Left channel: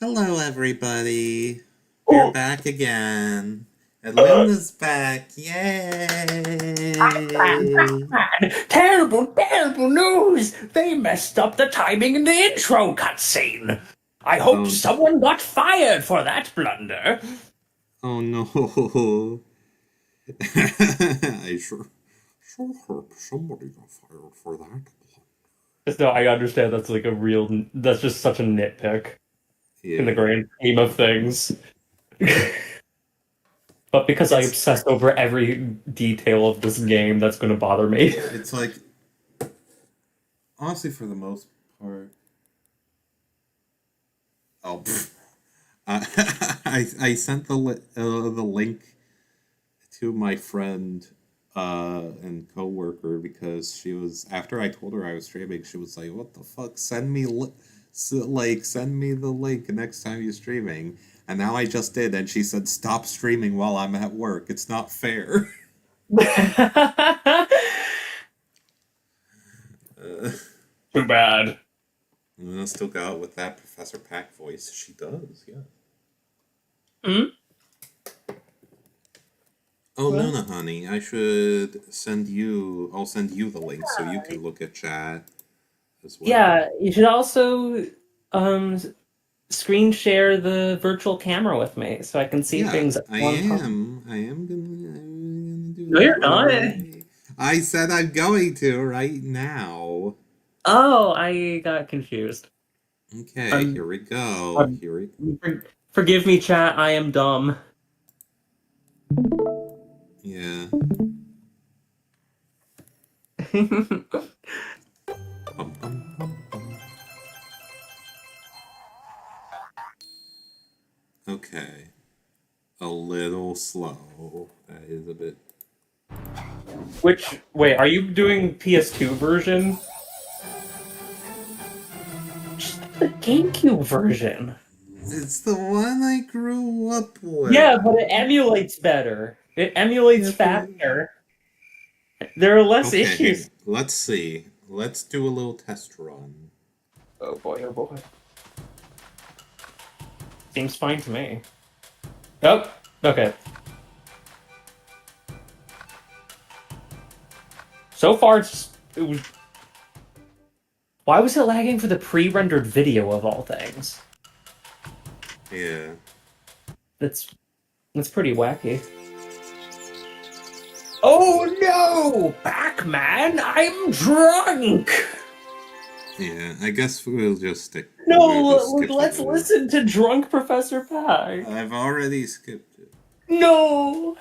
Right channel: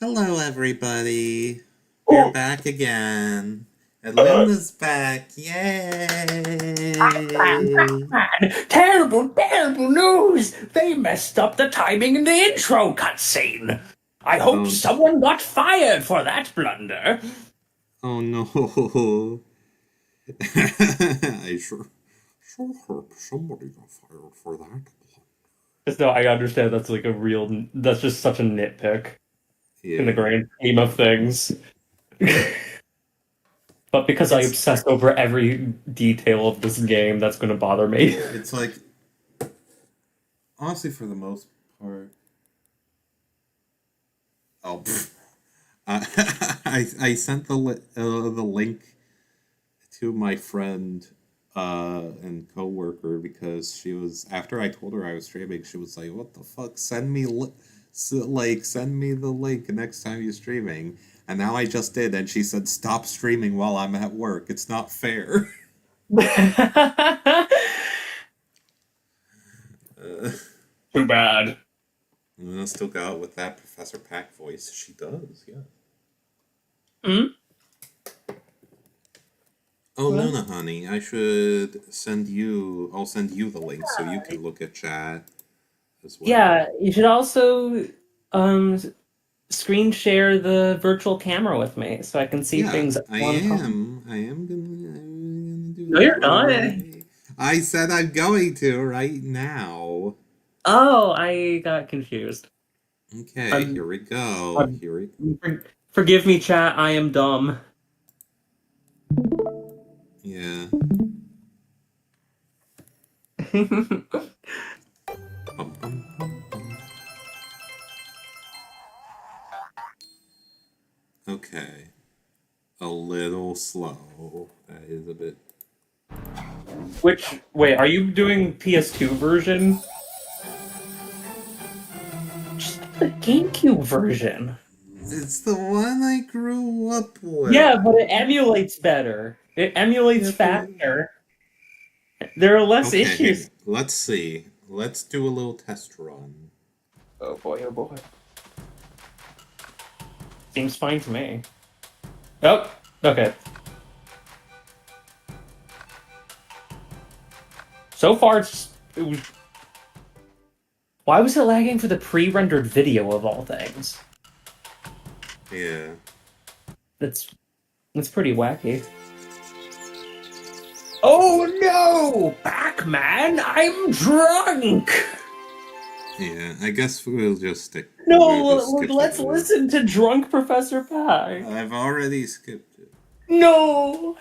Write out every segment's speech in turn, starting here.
Hello, everybody. We're Oh, back again. And Luna's back. Yay! Pac-Man! Terrible, terrible news! They messed up the timing in the intro cutscene. I hope Oh, someone got fired for that blunder. oh no. I sure hope somebody got fired for that. No, I understand that's like a real. That's just such a nitpick in the Yeah. grand scheme of things. But because I It's obsess over every detail of this game, that's going to bother me. it's like honestly for the most part. Oh, I I sent the link to my friend and coworker because she was after I told her I was streaming, she was like, "What the fuck? Send me the link next time you're streaming." And now I just did, and she said, "Stop streaming while I'm at work. It's not fair." uh, Too bad. I still got with that Professor Pack voice. She does, yeah. Hmm? Oh, Well, Luna, honey, I should send you. I'll send you the link so you can look at chat as well. yeah, you should also um screen share the virtual camera with me so I can see Yeah, things at I one time. am. I'm gonna do No, that you're not. I said I'm going to right now. Oh, I got confused. Okay, I'm, here we go. I'm forgive me, chat. I am dumb. Yeah. Bum, bum, bum, bum. Okay. A little slow. That is a bit. Wait, are you doing PS2 version? Just the GameCube version. It's the one I grew up Yeah, with. but it emulates better. It emulates Yeah, but faster. There are less okay. issues. Let's see. Let's do a little test run. Oh boy, oh boy. Seems fine to me. Oh, okay. So far, it was. Why was it lagging for the pre-rendered video of all things? Yeah. That's that's pretty wacky. Oh no, Pac-Man! I'm drunk. Yeah, I guess we'll just No, skip let's ahead. listen to drunk Professor Pac. I've already skipped it. No.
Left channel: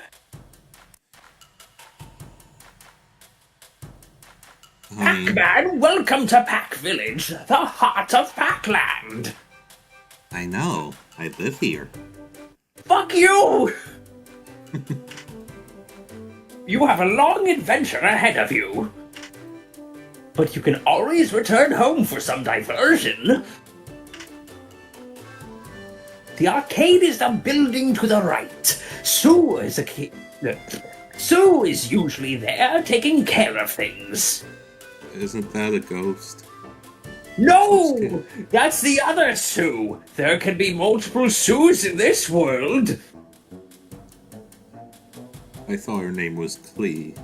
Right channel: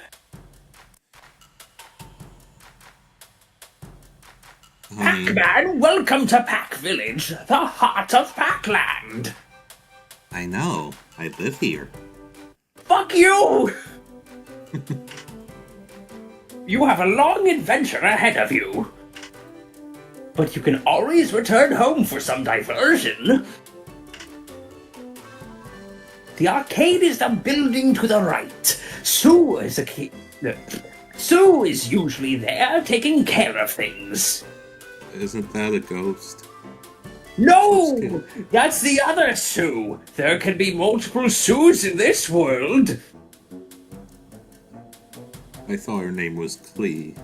Honey, Pac-Man, welcome to Pac Village, the heart of Pac-Land. I know. I live here. Fuck you! You have a long adventure ahead of you. But you can always return home for some diversion. The arcade is the building to the right. Sue is usually there taking care of things. Isn't that a ghost? I'm so No! scared. That's the other Sue! There can be multiple Sues in this world! I thought her name was Klee.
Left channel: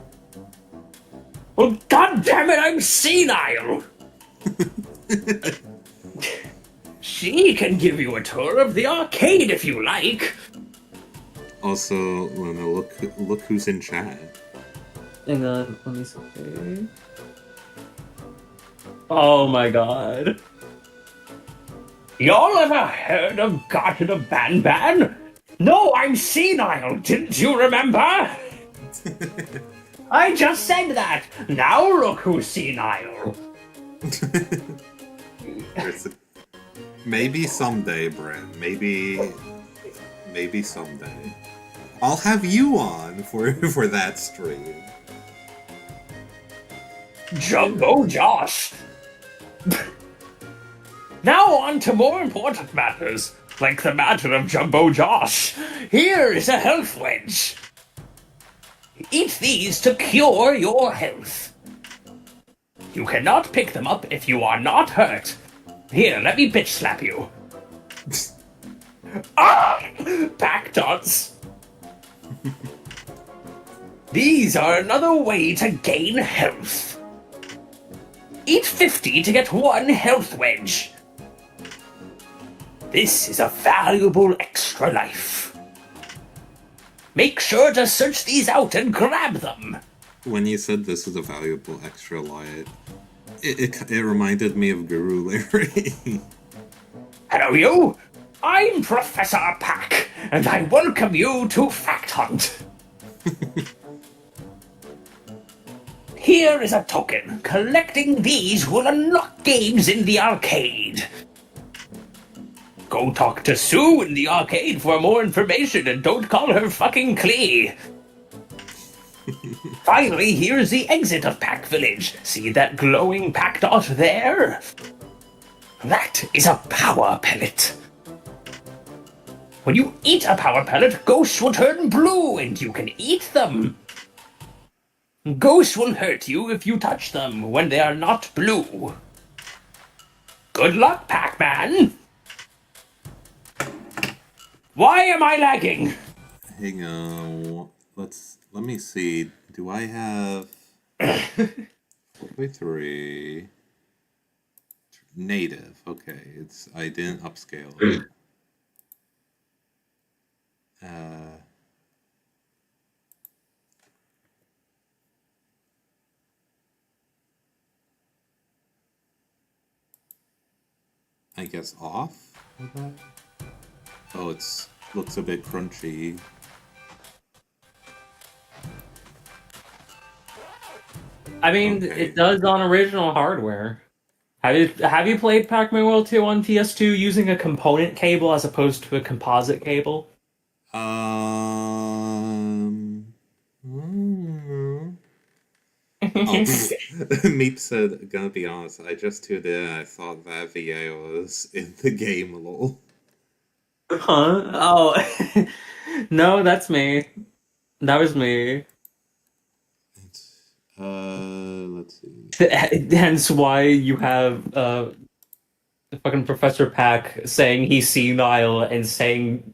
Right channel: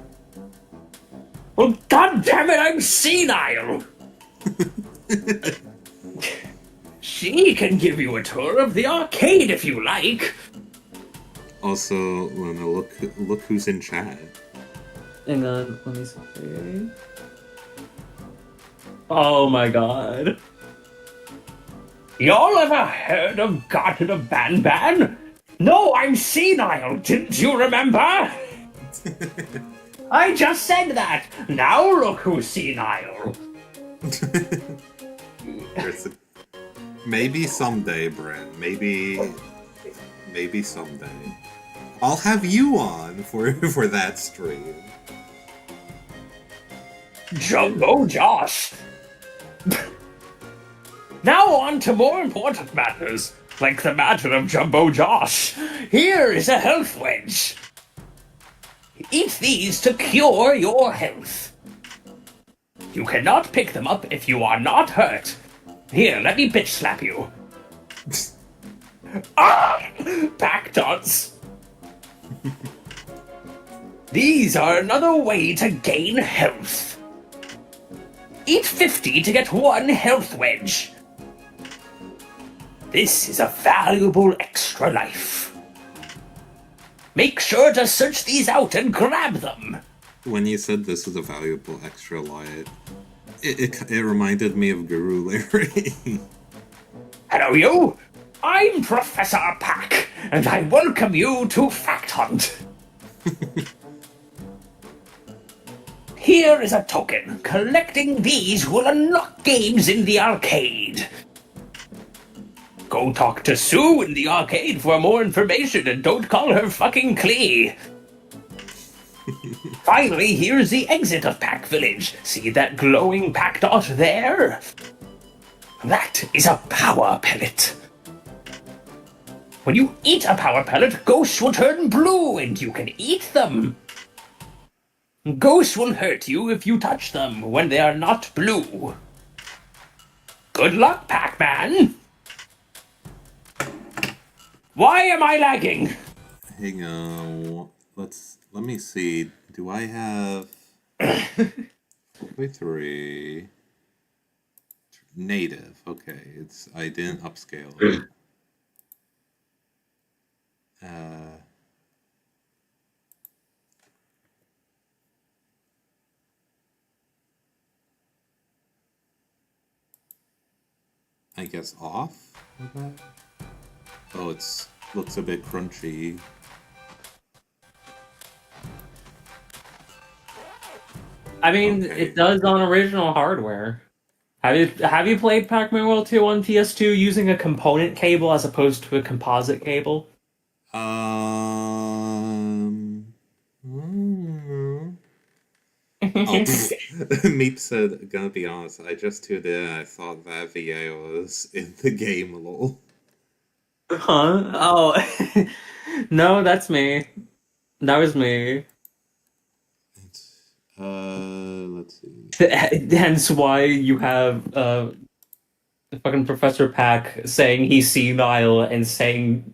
Well, goddammit, I'm senile! She can give you a tour of the arcade if you like. Also, Luna, look who's in chat. Hang on, let me see. Oh my god. Y'all ever heard of Garten of Banban? No, I'm senile, didn't you remember? I just said that. Now look who's senile. There's a, maybe someday, Bren. Maybe someday. I'll have you on for for that stream. Jumbo Josh. Now on to more important matters, like the matter of Jumbo Josh. Here is a health wedge. Eat these to cure your health. You cannot pick them up if you are not hurt. Here, let me bitch slap you. Ah! Pac-Dots! These are another way to gain health. Eat 50 to get 1 health wedge. This is a valuable extra life. Make sure to search these out and grab them. When you said this is a valuable extra life, it reminded me of Guru Larry. Hello, you. I'm Professor Pac, and I welcome you to Fact Hunt. Here is a token. Collecting these will unlock games in the arcade. Go talk to Sue in the arcade for more information and don't call her fucking Klee. Finally, here's the exit of Pac Village. See that glowing Pac dot there? That is a power pellet. When you eat a power pellet, ghosts will turn blue and you can eat them. Ghosts will hurt you if you touch them when they are not blue. Good luck, Pac-Man! Why am I lagging? Hang on. Let me see. Do I have 4x3 native? Okay, I didn't upscale it. I guess off with that? Oh, looks a bit crunchy. I mean, Okay. it does on original hardware. Have you played Pac-Man World 2 on PS2 using a component cable as opposed to a composite cable? Mm. Oh, Meep said, gonna be honest, I just tuned in and I thought that VA was in the game, lol. Huh? Oh. No, that's me. That was me. Let's see. Hence why you have fucking Professor Pac saying he's senile and saying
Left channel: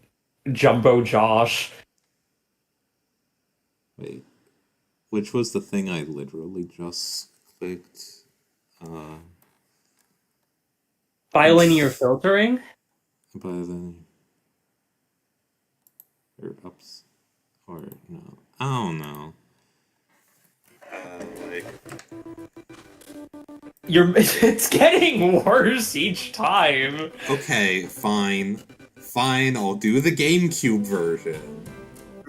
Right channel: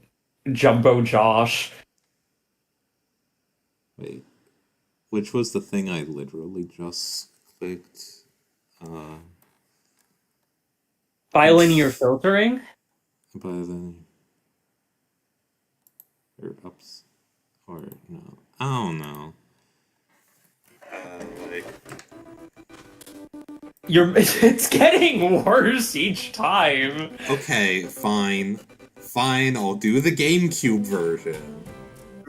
Jumbo Josh. Wait. Which was the thing I literally just clicked? Bilinear filtering? But then... Or ups... Or no. I don't know. Like... It's getting worse each time. Okay, fine. Fine, I'll do the GameCube version.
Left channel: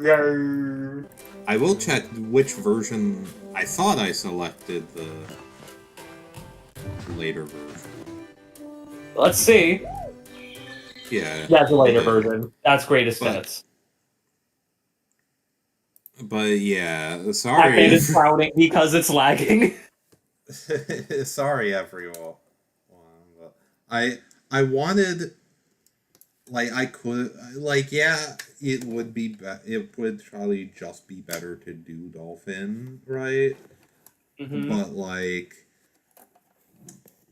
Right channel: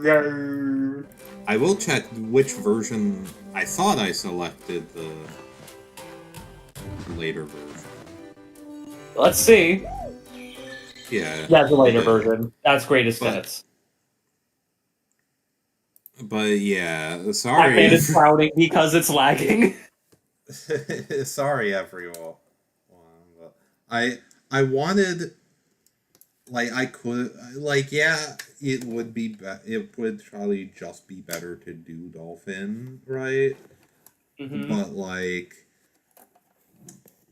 Yeah. I will check which version. I thought I selected the later version. Let's see. Yeah. Yeah, the later I did. version. That's greatest hits. But yeah, I sorry. hate it crowding because it's lagging. Sorry, everyone. But I wanted, like, I could, like, yeah, it would be, it would probably just be better to do Dolphin, right? Mm-hmm. But like,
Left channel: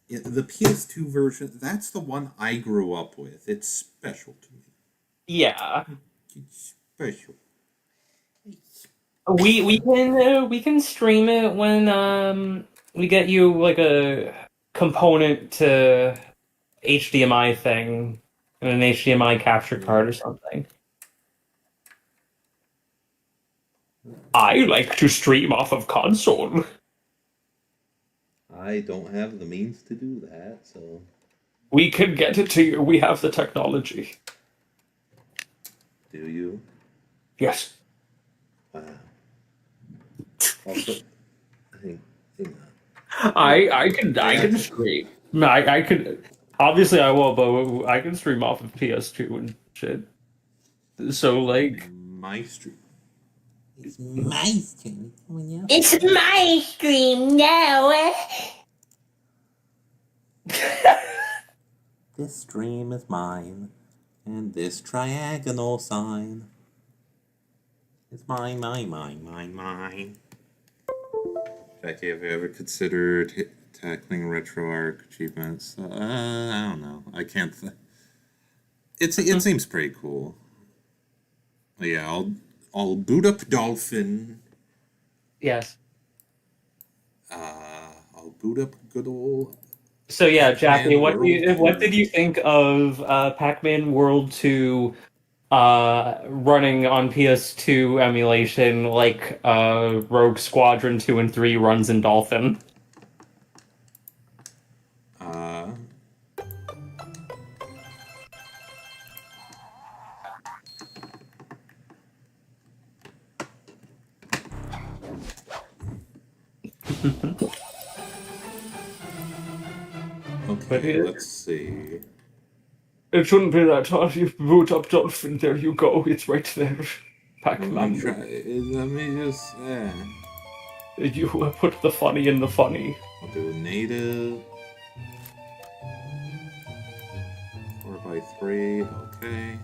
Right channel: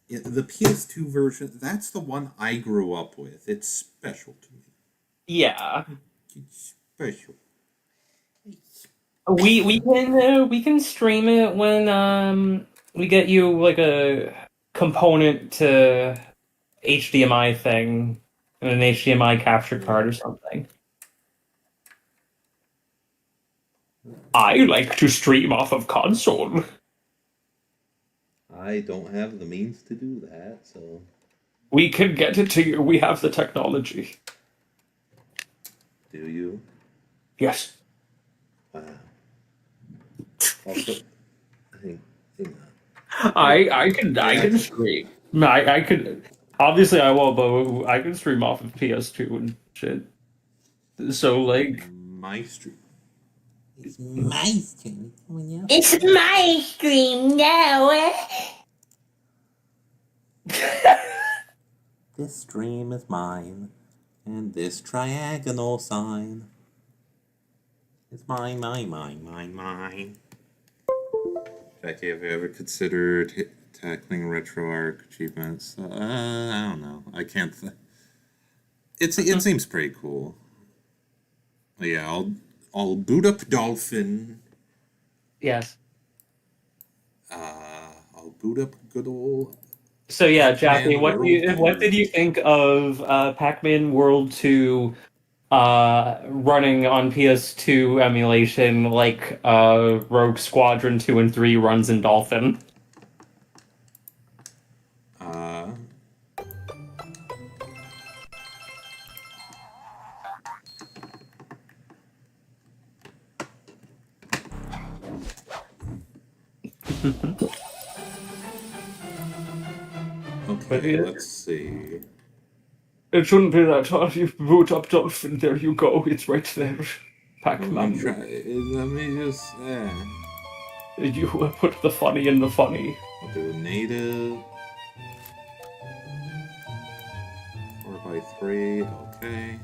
the PS2 version, that's the one I grew up with. It's special to me. Yeah. It's special. We can stream it when we get you like a component to HDMI thing and an HDMI capture card or something. I like to stream off of console. I don't have the means to do that, so... We can get it to you. We have the technology. Do you? Yes. Wow. Also, hang on. I can stream. I could obviously I won't, but I can stream off of PS2 and shit. So like My stream. It's my stream. It's my stream now. This stream is mine, and this triagonal sign is mine. Jackie, have you ever considered tackling RetroArch achievements? I don't know. I can't. it seems pretty cool. Yeah, I'll boot up Dolphin. Yes. I'll boot up good old. So yeah, Jackie, Pac-Man World what 2. did you think of Pac-Man World 2 running on PS2 emulation like Rogue Squadron 2 and 3 runs in Dolphin? Uh, okay, let's see. It shouldn't be that hard. You boot up Dolphin, there you go. It's right there. I'm trying. Let me just. You put the funny in the funny. I'll do a native. 4x3. Okay.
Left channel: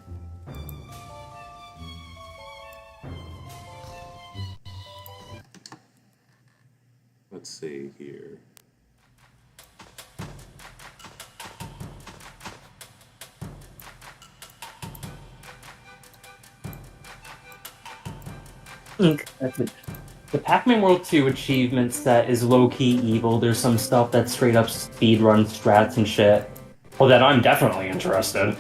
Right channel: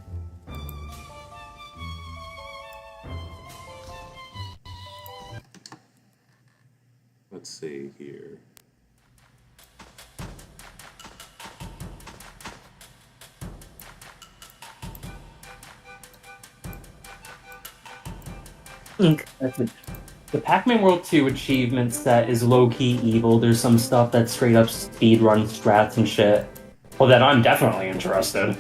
Let's see here. The Pac-Man World 2 achievement set is low-key evil. There's some stuff that's straight up speedrun strats and shit. Well, then I'm definitely interested.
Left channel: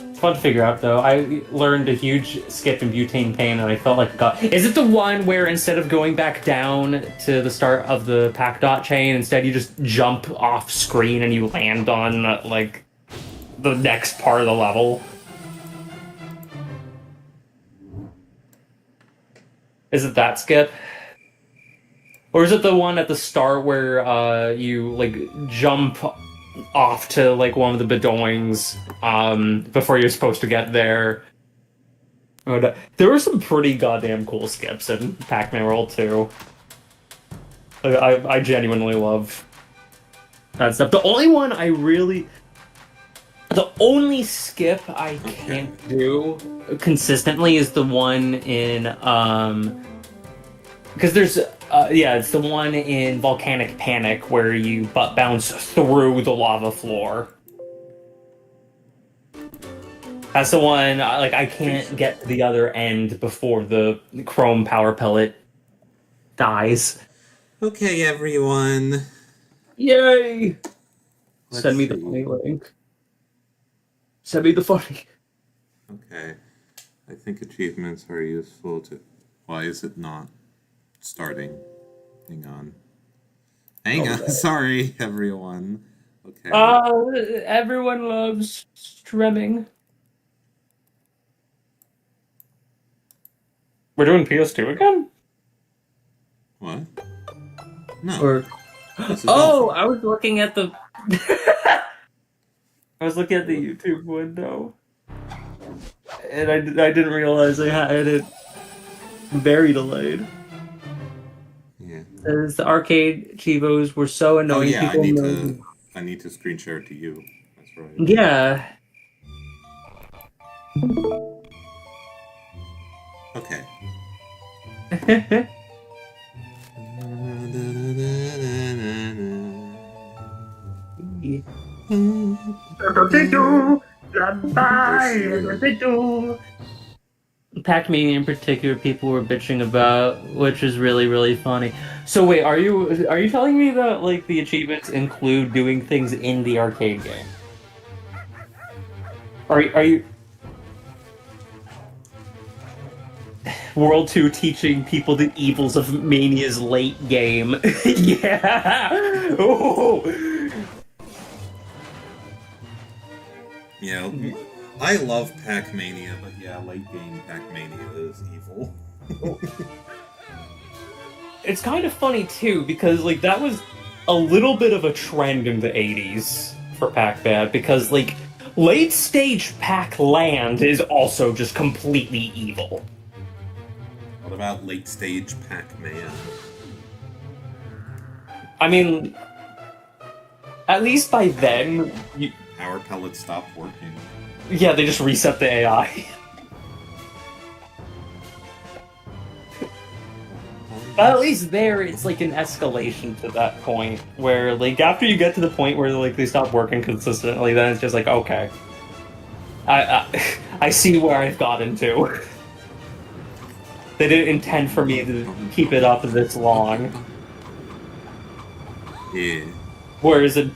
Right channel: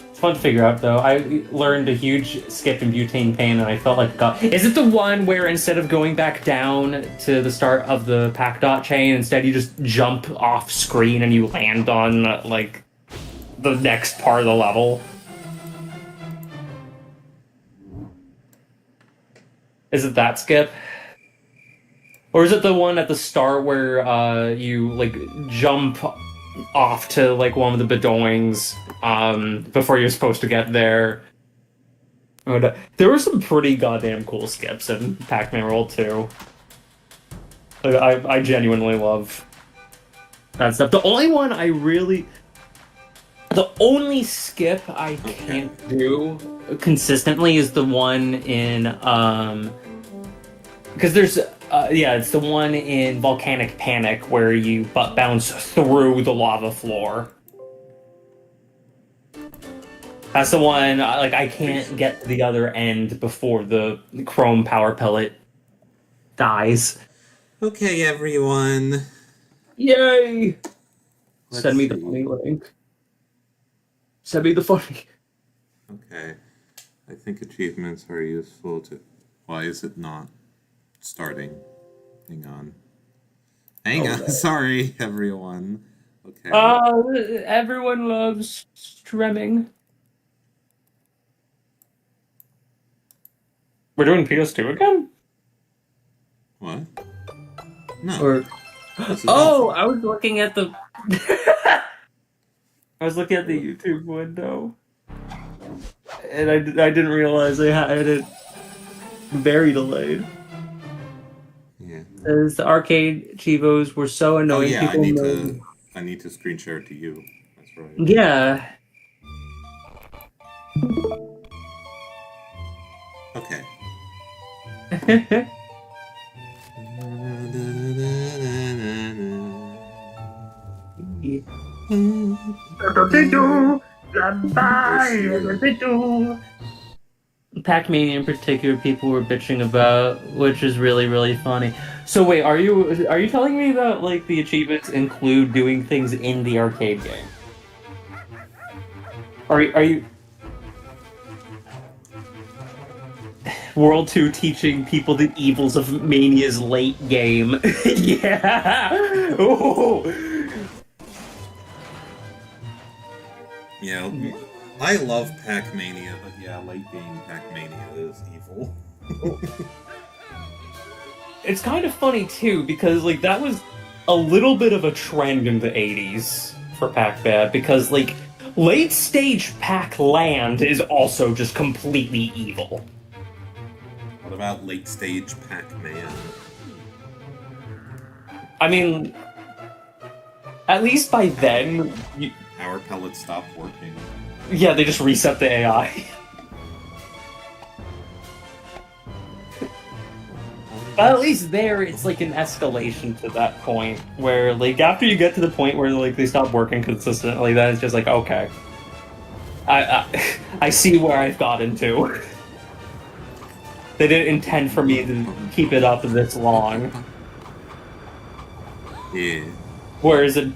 It's fun to figure out, though. I learned a huge skip in butane pain, and I felt like God. Is it the one where instead of going back down to the start of the Pac dot chain, instead you just jump off screen and you land on like the next part of the level? Is it that skip? Or is it the one at the start where you like jump off to like one of the bedoings before you're supposed to get there? There were some pretty goddamn cool skips in Pac-Man World 2. I genuinely love that stuff. The only skip I can't do consistently is the one in because there's it's the one in Volcanic Panic where you butt bounce through the lava floor. That's the one I can't get to the other end before the chrome power pellet dies. Okay, everyone. Yay! Let's Send me the see. funny link. Send me the funny. Okay. I think achievements are useful to. Why is it not starting? Hang on. Hang on. Sorry, everyone. Okay. Everyone loves streaming. We're doing PS2 again? What? No. Or This is oh, Dolphin. I was looking at the I was looking at the YouTube window, and I didn't realize I had it very delayed. Yeah. As the arcade Chivos were so Oh annoying. yeah, People I need to screen share it to you. That's right. Yeah. Okay. Pac-Mania in particular, people were bitching about, which is really, really funny. So wait, are you telling me that like the achievements include doing things in the arcade game? Are you World 2 teaching people the evils of Mania's late game? Yeah. Oh. Yeah, I love Pac-Mania, but yeah, late game Pac-Mania is evil. It's kind of funny too because like that was a little bit of a trend in the 80s for Pac-Man because like late stage Pac-Land is also just completely evil. What about late stage Pac-Man? I mean, at least by then, Power pellets stopped working. yeah, they just reset the AI. But at least there, it's like an escalation to that point where, like, after you get to the point where like they stop working consistently, then it's just like, okay, I see where I've got into. They didn't intend for me to keep it up this long. Yeah. Whereas in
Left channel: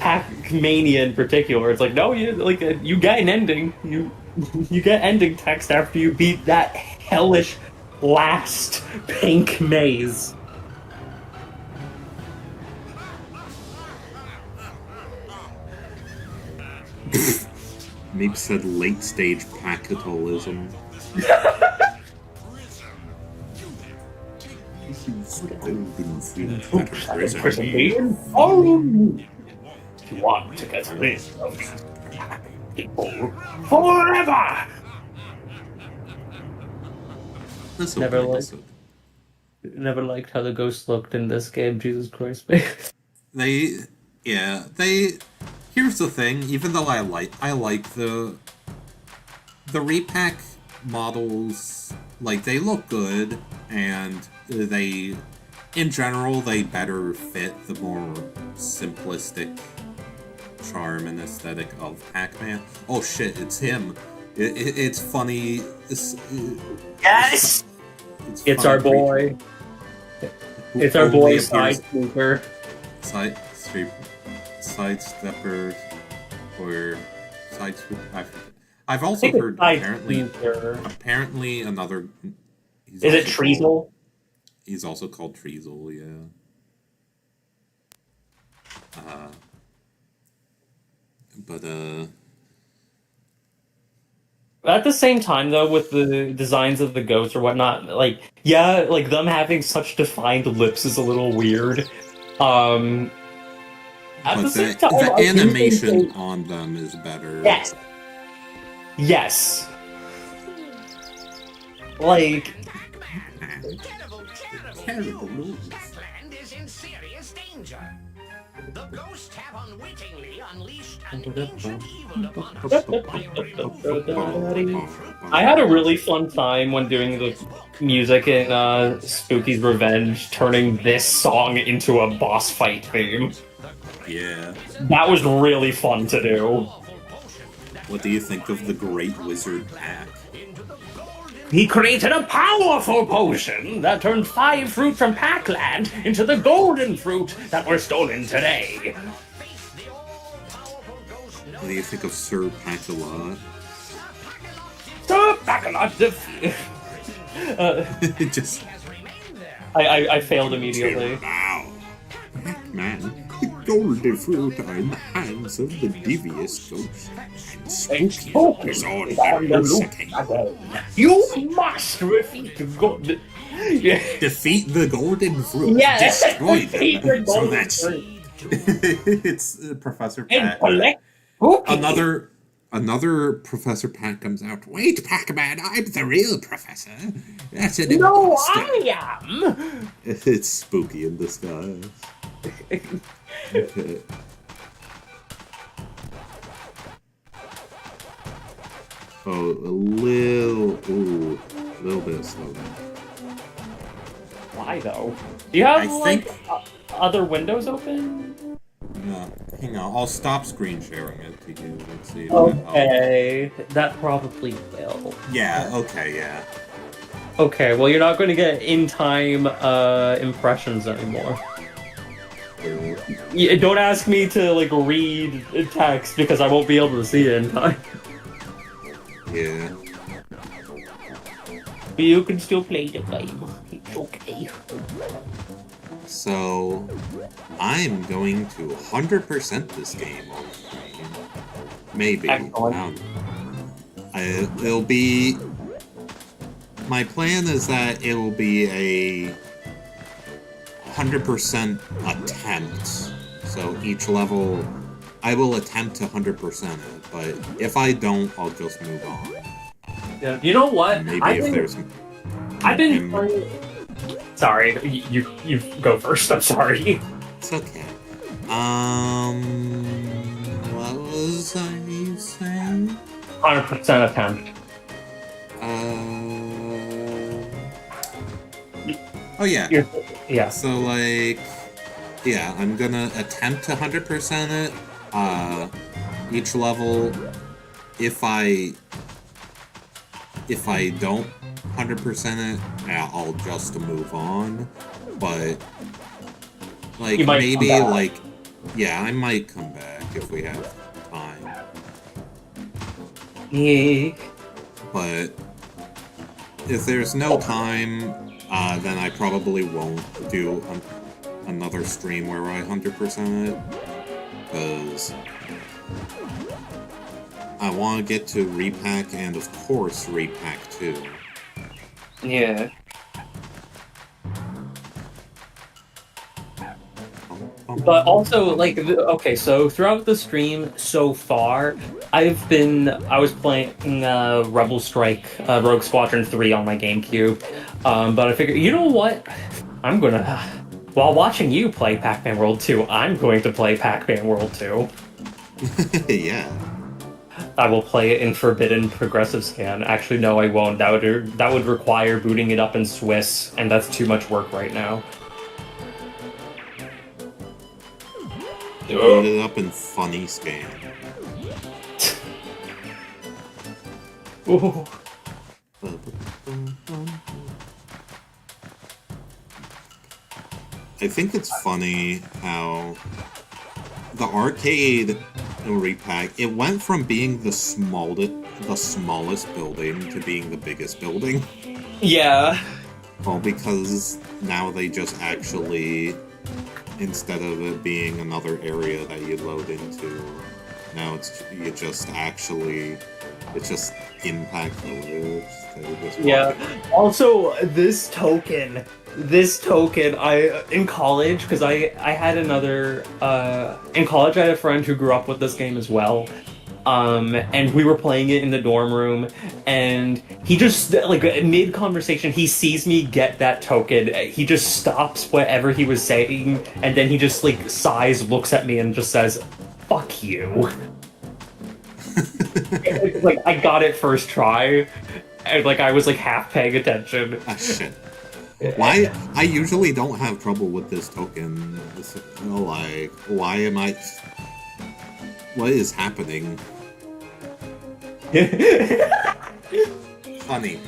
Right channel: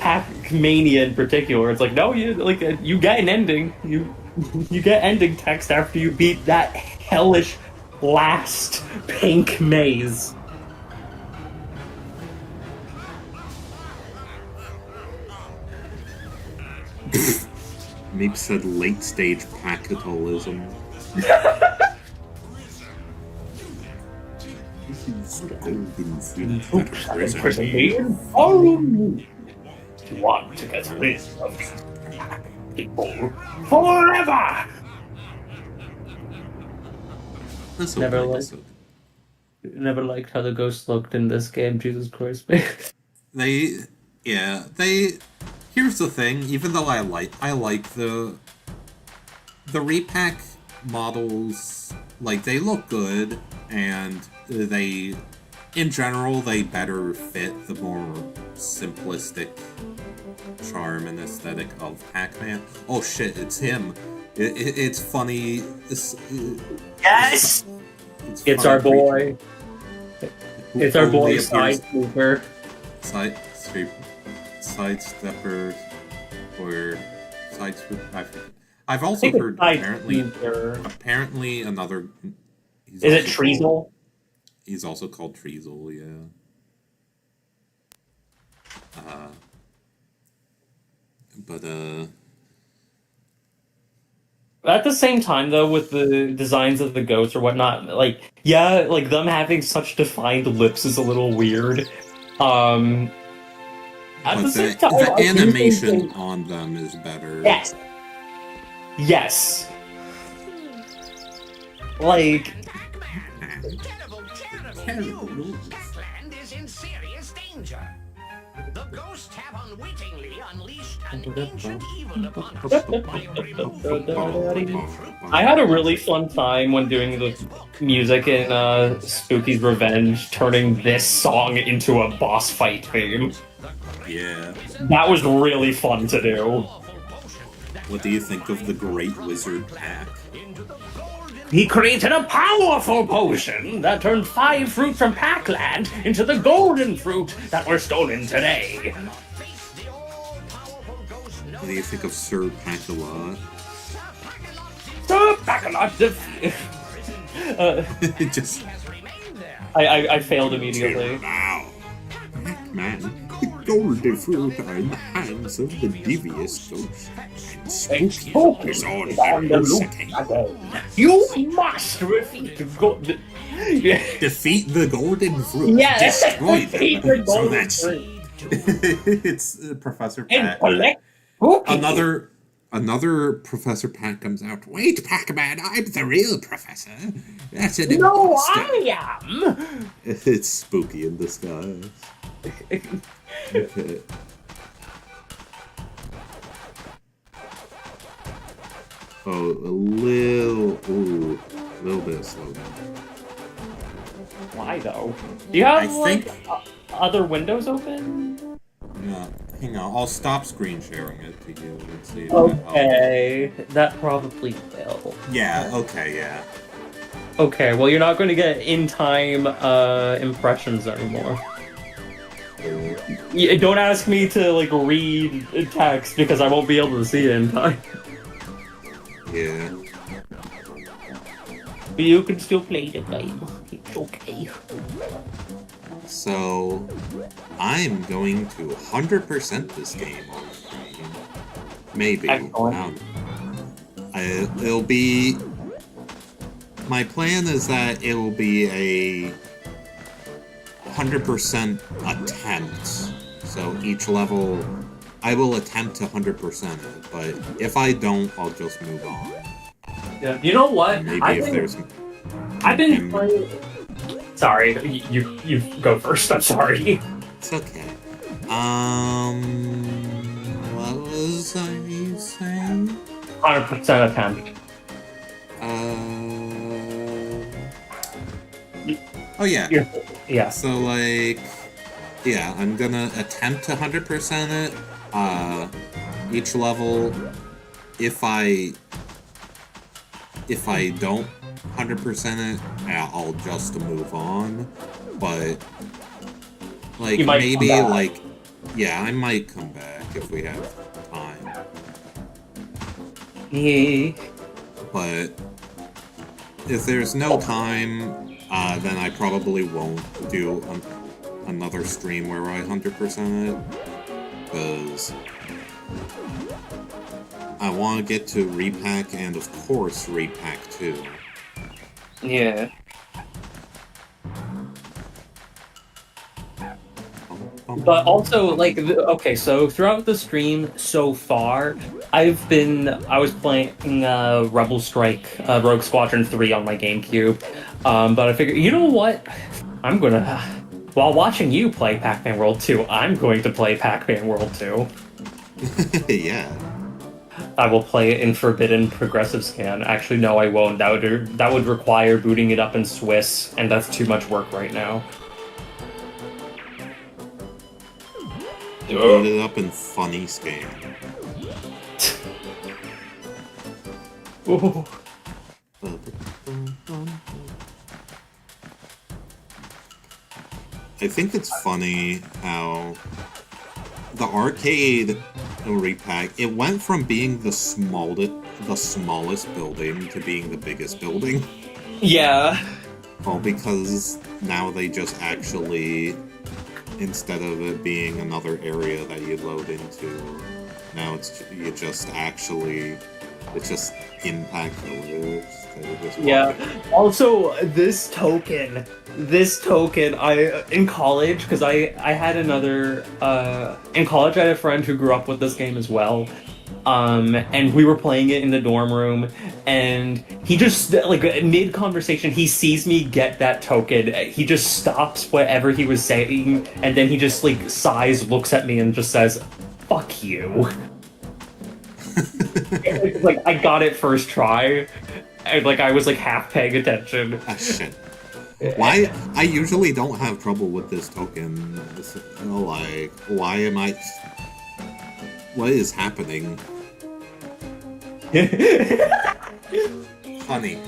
Pac-Mania in particular, it's like, no, you get an ending. You get ending text after you beat that hellish last pink maze. Meep said late stage Pacatolism. Golden fruit that imprison me. Follow me. If you want to get rid of these people forever. This Never opening liked- episode. Never liked how the ghost looked in this game. Jesus Christ. They. Here's the thing. Even though I like the repack models. Like, they look good, and they, in general, they better fit the more simplistic charm and aesthetic of Pac-Man. Oh shit, it's him. It's funny. Yes! It's funny our boy. who It's our only boy appears- Sidesweeper. Sidestepper, or Sidesweep. I forget. I've also heard apparently another. Is it Treacle? He's also called Treacle, yeah. At the same time, though, with the designs of the ghosts or whatnot, like, yeah, like, them having such defined lips is a little weird. At But the same time, I the do animation think on them is better. Yes. Yes. Like, Terrible news. Land is in serious danger. The ghosts have unwittingly unleashed an ancient evil upon us by removing I had a really fun time when doing the music in Spooky's Revenge, turning this song into a boss fight theme. Yeah. That was really fun to do. What do you think of the Great Wizard Pack? He created a powerful potion that turned 5 fruit from Pac-Land into the golden fruit that were stolen today. What do you think of Sir Pac-a-Lot? Sir Pac-Man Just I failed immediately. now. Pac-Man, the golden fruit are in the hands of the devious ghost, and Spooky is on the second. You must defeat the golden... Defeat the golden fruit. Yeah. Destroy Defeat them. the So golden that's fruit. it's Professor And Pac. collect... Okay. Another Professor Pac comes out. Wait, Pac-Man, I'm the real professor. That's an No, imposter. I am! It's Spooky in disguise. Okay. Oh, a little bit slow down. Why, though? Do you have, I think- other windows open? No, hang on. I'll stop screen sharing it to you. Let's see. If that helps. Okay, that probably will. Yeah. Okay. Yeah. Okay, well, you're not going to get in-time impressions anymore. Don't ask me to, like, read text, because I won't be able to see it in time. Yeah. But you can still play the game. It's okay. So, I'm going to 100% this game on stream. Maybe. Excellent. It'll be... My plan is that it will be a 100% attempt. So each level, I will attempt to 100% it, but if I don't, I'll just move on. Yeah. You know what? Maybe I've been playing... Sorry, you go first. I'm sorry. It's okay. What was I saying? 100% attempt. Oh yeah. Yeah. So like, yeah, I'm gonna attempt to 100% it. Each level, if I don't 100% it, yeah, I'll just move on. But like You might come maybe back. like, yeah, I might come back if we have time. Yeah. But if there's no time, then I probably won't do another stream where I 100% it, because I want to get to repack and, of course, repack 2. Yeah. But also, like, okay, so throughout the stream so far, I was playing Rebel Strike, Rogue Squadron 3 on my GameCube. But I figured, you know what? While watching you play Pac-Man World 2, I'm going to play Pac-Man World 2. Yeah. I will play it in Forbidden Progressive Scan. Actually, no, I won't. That would require booting it up in Swiss, and that's too much work right now. Boot it up in Funny Scan. Ooh. I think it's funny how the arcade repack, it went from being the smallest building to being the biggest building. Yeah. Well, because now they just actually, instead of it being another area that you load into, now it's just Impact Village. Yeah. Also, this token, in college, because I had another, in college I had a friend who grew up with this game as well. And we were playing it in the dorm room, and he just, like, mid-conversation, he sees me get that token, he just stops whatever he was saying, and then he just, like, sighs, looks at me, and just says, "Fuck you." Like, I got it first try, and, like, I was, like, half paying attention. Ah, shit. Why? I usually don't have trouble with this token. It's, like, why am I... What is happening? Honey,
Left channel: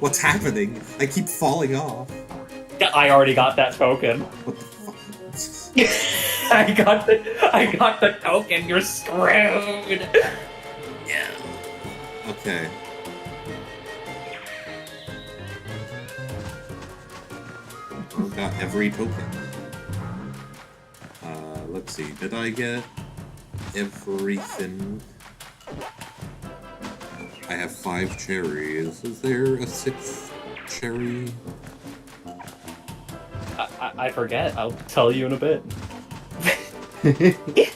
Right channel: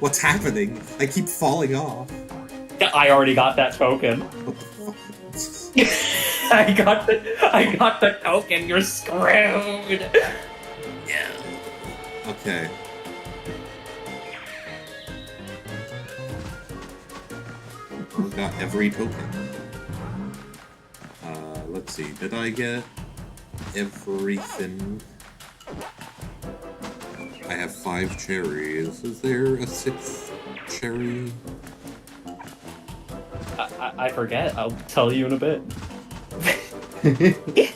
what's happening? I keep falling off. I already got that token. What the fuck? I got the token, you're screwed! Yeah. Okay. I got every token. Let's see, did I get everything? I have 5 cherries. Is there a 6th cherry? I forget, I'll tell you in a bit.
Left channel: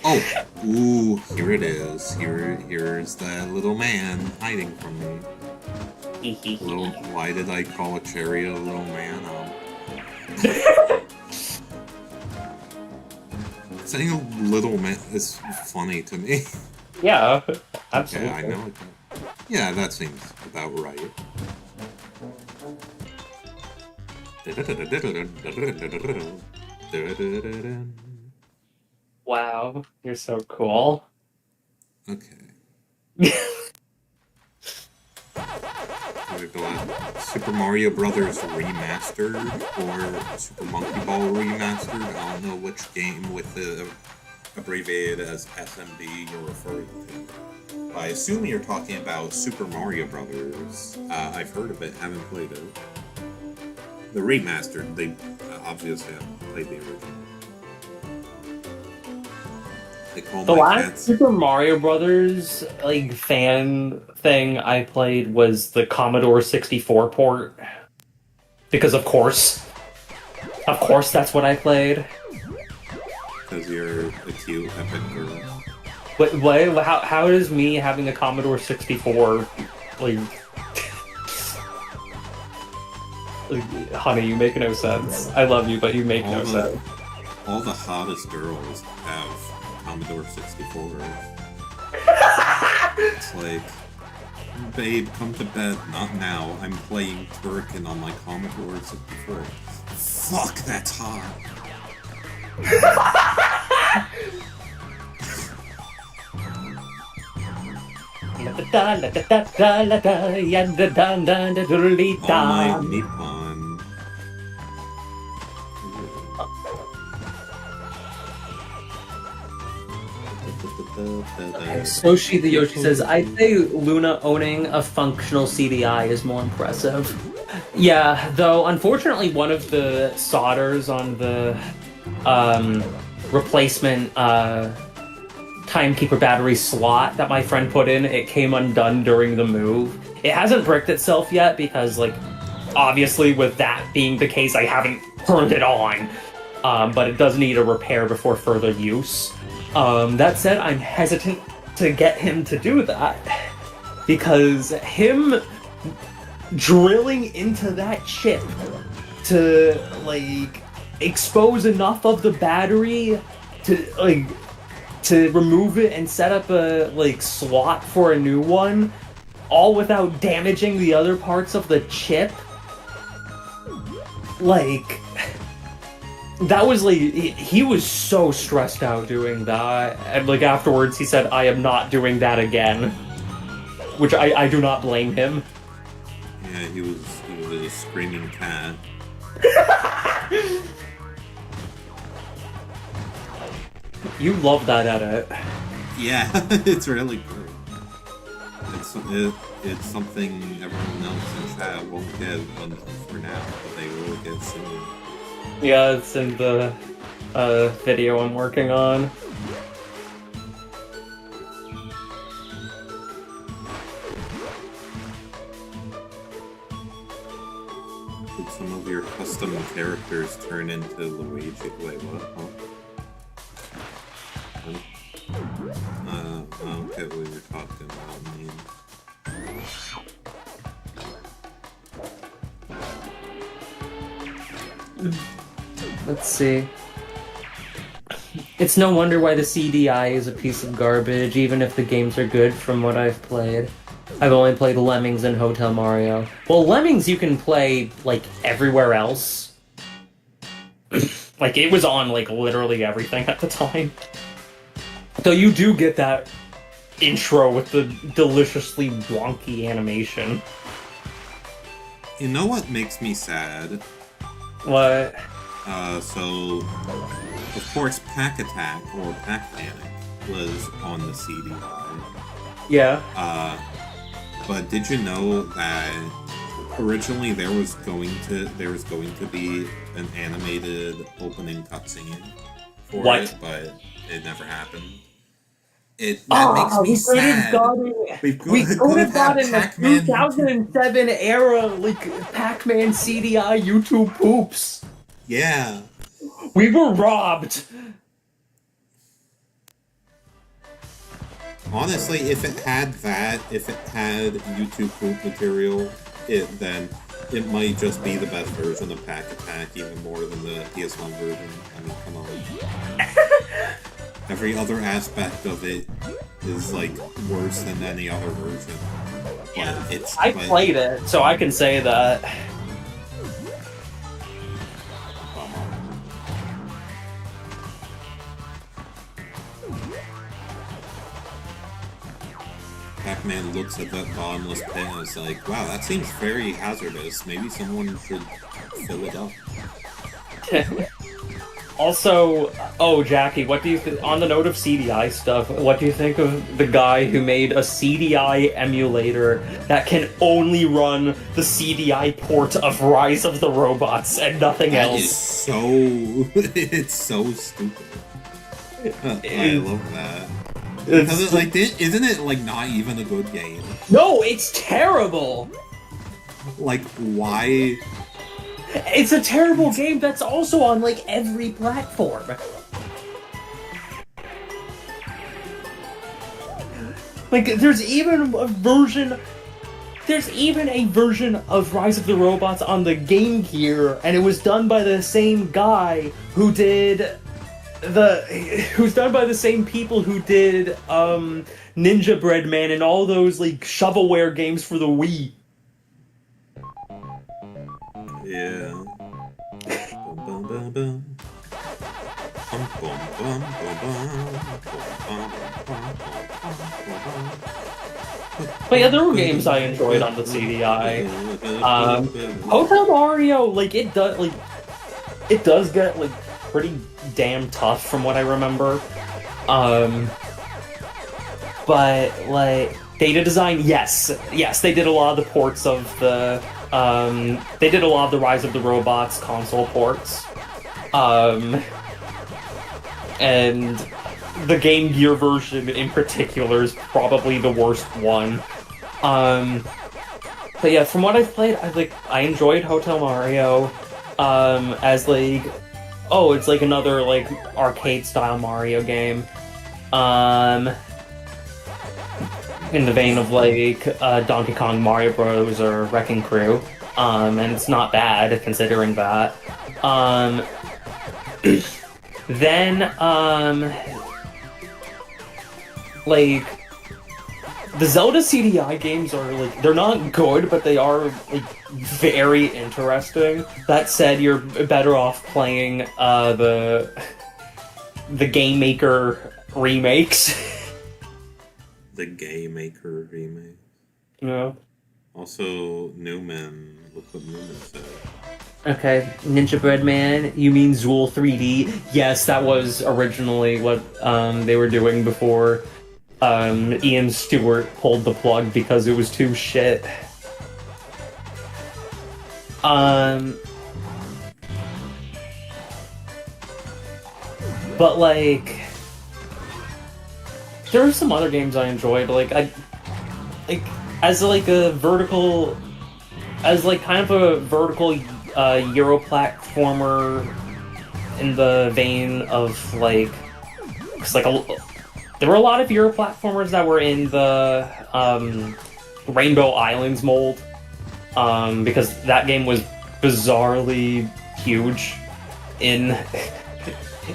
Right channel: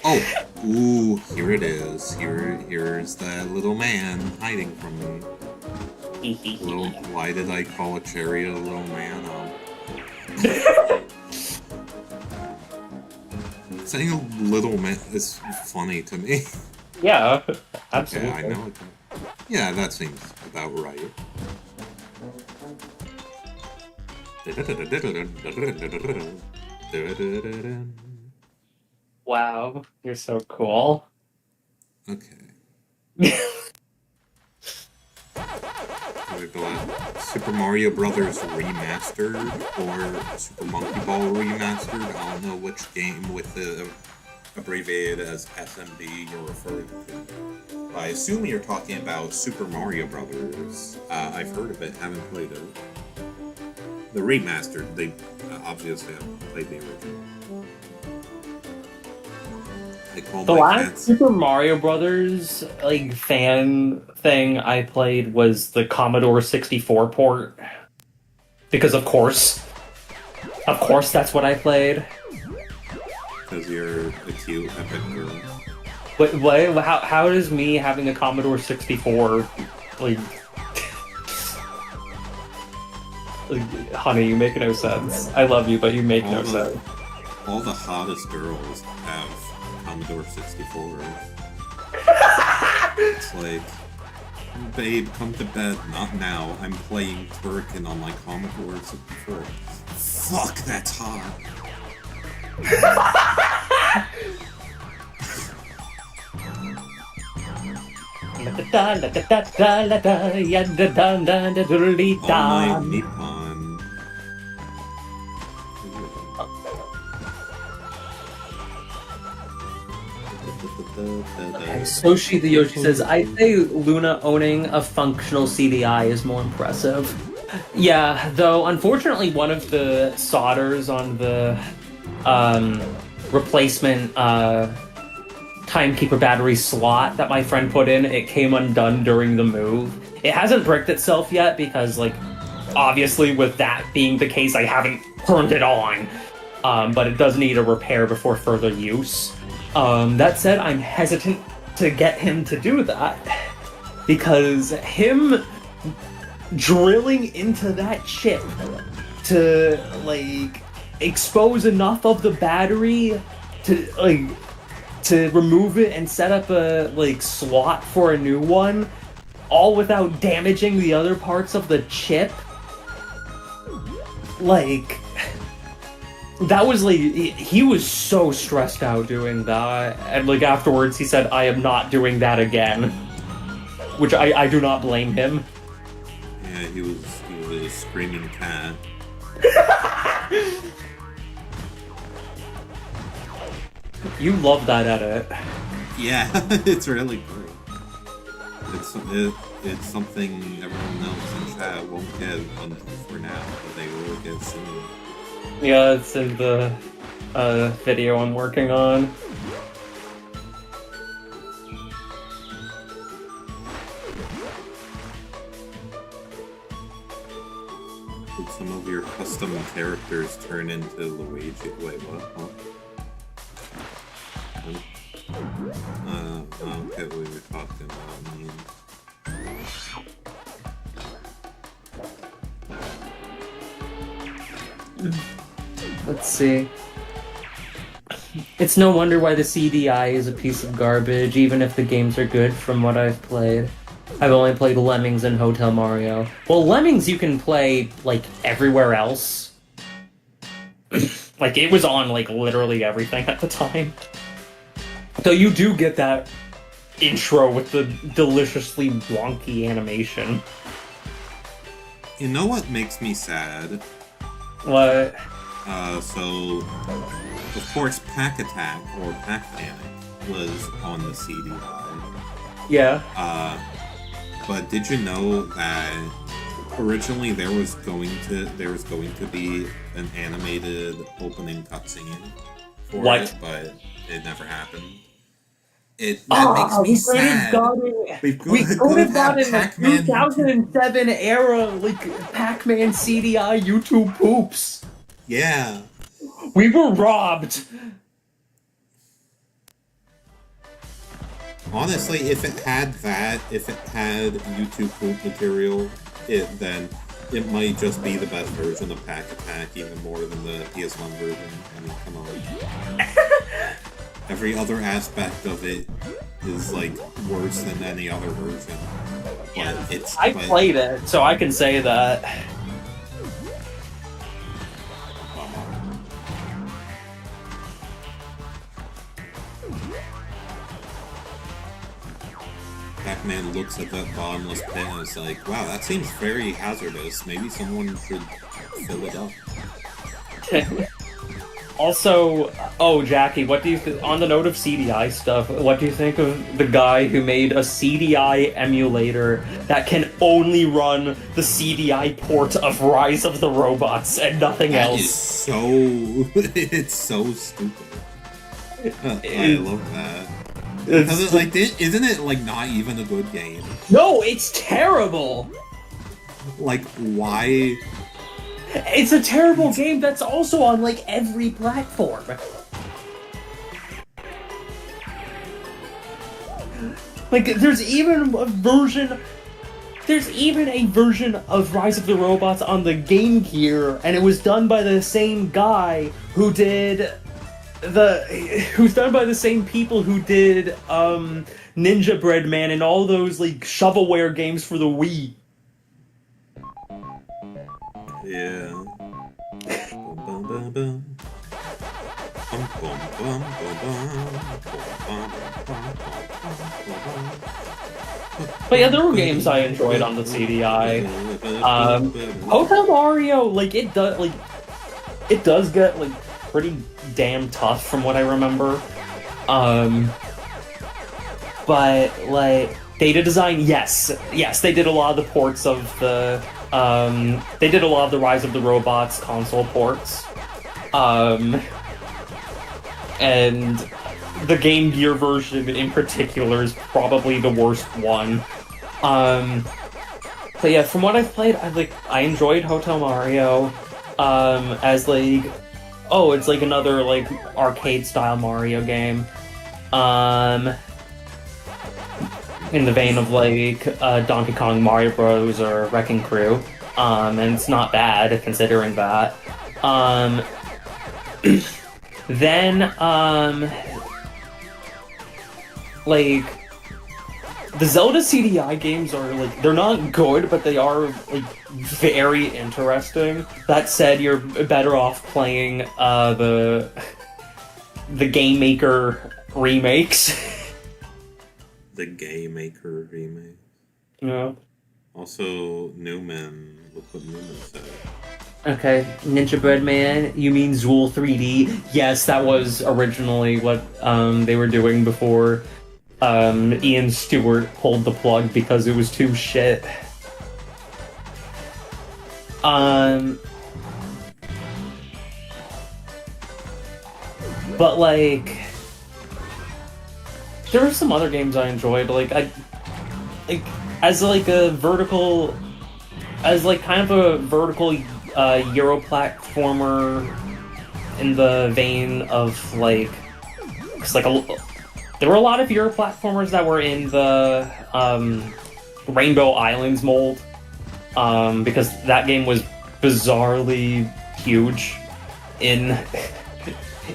Oh! Ooh, here it is. Here's the little man hiding from me. Why did I call a cherry a little man? Saying a little man is funny to me. Yeah, absolutely. Okay, I know it. Yeah, that seems about right. Wow, you're so cool. Okay. We got Super Mario Brothers Remastered or Super Monkey Ball Remastered. I don't know which game with the abbreviated as SMB you're referring to. I assume you're talking about Super Mario Brothers. I've heard of it, haven't played it. The remastered, they obviously haven't played the original. The last Super Mario Brothers like fan thing I played was the Commodore 64 port. Because of course that's what I played. Because you're a cute epic girl. What? How does me having a Commodore 64 like? Honey, you make no sense. I love you, but you make no sense. All the hottest girls have Commodore 64. It's like Babe, come to bed. Not now. I'm playing Turrican on my Commodore 64. Fuck, that's hot. Oh my Nippon. Soshi the Yoshi says, I say Luna owning a functional CDI is more impressive. Yeah, though unfortunately one of the solders on the replacement timekeeper battery slot that my friend put in, it came undone during the move. It hasn't bricked itself yet because, like, obviously with that being the case, I haven't turned it on. But it does need a repair before further use. That said, I'm hesitant to get him to do that because him drilling into that chip to, like, expose enough of the battery to, like, to remove it and set up a, like, slot for a new one, all without damaging the other parts of the chip. Like, that was, like, he was so stressed out doing that, and, like, afterwards he said, I am not doing that again. Which I do not blame him. Yeah, he was a screaming cat. You love that edit. Yeah, it's really good. It's something everyone else in chat won't get for now, but they will get soon. Yeah, it's in the video I'm working on. Did some of your custom characters turn into Luigi? Wait, what? Huh? I don't get what you're talking about, man. Let's see. It's no wonder why the CDI is a piece of garbage, even if the games are good from what I've played. I've only played Lemmings and Hotel Mario. Well, Lemmings you can play, like, everywhere else. Like, it was on, like, literally everything at the time. So you do get that intro with the deliciously wonky animation. You know what makes me sad? What? So, of course, Pack Attack, or Pack Panic, was on the CDI. Yeah. But did you know that originally there was going to be an animated opening cutscene for it, but it never happened. That makes me sad. We could have had Pac-Man 2007 era, like, Pac-Man CDI YouTube poops. Yeah. We were robbed. Honestly, if it had YouTube poop material, then it might just be the best version of Pack Attack, even more than the PS1 version. I mean, come on. Every other aspect of it is, like, worse than any other version. But I played it, so I can say that. Pac-Man looks at that bottomless pit and is like, wow, that seems very hazardous. Maybe someone should fill it up. Also, oh, Jackie, what do you on the note of CDI stuff, what do you think of the guy who made a CDI emulator that can only run the CDI port of Rise of the Robots and nothing else? That is so... it's so stupid. I love that. Because it's like, isn't it, like, not even a good game? No, it's terrible! Like, why... It's a terrible game that's also on, like, every platform. Like, there's even a version of Rise of the Robots on the Game Gear, and it was done by the same guy who did who's done by the same people who did Ninja Bread Man and all those like shovelware games for the Wii. Yeah. Bum, bum, bum, bum. Bum, bum, bum, bum, bum. Bum, bum, bum, bum, bum. But yeah, there were games I enjoyed on the CDI. Hotel Mario, like it does get like pretty damn tough from what I remember. But like data design, yes, they did a lot of the ports of the they did a lot of the Rise of the Robots console ports. And the Game Gear version in particular is probably the worst one. But yeah, from what I've played, I enjoyed Hotel Mario as like, oh, it's like another like arcade style Mario game. In the vein of like Donkey Kong, Mario Bros, or Wrecking Crew, and it's not bad considering that. Then like the Zelda CDI games are like, they're not good, but they are like very interesting. That said, you're better off playing the Game Maker remakes. The Game Maker remake. No. Also, Newman. Look what Newman said. Okay, Ninja Bread Man, you mean Zool 3D? Yes, that was originally what they were doing before Ian Stewart pulled the plug because it was too shit. But like, there were some other games I enjoyed. As like kind of a vertical Euro platformer in the vein of like, cause like there were a lot of Euro platformers that were in the Rainbow Islands mold, because that game was bizarrely huge in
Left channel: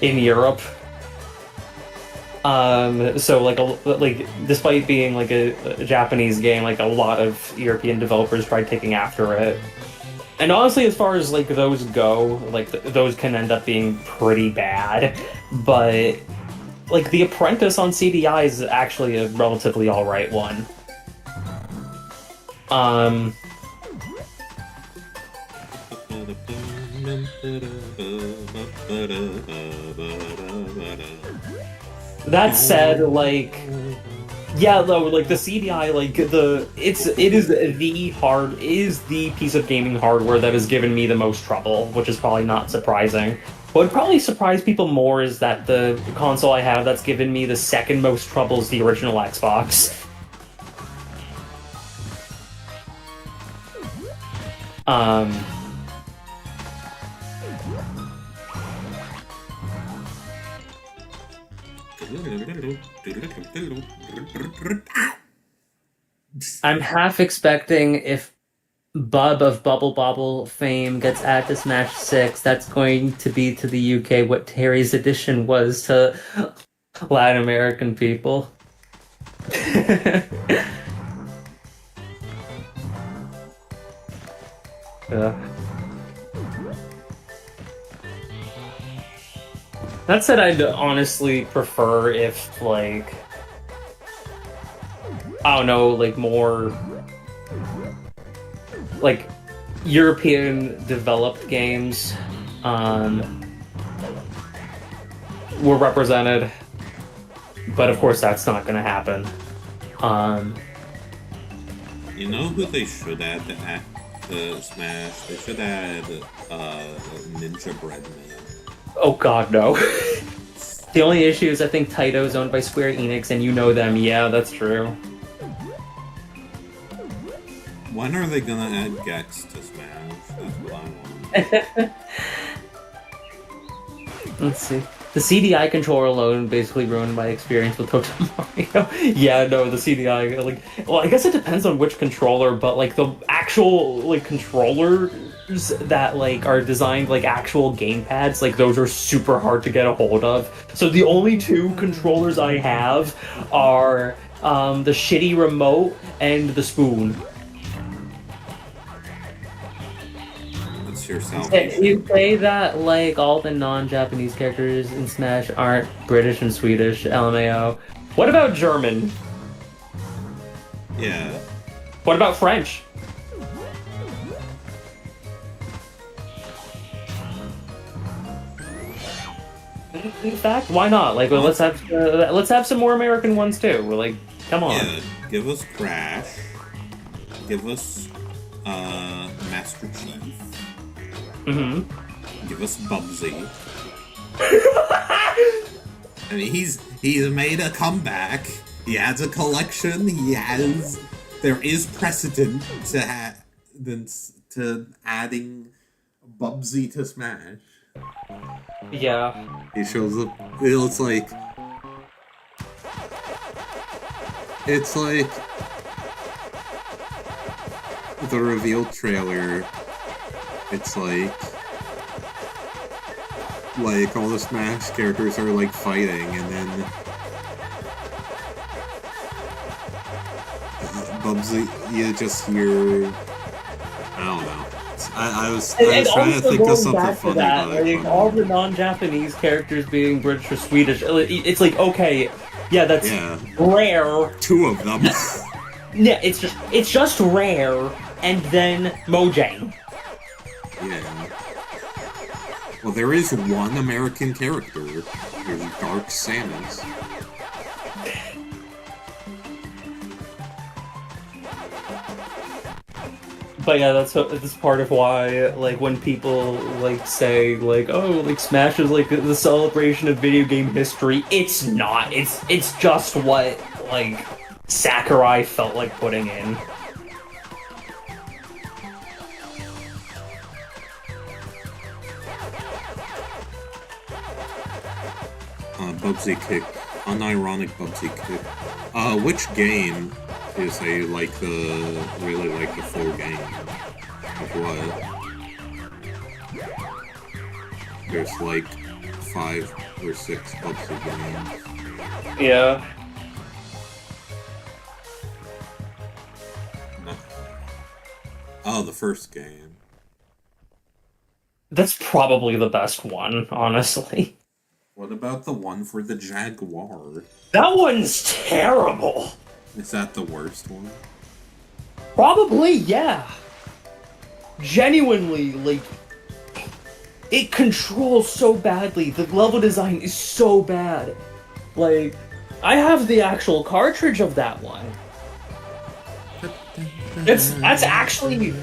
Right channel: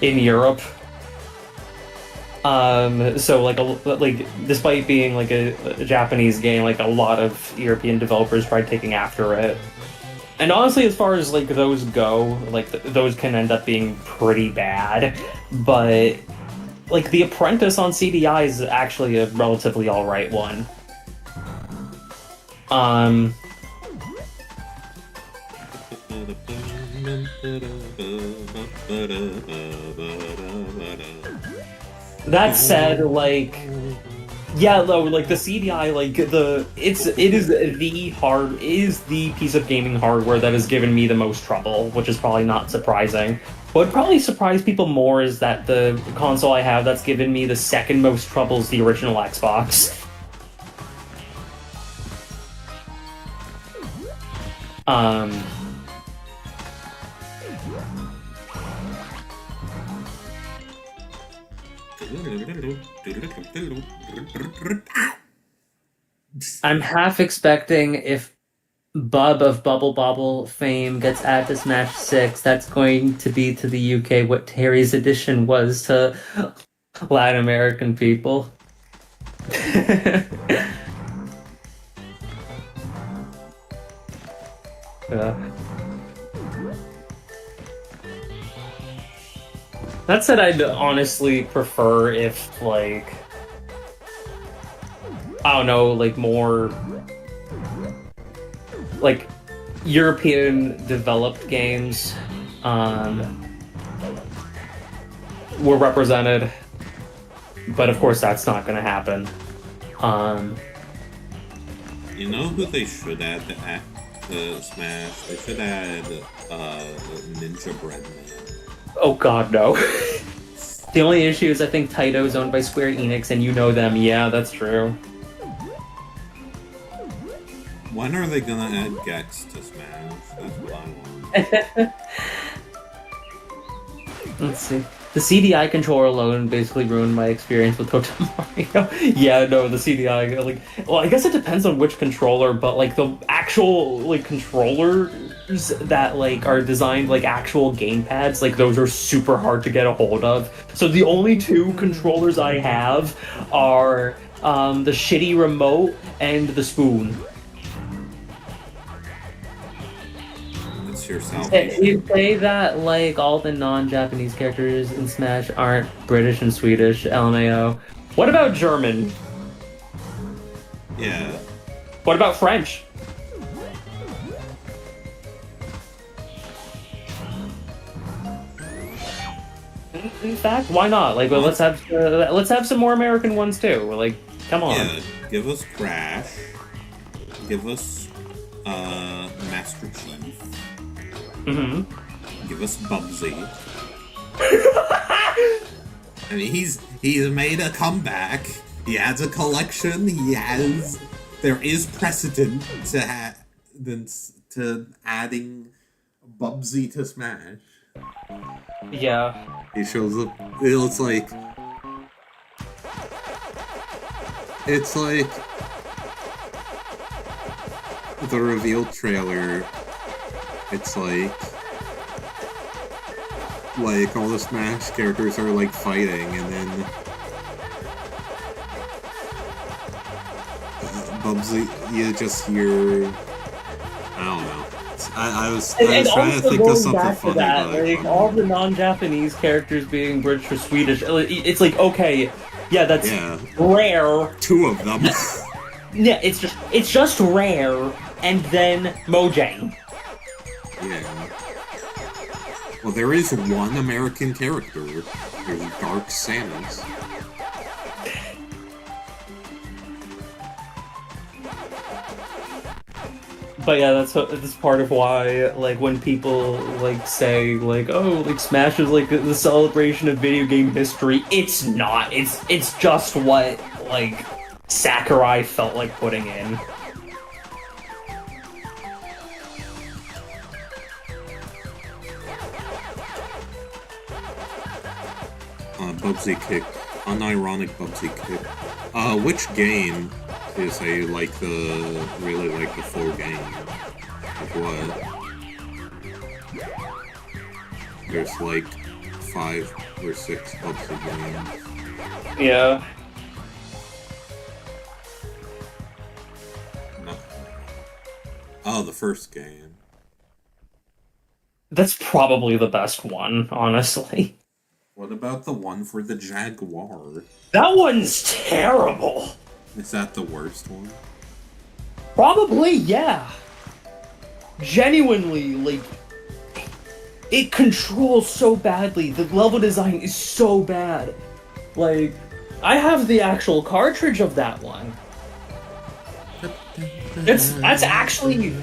Europe. So like despite being like a Japanese game, like a lot of European developers tried taking after it. And honestly, as far as like those go, like those can end up being pretty bad. But like The Apprentice on CDI is actually a relatively alright one. That said, like, yeah, though, like the CDI, like it is the piece of gaming hardware that has given me the most trouble, which is probably not surprising. What would probably surprise people more is that the console I have that's given me the second most trouble is the original Xbox. I'm half expecting if Bub of Bubble Bobble fame gets added to Smash 6, that's going to be to the UK what Terry's edition was to Latin American people. That said, I'd honestly prefer if, like, I don't know, like, more, like, European developed games were represented, but of course that's not going to happen. You know who they should add to Smash? They should add Ninja Bread Man. Oh god, no. The only issue is I think Taito is owned by Square Enix, and you know them. Yeah, that's true. When are they gonna add Gex to Smash? That's what I want. Let's see. The CDI controller alone basically ruined my experience with Hotel Mario. Yeah, no, the CDI, like, well, I guess it depends on which controller, but, like, the actual, like, controller that like are designed like actual gamepads, like those are super hard to get a hold of. So the only two controllers I have are the shitty remote and the spoon. It's your salvation. You say that like all the non-Japanese characters in Smash aren't British and Swedish, LMAO. What about German? Yeah. What about French? In fact, why not? Like, well, let's have some more American ones too. We're like, come on. Yeah, give us Crash. Give us Master Chief. Mm-hmm. Give us Bubsy. I mean, he's made a comeback. He has a collection. There is precedent to adding Bubsy to Smash. Yeah. He shows up. It's like the reveal trailer. It's like all the Smash characters are like fighting, and then Bubsy, you just hear. I don't know. I was trying to think of something funny, but I couldn't. All the non-Japanese characters being British or Swedish, it's like, okay, yeah, that's rare. Two of them. Yeah, it's just rare, and then Mojang. Yeah. Well, there is one American character. There's Dark Samus. But yeah, that's part of why, like, when people, like, say, like, oh, like, Smash is, like, the celebration of video game history, it's not. It's just what, like, Sakurai felt like putting in. Bubsy kick. Unironic Bubsy kick. Which game is really like the full game of what? There's like 5 or 6 Bubsy games. Yeah. No. Oh, the first game. That's probably the best one, honestly. What about the one for the Jaguar? That one's terrible. Is that the worst one? Probably, yeah. Genuinely, like, it controls so badly. The level design is so bad. Like, I have the actual cartridge of that one. That's actually...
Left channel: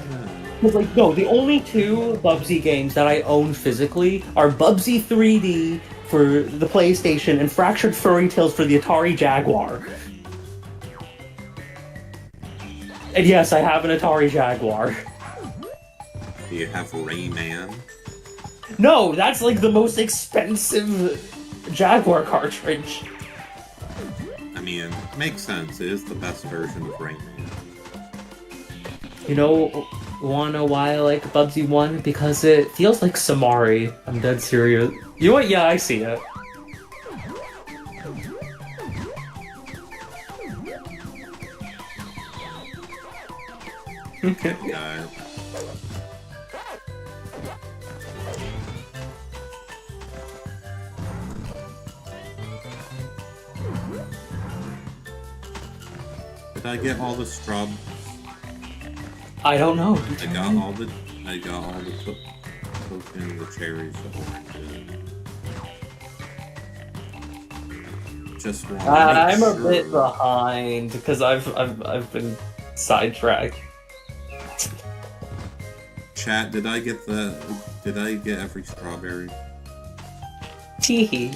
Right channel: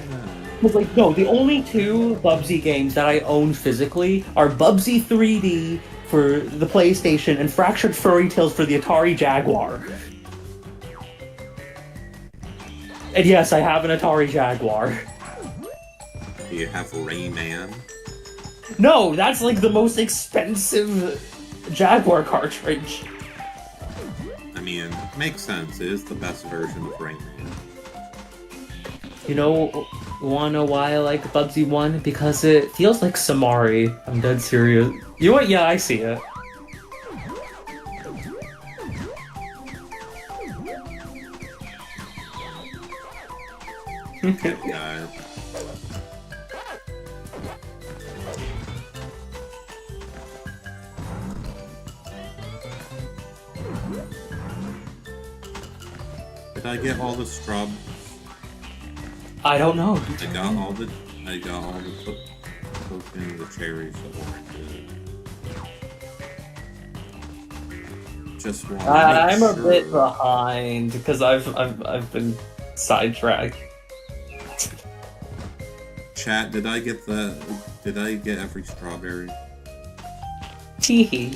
Like, no, the only 2 Bubsy games that I own physically are Bubsy 3D for the PlayStation and Fractured Furry Tales for the Atari Jaguar. And yes, I have an Atari Jaguar. Do you have Rayman? No, that's like the most expensive Jaguar cartridge. I mean, makes sense. It is the best version of Rayman. You know, wanna know why I like Bubsy 1? Because it feels like Samari. I'm dead serious. You know what? Yeah, I see it. Okay, guys. Did I get all the straw? I don't know. I got all the tokens, the cherries, the oranges. Just want to make I'm a sure. bit behind because I've been sidetracked. Chat, did I get every strawberry? Teehee.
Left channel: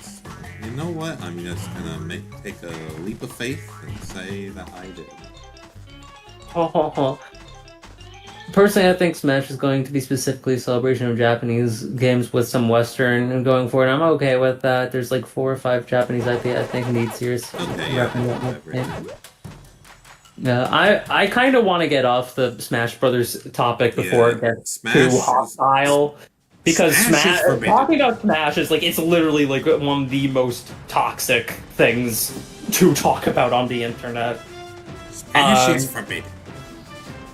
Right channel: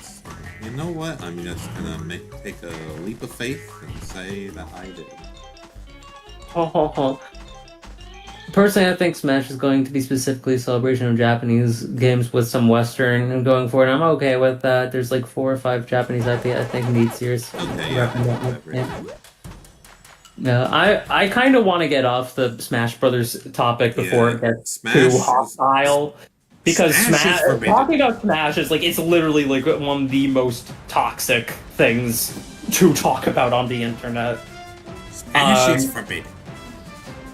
So, you know what? I'm just gonna take a leap of faith and say that I did. Ho ho ho. Personally, I think Smash is going to be specifically a celebration of Japanese games with some Western and going forward. I'm okay with that. There's like 4 or 5 Japanese I think need serious. Okay, yeah, I got everything. I kind of want to get off the Smash Brothers topic before Yeah, it gets Smash too is- hostile. Because Smash is forbidden. talking about Smash is like it's literally like one of the most toxic things to talk about on the internet. Smash is forbidden.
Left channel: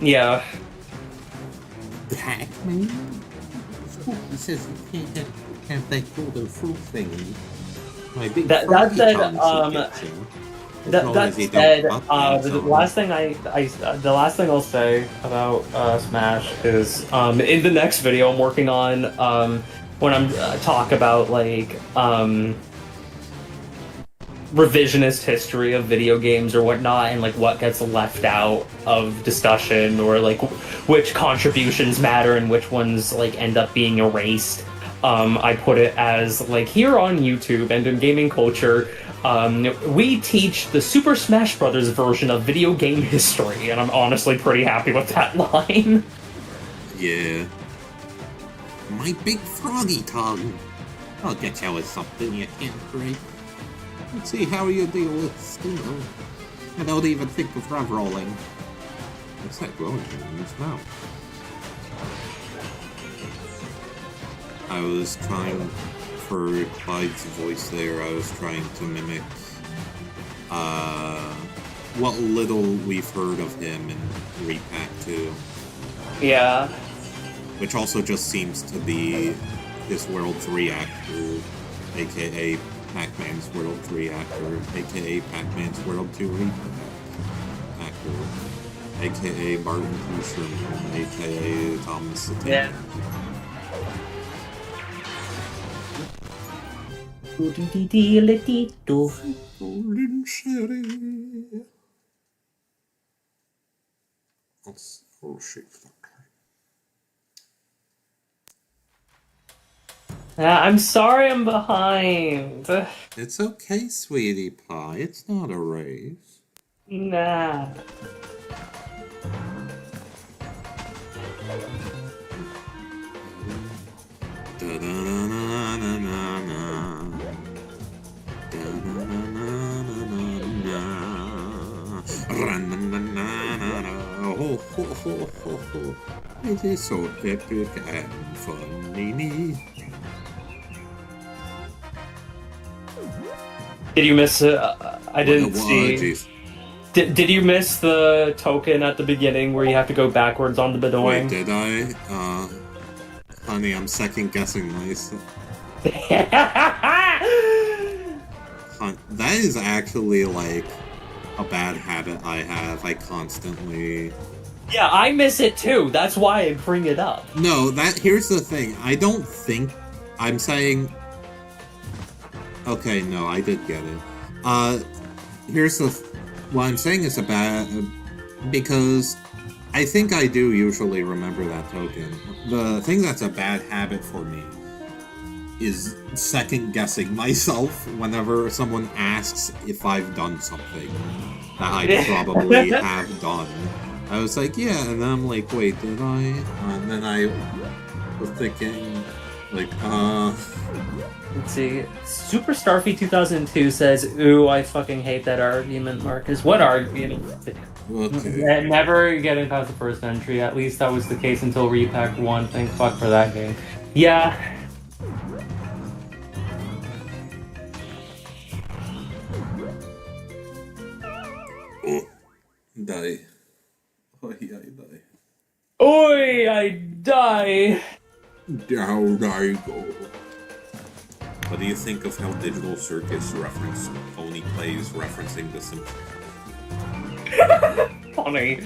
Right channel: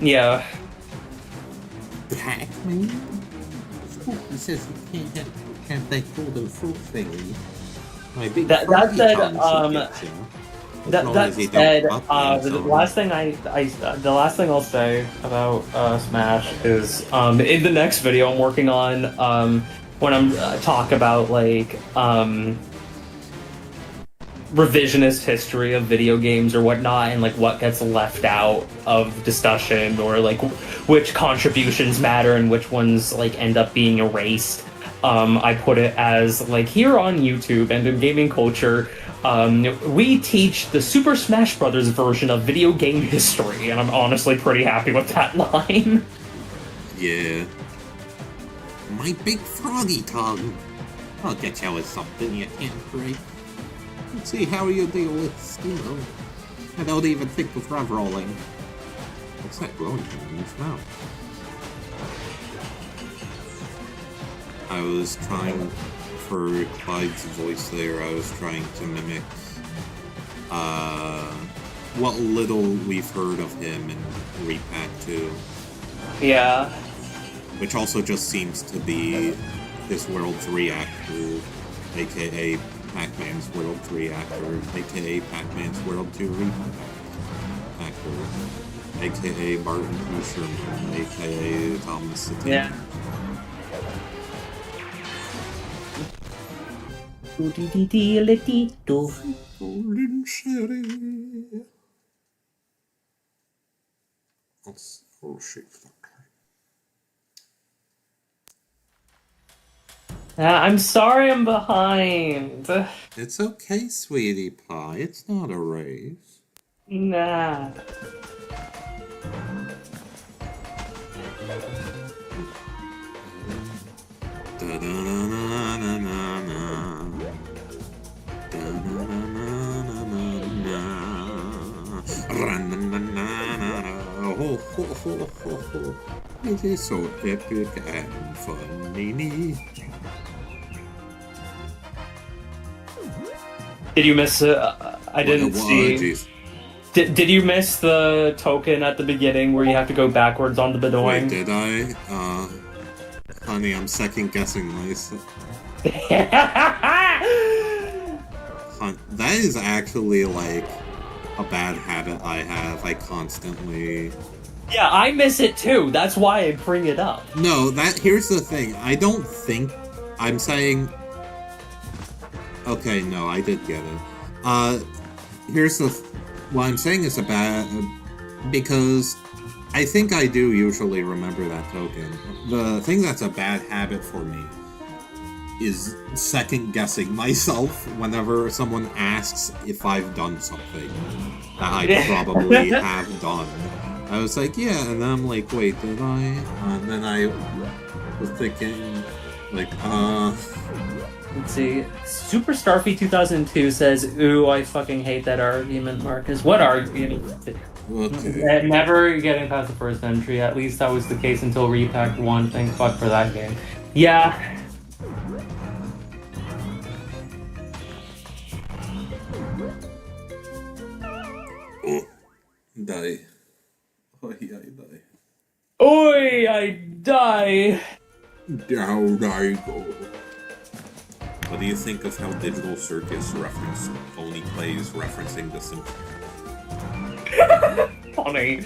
Yeah. Pac-Man? He says you can't have that golden fruit thingy. My big That froggy said, tongue should get you. As long That as you said, don't up the last thing the last thing I'll say about Smash is in the next video I'm working on when I'm talk about like revisionist history of video games or whatnot, and like what gets left out of discussion, or like which contributions matter and which ones like end up being erased. I put it as like here on YouTube and in gaming culture, we teach the Super Smash Brothers version of video game history, and I'm honestly pretty happy with that line. Yeah. My big froggy tongue. I'll get you with something you can't break. Let's see how you deal with steel. I don't even think of rev rolling. What's that glowing thing in his mouth? I was trying, for Clyde's voice there, I was trying to mimic what little we've heard of him in Repack 2. Yeah. Which also just seems to be his World 3 actor, aka Pac-Man's World 3 actor, aka Pac-Man's World 2 Repack actor, aka Martin T. Sherman, aka Thomas the Tank Yeah. Engine. Golden Sherry. Let's shake that. I'm sorry I'm behind. It's okay, sweetie pie. It's not a race. Nah. It is so epic and funny. Did you miss it? I didn't see. Jeez. Did you miss the token at the beginning where you have to go backwards on the Wait, Bedoing? did I? Honey, I'm second guessing myself. That is actually like a bad habit I have. I constantly. Yeah, I miss it too. That's why I bring it up. No, here's the thing. I don't think I'm saying. Okay, no, I did get it. Here's what I'm saying is a bad because I think I do usually remember that token. The thing that's a bad habit for me is second guessing myself whenever someone asks if I've done something that I probably have done. I was like, yeah, and then I'm like, wait, did I? And then I was thinking, like, Let's see. Super Starfy 2002 says, "Ooh, I fucking hate that argument, Marcus." What argument? okay. Never getting past the first entry. At least that was the case until Repack 1. Thank fuck for that game. Yeah. Oh, die. Oh, yeah, I die. Oi, I die. Down I go. What do you think of how Digital Circus referenced Pony Plays referencing The Simpsons? Funny.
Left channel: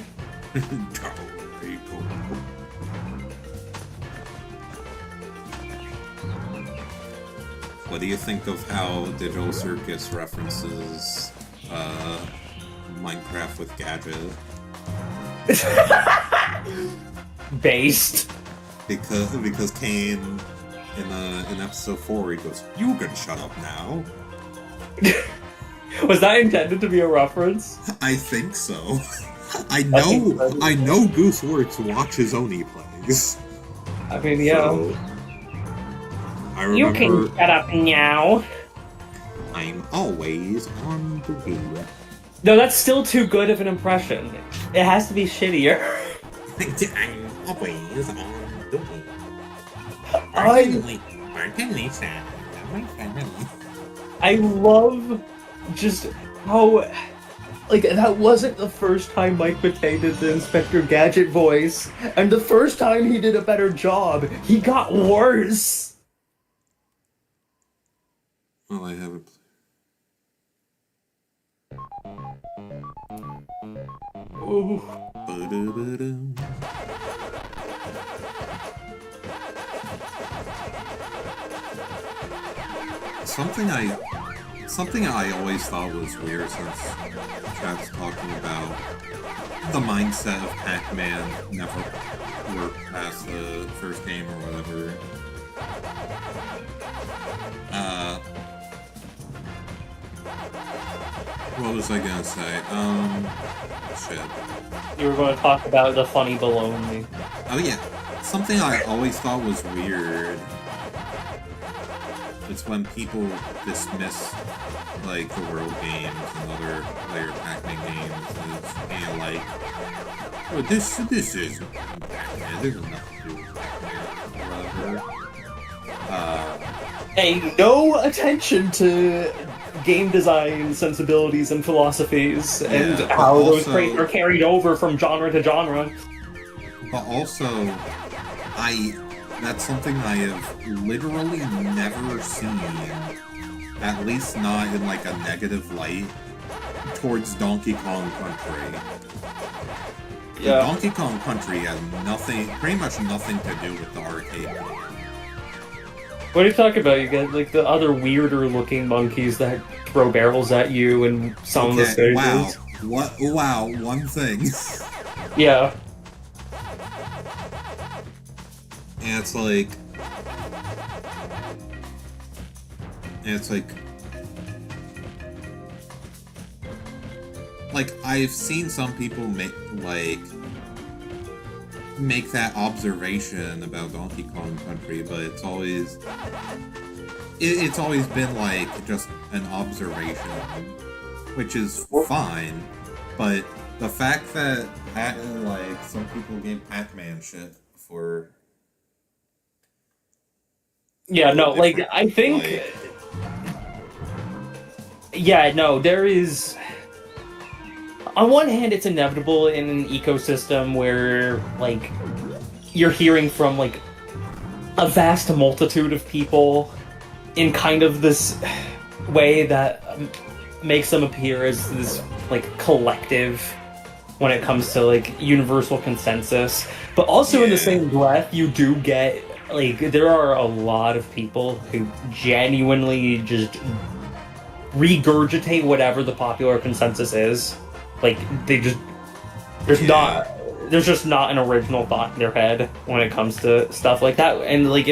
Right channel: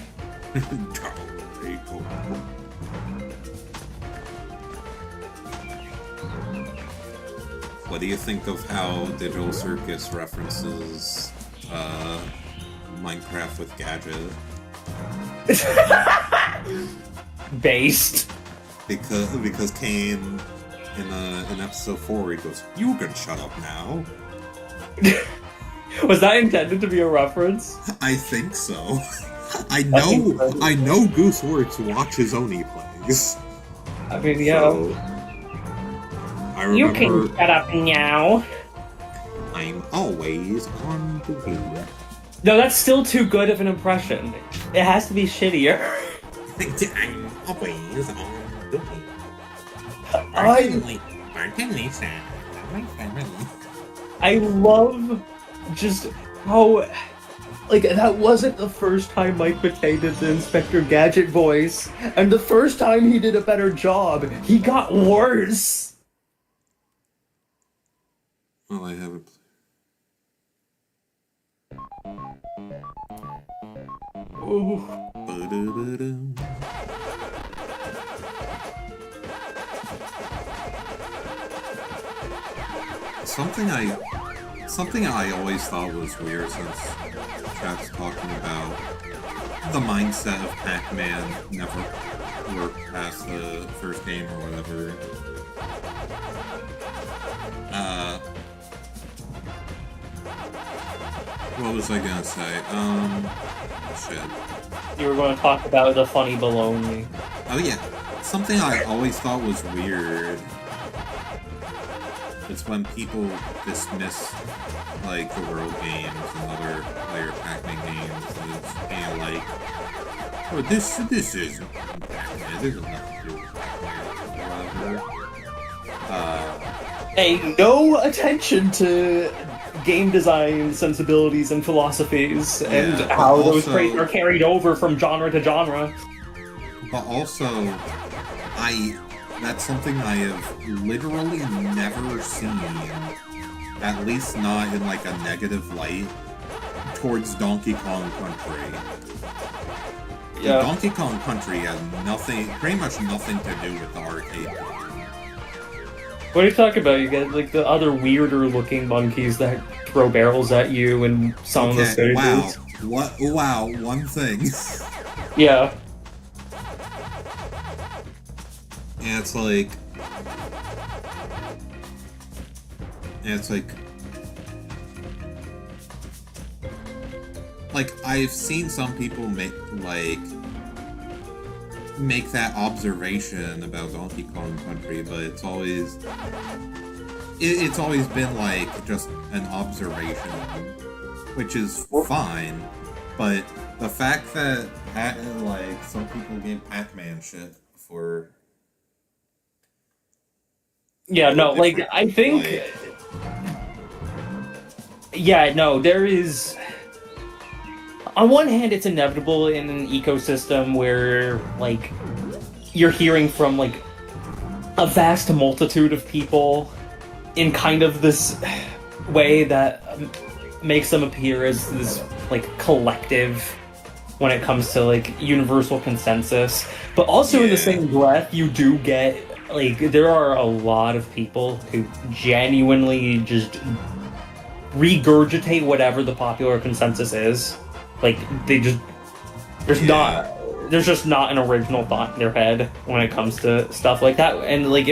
Down I go. What do you think of how Digital Circus references Minecraft with Gadget? Based. Because Kane in episode 4 he goes, "You can shut up now." Was that intended to be a reference? I think so. I know Gooseworks watches Oni plays. I mean, yeah. So, I You remember can shut up now. I'm always on duty. No, that's still too good of an impression. It has to be shittier. I'm always on duty. Bartending sad. I love my family. I love just how, like, that wasn't the first time Mike Matei did the Inspector Gadget voice, and the first time he did a better job, he got worse. Well, I haven't. Ooh. Ba-da-ba-dum. Something I always thought was weird, since chat's talking about the mindset of Pac-Man never worked past the first game or whatever. What was I gonna say? Shit. You were going to talk about the funny baloney. Oh yeah, something I always thought was weird is when people dismiss, like, the World games and other player Pac-Man games as being like, oh, this isn't Pac-Man, this has nothing to do with Pac-Man, or whatever. Paying no attention to game design sensibilities and philosophies, and but how those also- traits are carried over from genre to genre. But also, that's something I have literally never seen, at least not in, like, a negative light, towards Donkey Kong Country. Yeah. Donkey Kong Country has pretty much nothing to do with the arcade game. What are you talking about? You get, like, the other weirder looking monkeys that throw barrels at you and some of the stages. Wow, one thing. Yeah. And it's like... Like, I've seen some people make that observation about Donkey Kong Country, but it's always been, like, just an observation, which is fine, but the fact that, like, some people gave Pac-Man shit for... Yeah, no, like, different, I think... like- Yeah, no, there is... On one hand, it's inevitable in an ecosystem where, like, you're hearing from, like, a vast multitude of people in kind of this way that makes them appear as this, like, collective when it comes to, like, universal consensus. But also in the same breath, you do get, like, there are a lot of people who genuinely just regurgitate whatever the popular consensus is. Like, they just... There's just not an original thought in their head when it comes to stuff like that. And, like,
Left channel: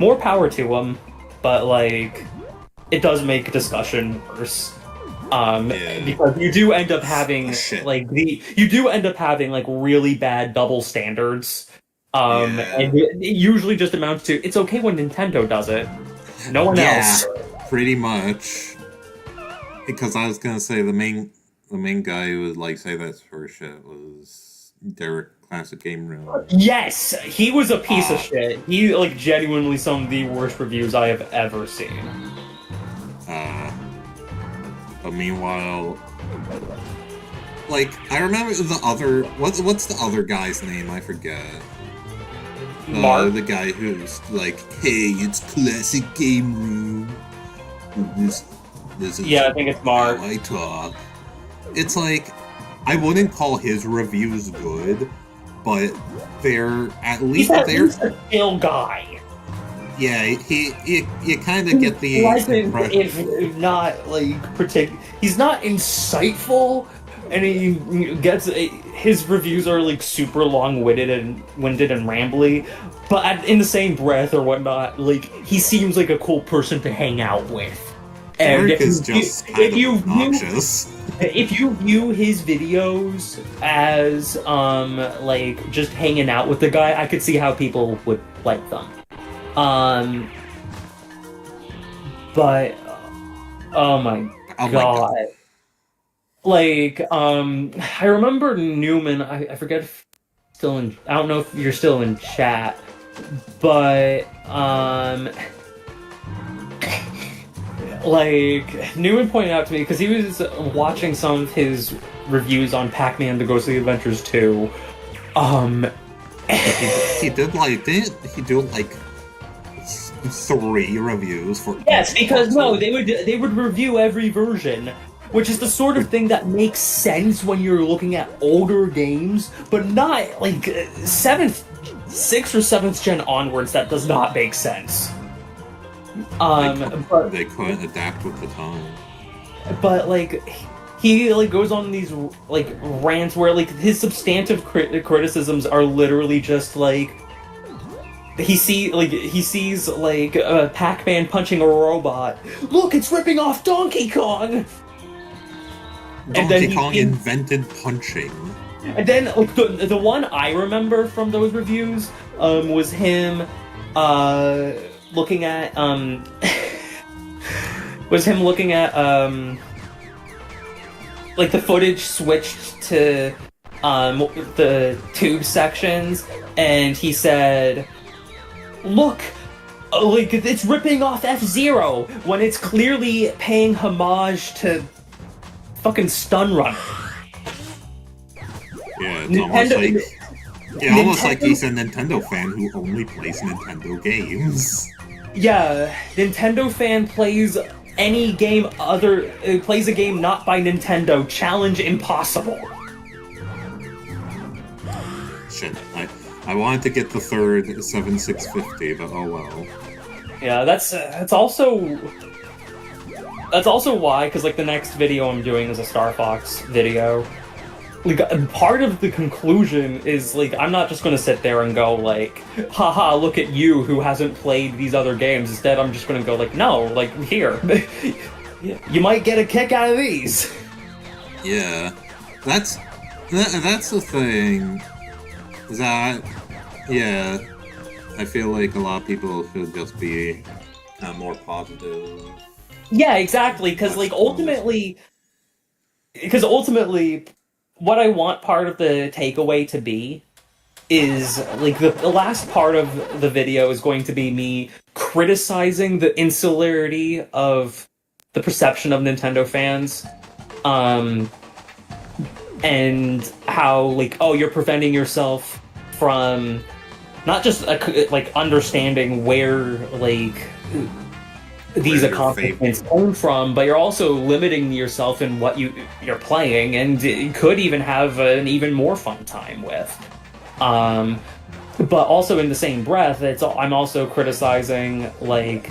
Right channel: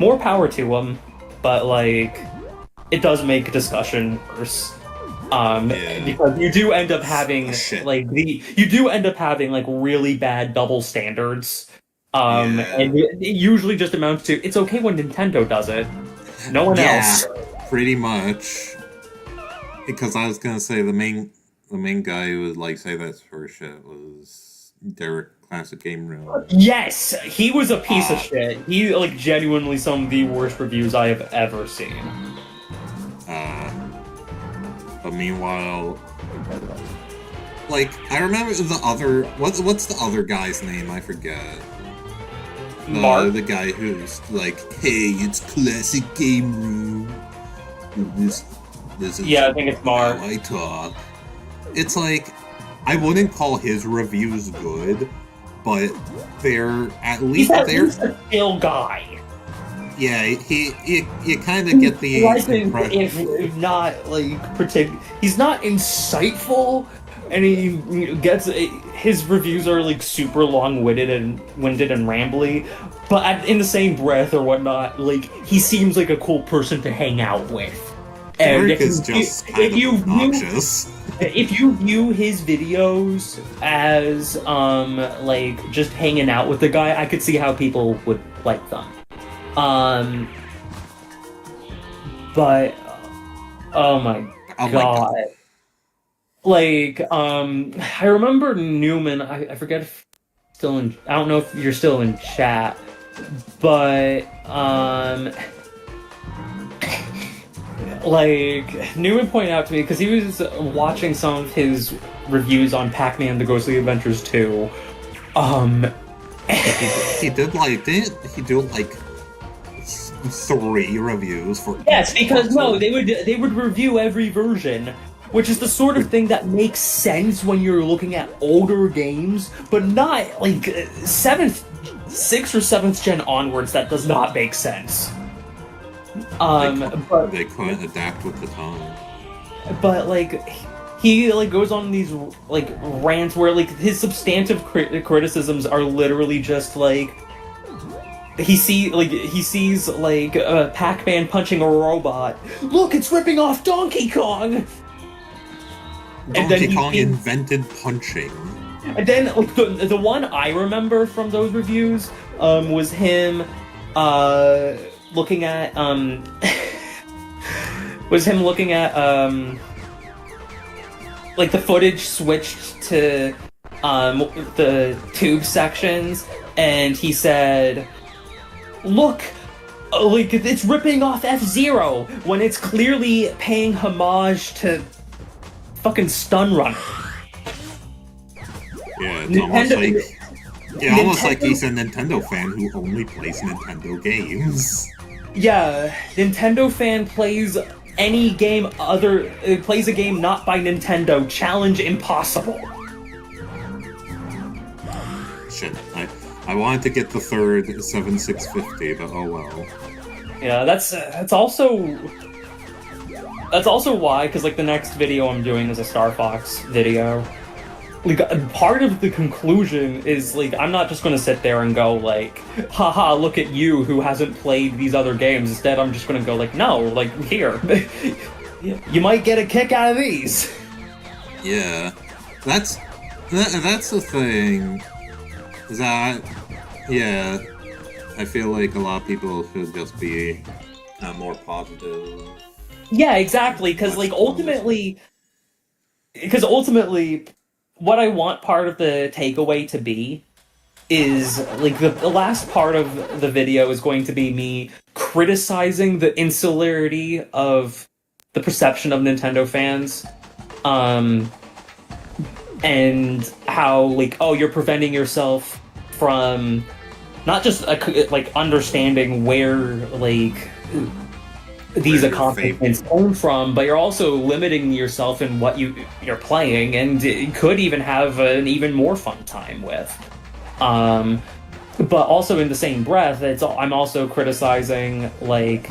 more power to them, but, like, it does make discussion worse. Because you do end up having, like, really bad double standards. And it usually just amounts to, it's okay when Nintendo does it. No one else. Pretty much. Because I was gonna say the main guy who would, like, say that sort of shit was Derek Classic Game Room. Yes! He was a piece of shit. He, like, genuinely some of the worst reviews I have ever seen. But meanwhile, like, I remember the other... What's the other guy's name? I forget. Mark? The guy who's like, hey, it's Classic Game Room. This is I think it's Mark. how I talk. It's like, I wouldn't call his reviews good, but they're at least He's a chill guy. Yeah, you kind of get the impression. If not, like, he's not insightful, and he gets his reviews are, like, super long-winded and rambly, but in the same breath or whatnot, like, he seems like a cool person to hang out with. Derek is just kind of obnoxious. If you view his videos as, like, just hanging out with the guy, I could see how people would like them. But, oh my god. Like, I remember Newman. I forget if still in. I don't know if you're still in chat, but like Newman pointed out to me because he was watching some of his reviews on Pac-Man: The Ghostly Adventures 2. He did like didn't he do like 3 reviews for Yes, each because no, console? they would review every version, which is the sort of thing that makes sense when you're looking at older games, but not like sixth or seventh gen onwards. That does not make sense. But They couldn't adapt with the time. like he like goes on these like rants where like his substantive criticisms are literally just like he sees like Pac-Man punching a robot. Look, it's ripping off Donkey Kong. Donkey Kong invented punching. And then like, the one I remember from those reviews was him looking at like the footage switched to the tube sections, and he said, look, like it's ripping off F-Zero when it's clearly paying homage to fucking Stun Runner. Yeah, it's almost like he's a Nintendo fan who only plays Nintendo games. Yeah, Nintendo fan plays any game plays a game not by Nintendo. Challenge impossible. Shit, I wanted to get the third 7650, but oh well. Yeah, that's also why, because like the next video I'm doing is a Star Fox video. Like part of the conclusion is like I'm not just gonna sit there and go like, haha, look at you who hasn't played these other games. Instead, I'm just gonna go like, no, like here, you might get a kick out of these. Yeah, that's the thing. That yeah, I feel like a lot of people should just be more positive. Yeah, exactly. Because ultimately, what I want part of the takeaway to be is like the last part of the video is going to be me criticizing the insularity of the perception of Nintendo fans, and how like, oh, you're preventing yourself from not just like understanding where like these accomplishments came from, but you're also limiting yourself in what you're playing, and it could even have an even more fun time with. But also in the same breath, I'm also criticizing like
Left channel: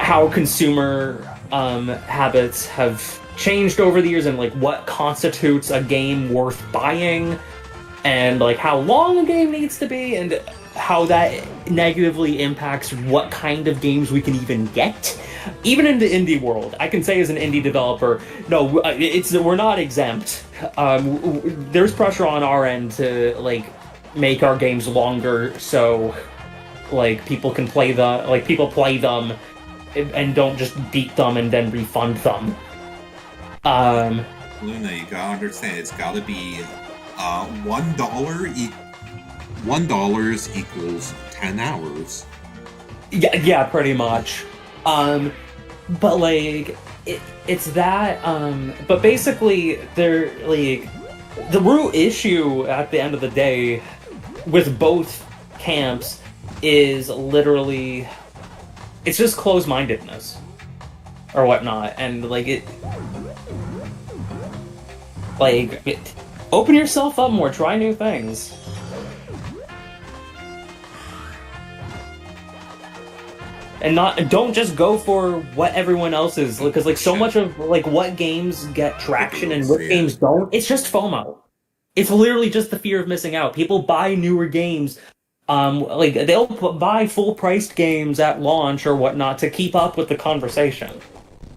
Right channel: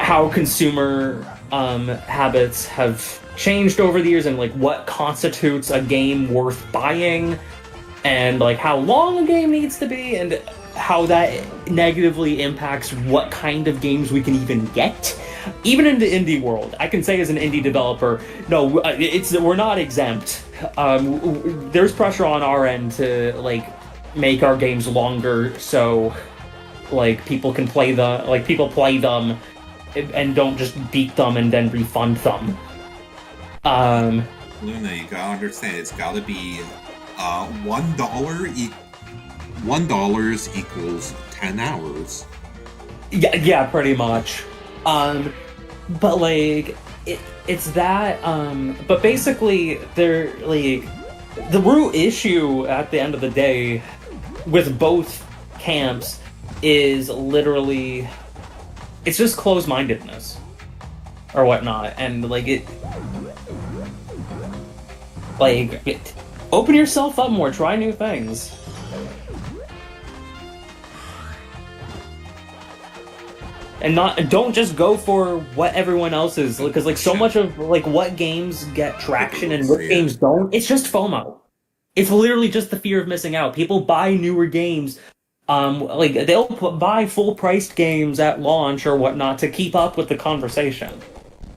how consumer habits have changed over the years, and like what constitutes a game worth buying, and like how long a game needs to be, and how that negatively impacts what kind of games we can even get. Even in the indie world, I can say as an indie developer, no, we're not exempt. There's pressure on our end to like make our games longer, so like people play them and don't just beat them and then refund them. Luna, you gotta understand, it's gotta be $1 $1 equals 10 hours. Yeah, pretty much. But like it's that. But basically, they're like the root issue at the end of the day with both camps is literally it's just closed-mindedness or whatnot, and open yourself up more, try new things. And don't just go for what everyone else is, because like so much of like what games get traction and what games don't, it's just FOMO. It's literally just the fear of missing out. People buy newer games, like they'll buy full-priced games at launch or whatnot to keep up with the conversation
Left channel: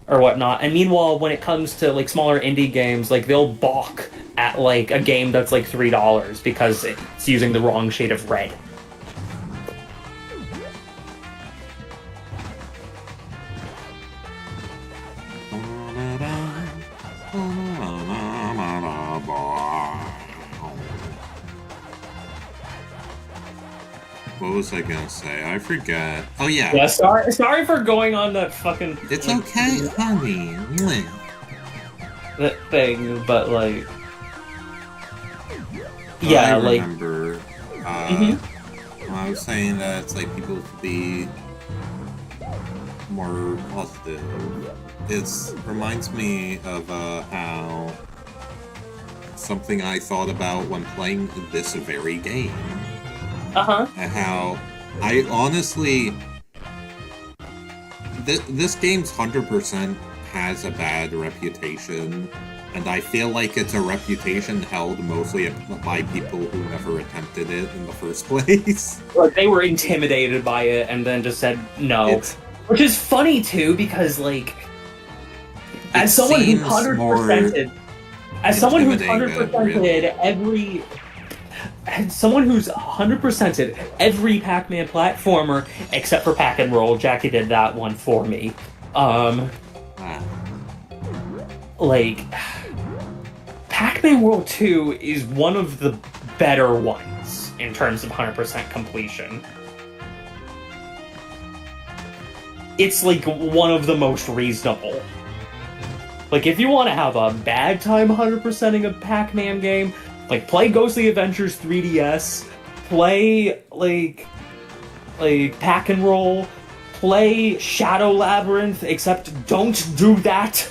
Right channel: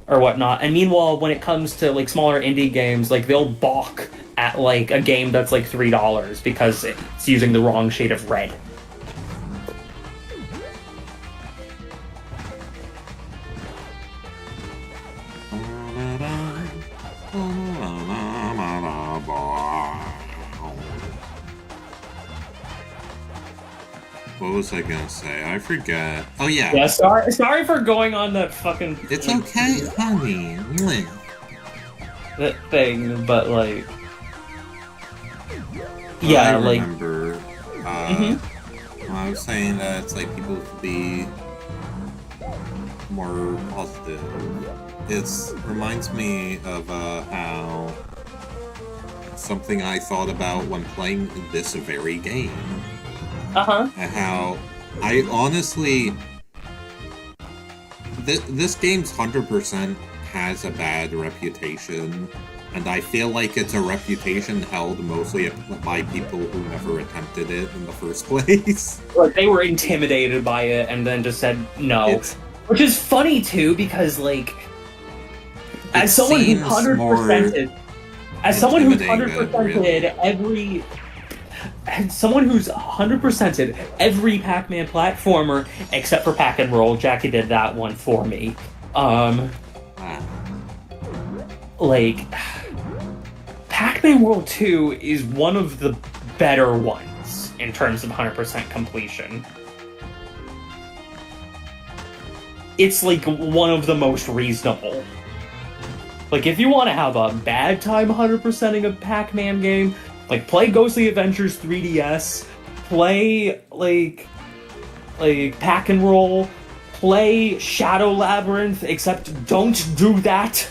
or whatnot. And meanwhile, when it comes to like smaller indie games, like they'll balk at like a game that's like $3 because it's using the wrong shade of red. what was I gonna say? I forget. Oh yeah. Yeah, sorry for going on that fucking... It's okay, honey. That thing, but like... But Yeah, I like... remember, when I was saying that it's like people should be more positive. It reminds me of how something I thought about when playing this very game. And how I honestly... This game's 100% has a bad reputation, and I feel like it's a reputation held mostly by people who never attempted it in the first place. Like, they were intimidated by it and then just said no. Which is funny, too, because, like... As someone who 100%ed... As someone who's 100%ed every... As someone who's 100%ed every Pac-Man platformer, except for Pack and Roll, Jackie did that one for me. Like... Pac-Man World 2 is one of the better ones in terms of 100% completion. It's like one of the most reasonable. Like, if you want to have a bad time 100%ing a Pac-Man game, like, play Ghostly Adventures 3DS, play, like Pack and Roll, play Shadow Labyrinth, except don't do that.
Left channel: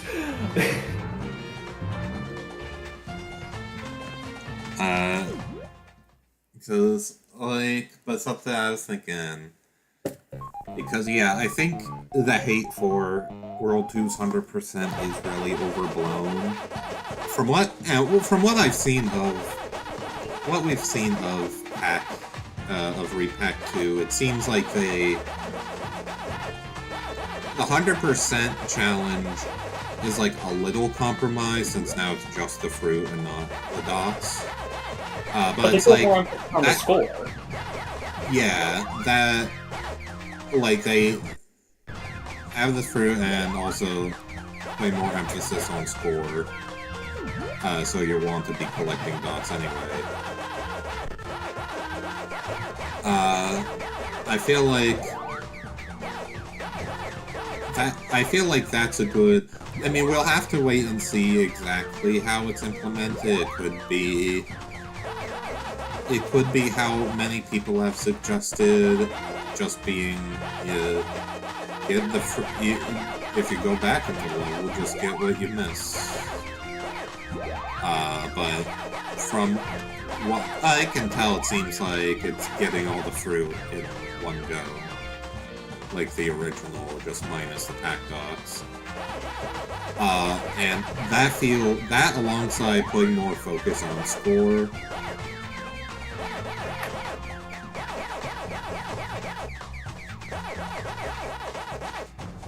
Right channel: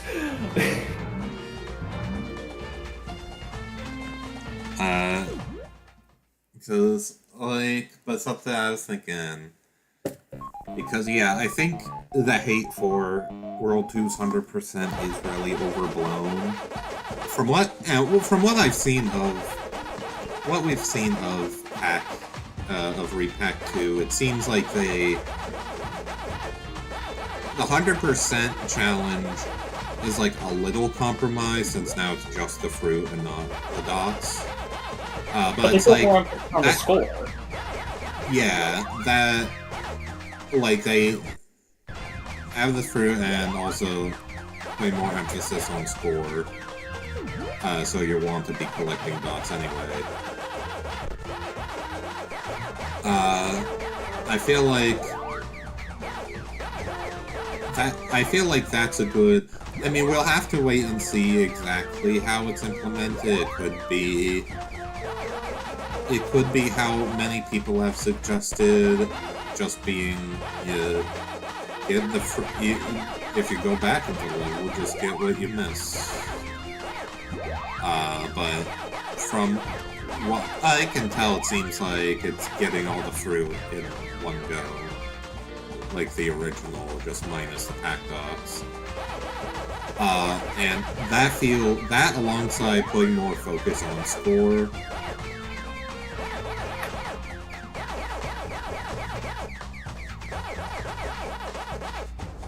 Because, like, but something I was thinking, because, yeah, I think the hate for World 2's 100% is really overblown. From what I've seen of, what we've seen of Repack 2, it seems like the 100% challenge is like a little compromise, since now it's just the fruit and not the dots. But it's like on the score. Yeah, that, like, they have the fruit and also put more emphasis on score. So you want to be collecting dots anyway. I feel like that's a good... I mean, we'll have to wait and see exactly how it's implemented. It could be how many people have suggested, just being, if you go back into the level, just get what you miss. But from what I can tell, it seems like it's getting all the fruit in one go. Like the original, just minus the pack dots. And that alongside putting more focus on score,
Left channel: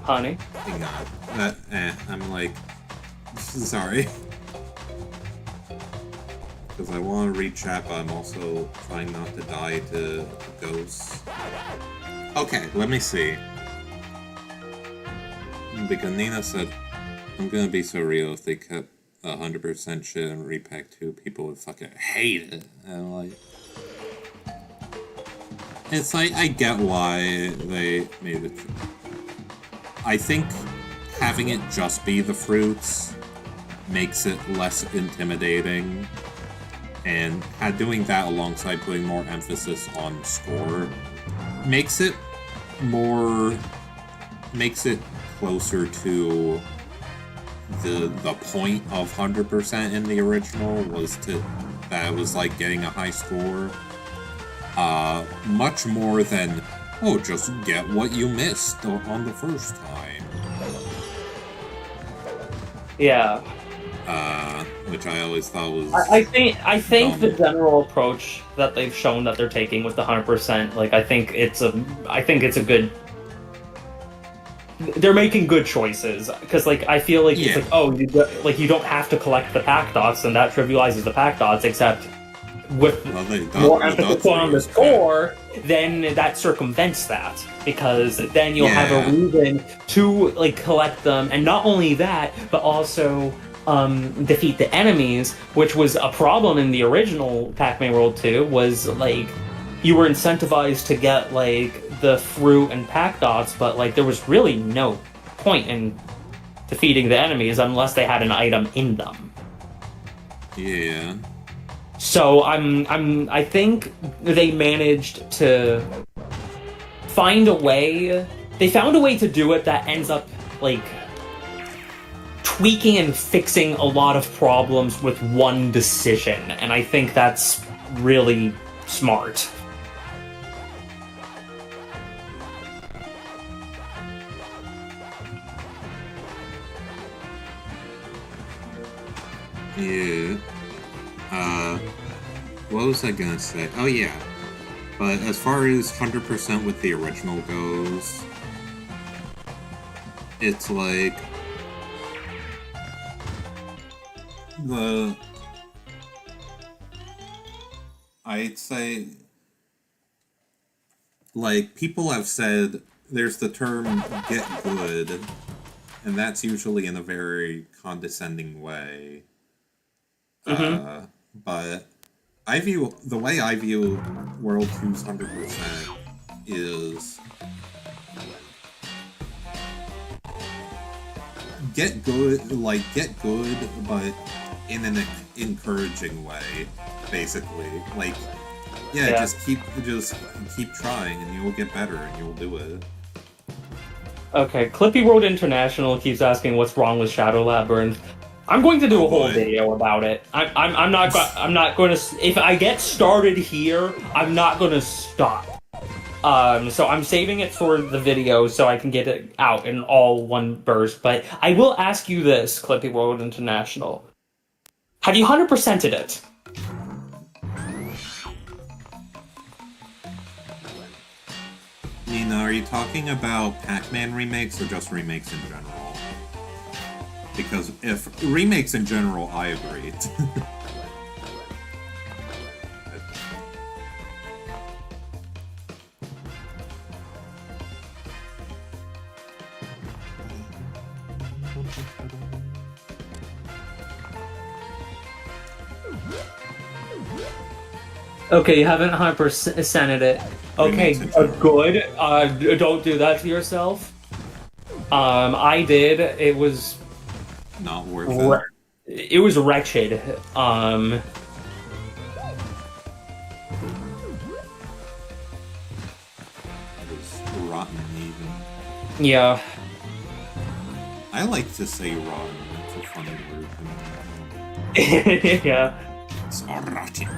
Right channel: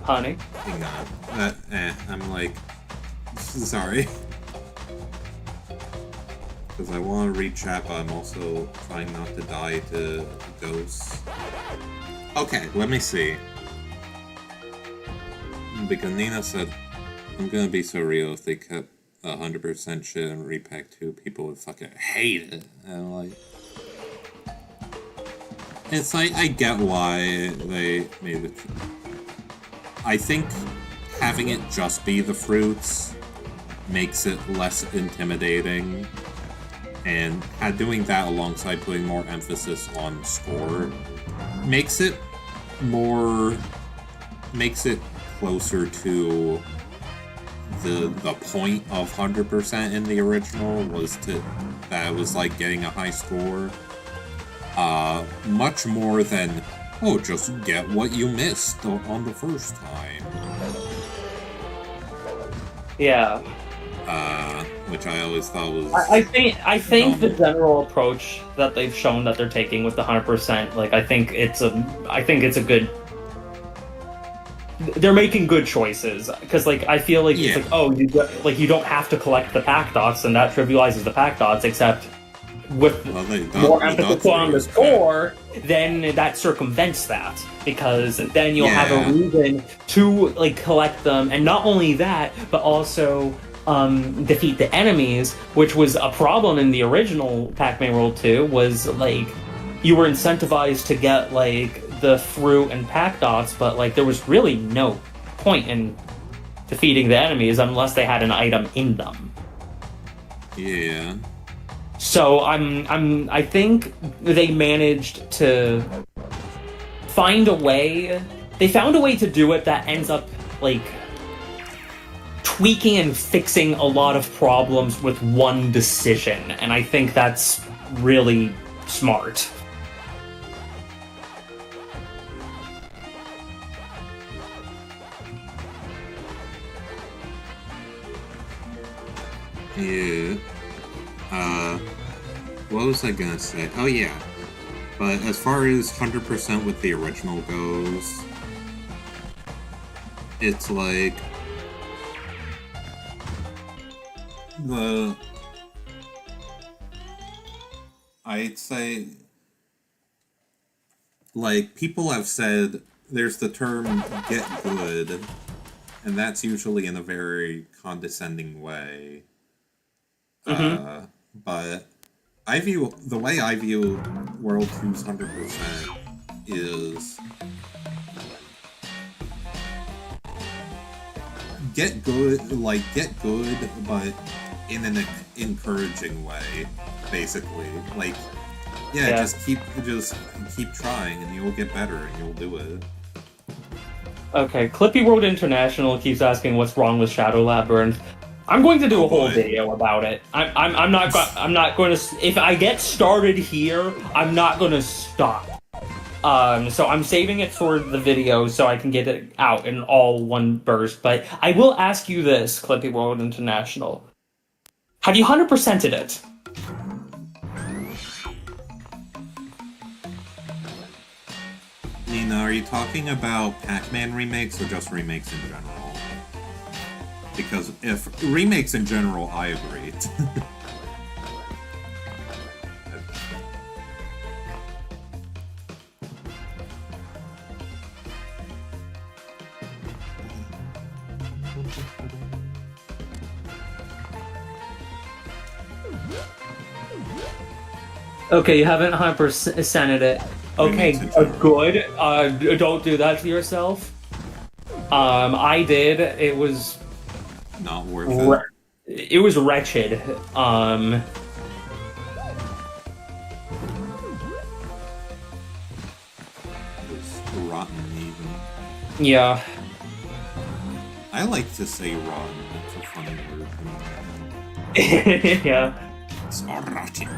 Honey? hang on. I'm like... Sorry. Because I want to read chat, but I'm also trying not to die to ghosts. Okay, let me see. Because Nina said, I'm gonna be so real, if they kept 100% shit in Repack 2, people would fucking hate it. And I'm like... It's like, I get why they made it. I think having it just be the fruits makes it less intimidating, and doing that alongside putting more emphasis on score makes it closer to the point of 100% in the original, that it was like getting a high score, much more than, oh, just get what you missed on the first time. Yeah. Which I always thought was... I think the general approach that they've shown that they're taking with the 100%, like, I think it's a good... They're making good choices, because, like, I feel like it's like, oh, you don't have to collect the pack dots, and that trivializes the pack dots, except with more emphasis on the score, then that circumvents that, because then you'll have a reason to, like, collect them, and not only that, but also defeat the enemies, which was a problem in the original Pac-Man World 2, was, like, you were incentivized to get like the fruit and pack dots, but like there was really no point in defeating the enemies unless they had an item in them. Yeah. So I think they managed to find a way. They found a way to do it that ends up like tweaking and fixing a lot of problems with one decision, and I think that's really smart. Yeah. What was I gonna say? Oh yeah. But as far as 100% with the original goes, it's like I'd say, like, people have said there's the term get good, and that's usually in a very condescending way. But the way I view World 2's 100% is get good, but in an encouraging way, basically. Like, yeah. just keep trying, and you'll get better, and you'll do it. Okay, Clippy World International keeps asking what's wrong with Shadow Labyrinth. I'm going to do a whole video about it. I'm not going to. If I get started here, I'm not going to stop. So I'm saving it for the video so I can get it out in all one burst. But I will ask you this, Clippy World International: have you 100%ed it? Nina, are you talking about Pac-Man remakes or just remakes in general? Because if remakes in general, I agree. Okay, you haven't 100%ed it. Okay, good. Don't do that to yourself. I did. It was not worth it. It was wretched. It was rotten, even. Yeah. I like to say rotten. It's a funny word. Yeah. It's rotten.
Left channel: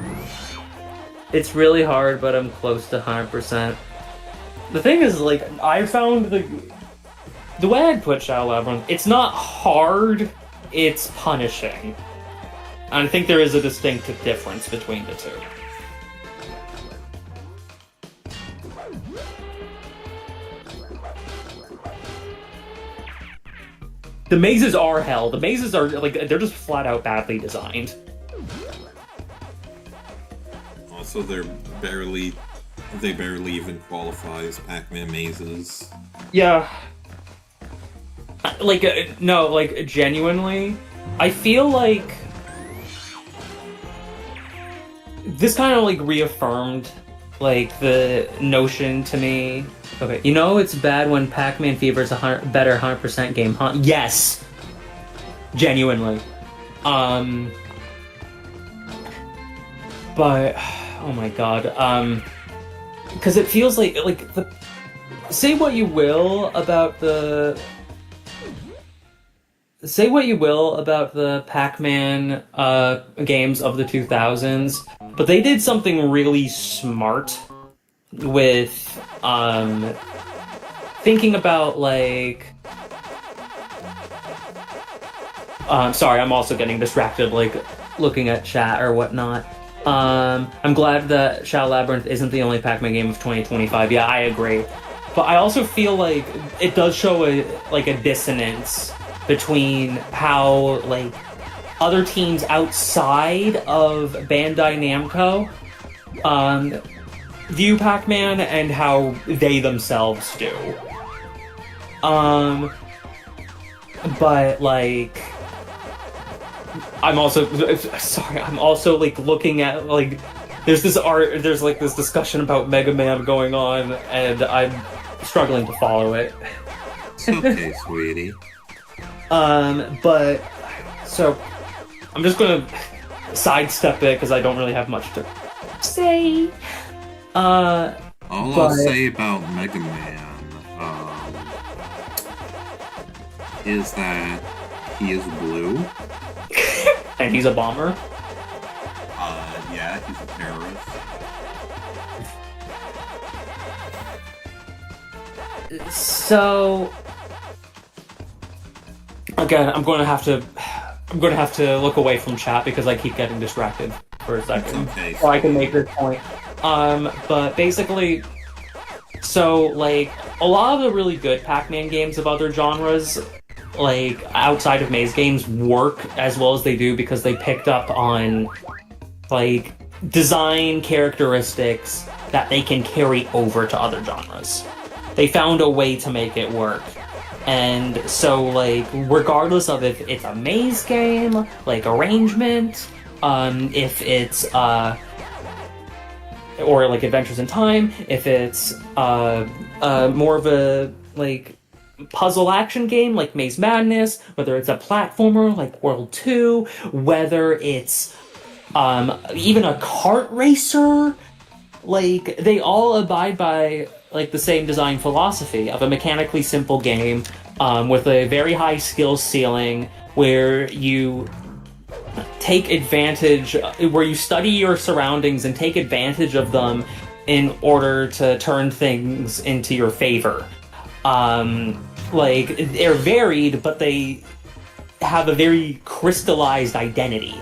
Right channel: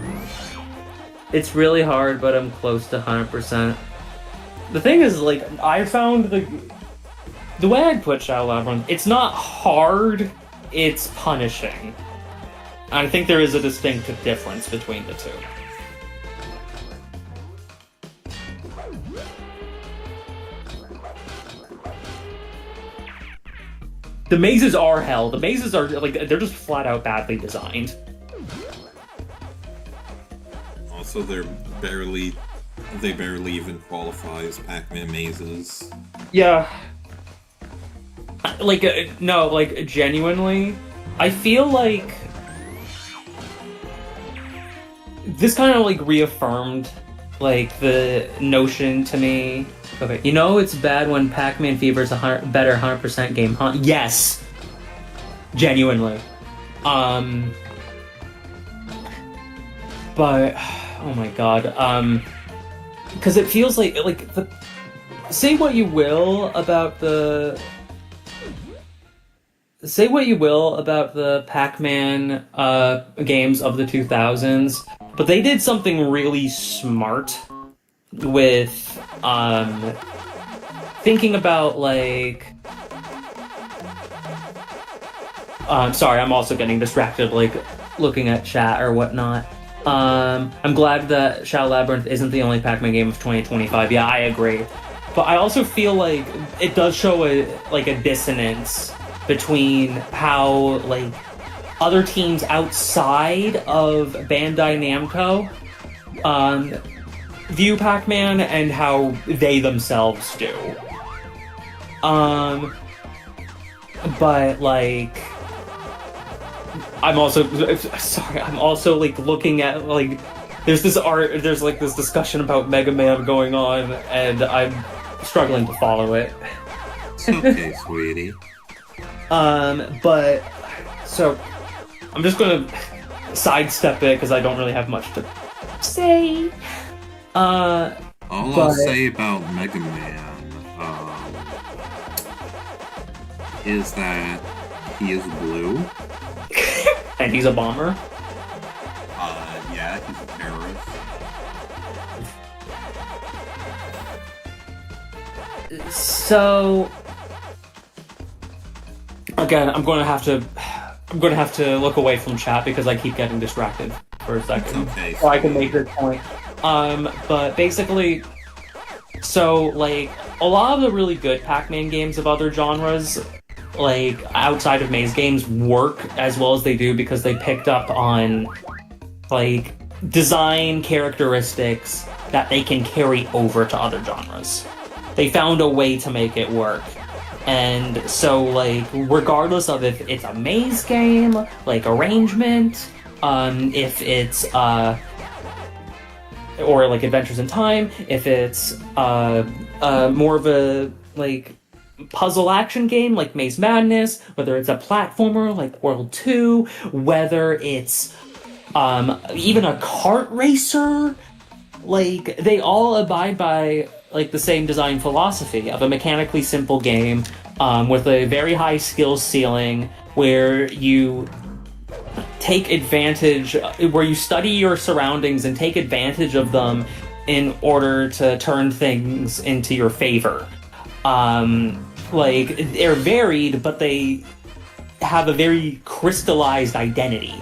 It's really hard, but I'm close to 100%. The thing is, like, I found the way I'd put Shadow Labyrinth, it's not hard, it's punishing. And I think there is a distinctive difference between the two. The mazes are hell. The mazes are, like, they're just flat out badly designed. Also, they barely even qualify as Pac-Man mazes. Yeah. Like, no, like, genuinely, I feel like this kind of, like, reaffirmed, like, the notion to me. Okay, you know it's bad when Pac-Man Fever is a better 100% game, huh? Yes! Genuinely. But, oh my god, because it feels like say what you will about the Pac-Man games of the 2000s, but they did something really smart with thinking about, like, sorry, I'm also getting distracted, like, looking at chat or whatnot. I'm glad that Shadow Labyrinth isn't the only Pac-Man game of 2025. Yeah, I agree. But I also feel like it does show a dissonance between how, like, other teams outside of Bandai Namco view Pac-Man and how they themselves do. But, like, I'm also like looking at, like, there's like this discussion about Mega Man going on, and I'm struggling to follow it. It's okay, sweetie. But so I'm just gonna sidestep it because I don't really have much to say. All I'll say about Mega Man is that he is blue. And he's a bomber. Yeah, he's a terrorist. So again, I'm gonna have to look away from chat because I keep getting distracted for a second. It's okay. So I can make this point. But basically, so like a lot of the really good Pac-Man games of other genres, like outside of maze games, work as well as they do because they picked up on like design characteristics that they can carry over to other genres. They found a way to make it work. And so, like, regardless of if it's a maze game, like arrangement, if it's or like Adventures in Time, if it's more of a like puzzle action game like Maze Madness, whether it's a platformer like World 2, whether it's even a kart racer, like they all abide by like the same design philosophy of a mechanically simple game with a very high skill ceiling where you take advantage, where you study your surroundings and take advantage of them in order to turn things into your favor. Like, they're varied, but they have a very crystallized identity.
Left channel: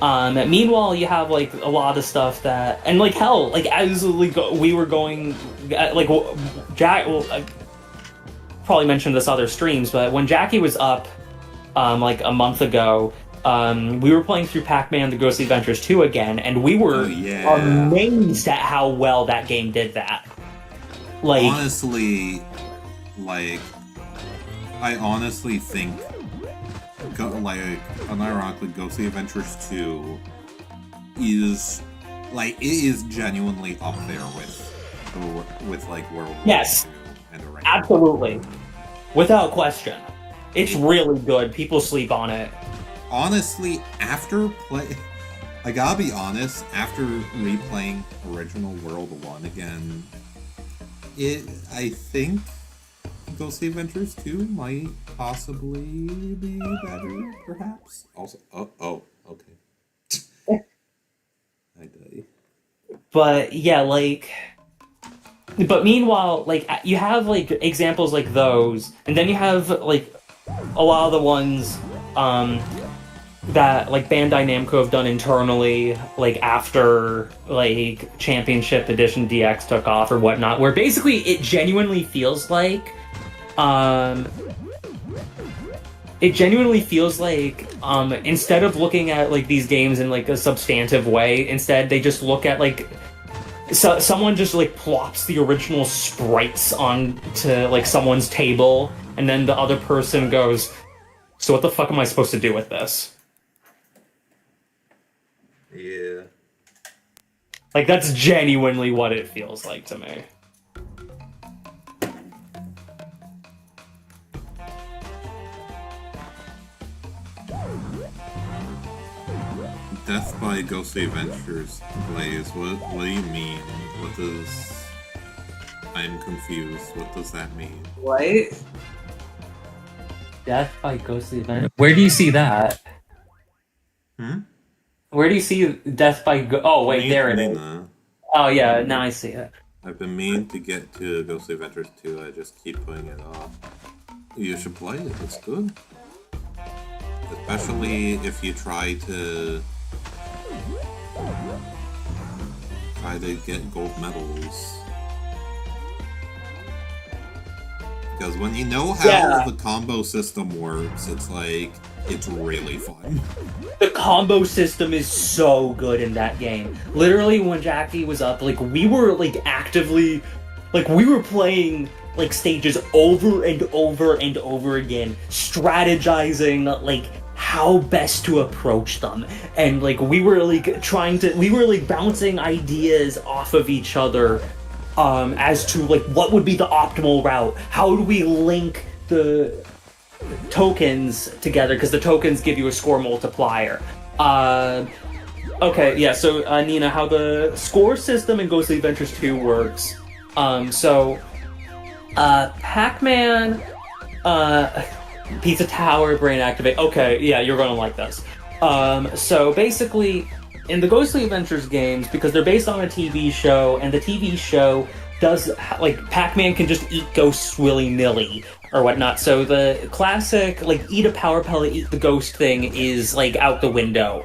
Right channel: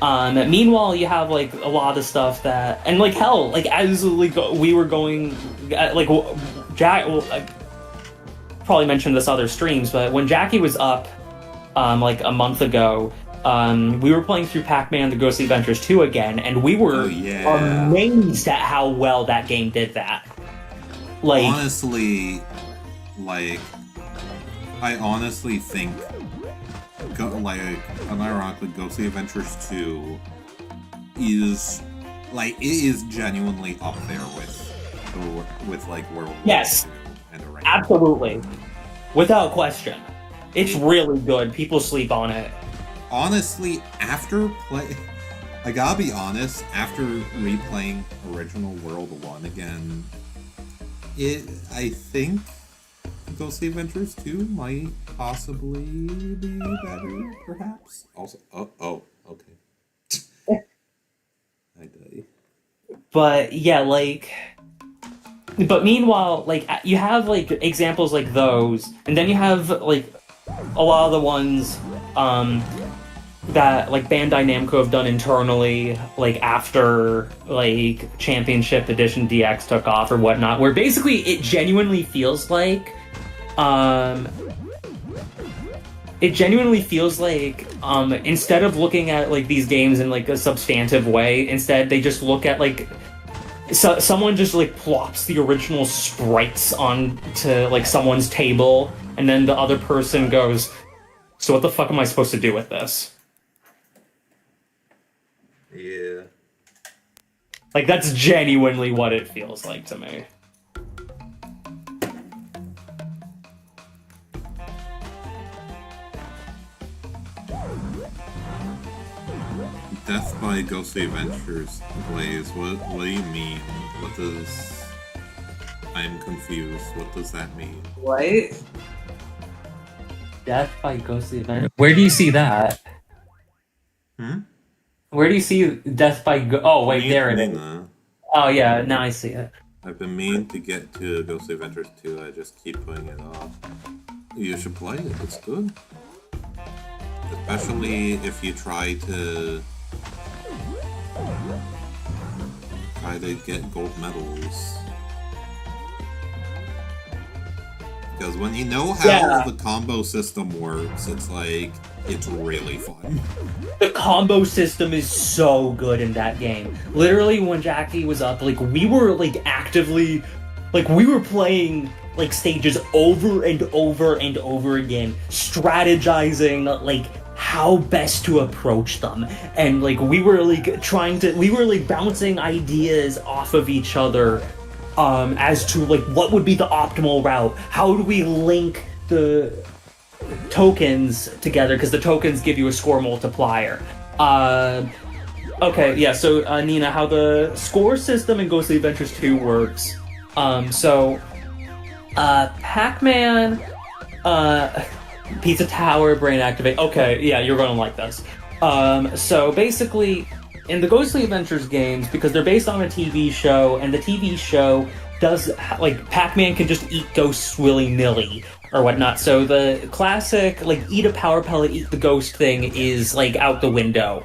Meanwhile, you have, like, a lot of stuff that... And, like, hell, like, as like, we were going... Like, Jack... Well, I probably mentioned this other streams, but when Jackie was up, like, a month ago... we were playing through Pac-Man The Ghostly Adventures 2 again, and we were amazed at how well that game did that. Like, honestly, like, I honestly think, like, unironically, Ghostly Adventures 2 is, like, it is genuinely up there with like, World War II and Arrangement. Absolutely. Without question. It's really good. People sleep on it. Honestly, I gotta be honest, after replaying original World 1 again, I think Ghostly Adventures 2 might possibly be better, perhaps. Also, okay. I die. But, yeah, like... But meanwhile, like, you have, like, examples like those, and then you have, like, a lot of the ones, that like Bandai Namco have done internally, like after like Championship Edition DX took off or whatnot, where basically it genuinely feels like instead of looking at like these games in like a substantive way, instead they just look at like someone just like plops the original sprites onto like someone's table, and then the other person goes, so what the fuck am I supposed to do with this? Yeah. Like, that's genuinely what it feels like to me. Death by Ghostly Adventures, Blaze. What do you mean? I'm confused. What does that mean? What? Death by Ghostly Adventures? Where do you see that? Where do you see Death by Oh, wait, there it is. Oh, yeah, now I see it. I've been meaning to get to Ghostly Adventures 2, I just keep putting it off. You should play it, it's good. Especially if you try to get gold medals. Because when you know how the combo system works, it's like, it's really fun. The combo system is so good in that game. Literally, when Jackie was up, like, we were, like, actively... Like, we were playing, like, stages over and over and over again, strategizing, like, how best to approach them, and like we were like bouncing ideas off of each other as to like what would be the optimal route. How do we link the tokens together, because the tokens give you a score multiplier. Okay, yeah, so Nina, how the score system in Ghostly Adventures 2 works. Pac-Man, Pizza Tower, Brain Activate. Okay, yeah, you're gonna like this. So basically, in the Ghostly Adventures games, because they're based on a TV show, and the TV show does, like, Pac-Man can just eat ghosts willy-nilly or whatnot. So the classic, like, eat a power pellet, eat the ghost thing is, like, out the window.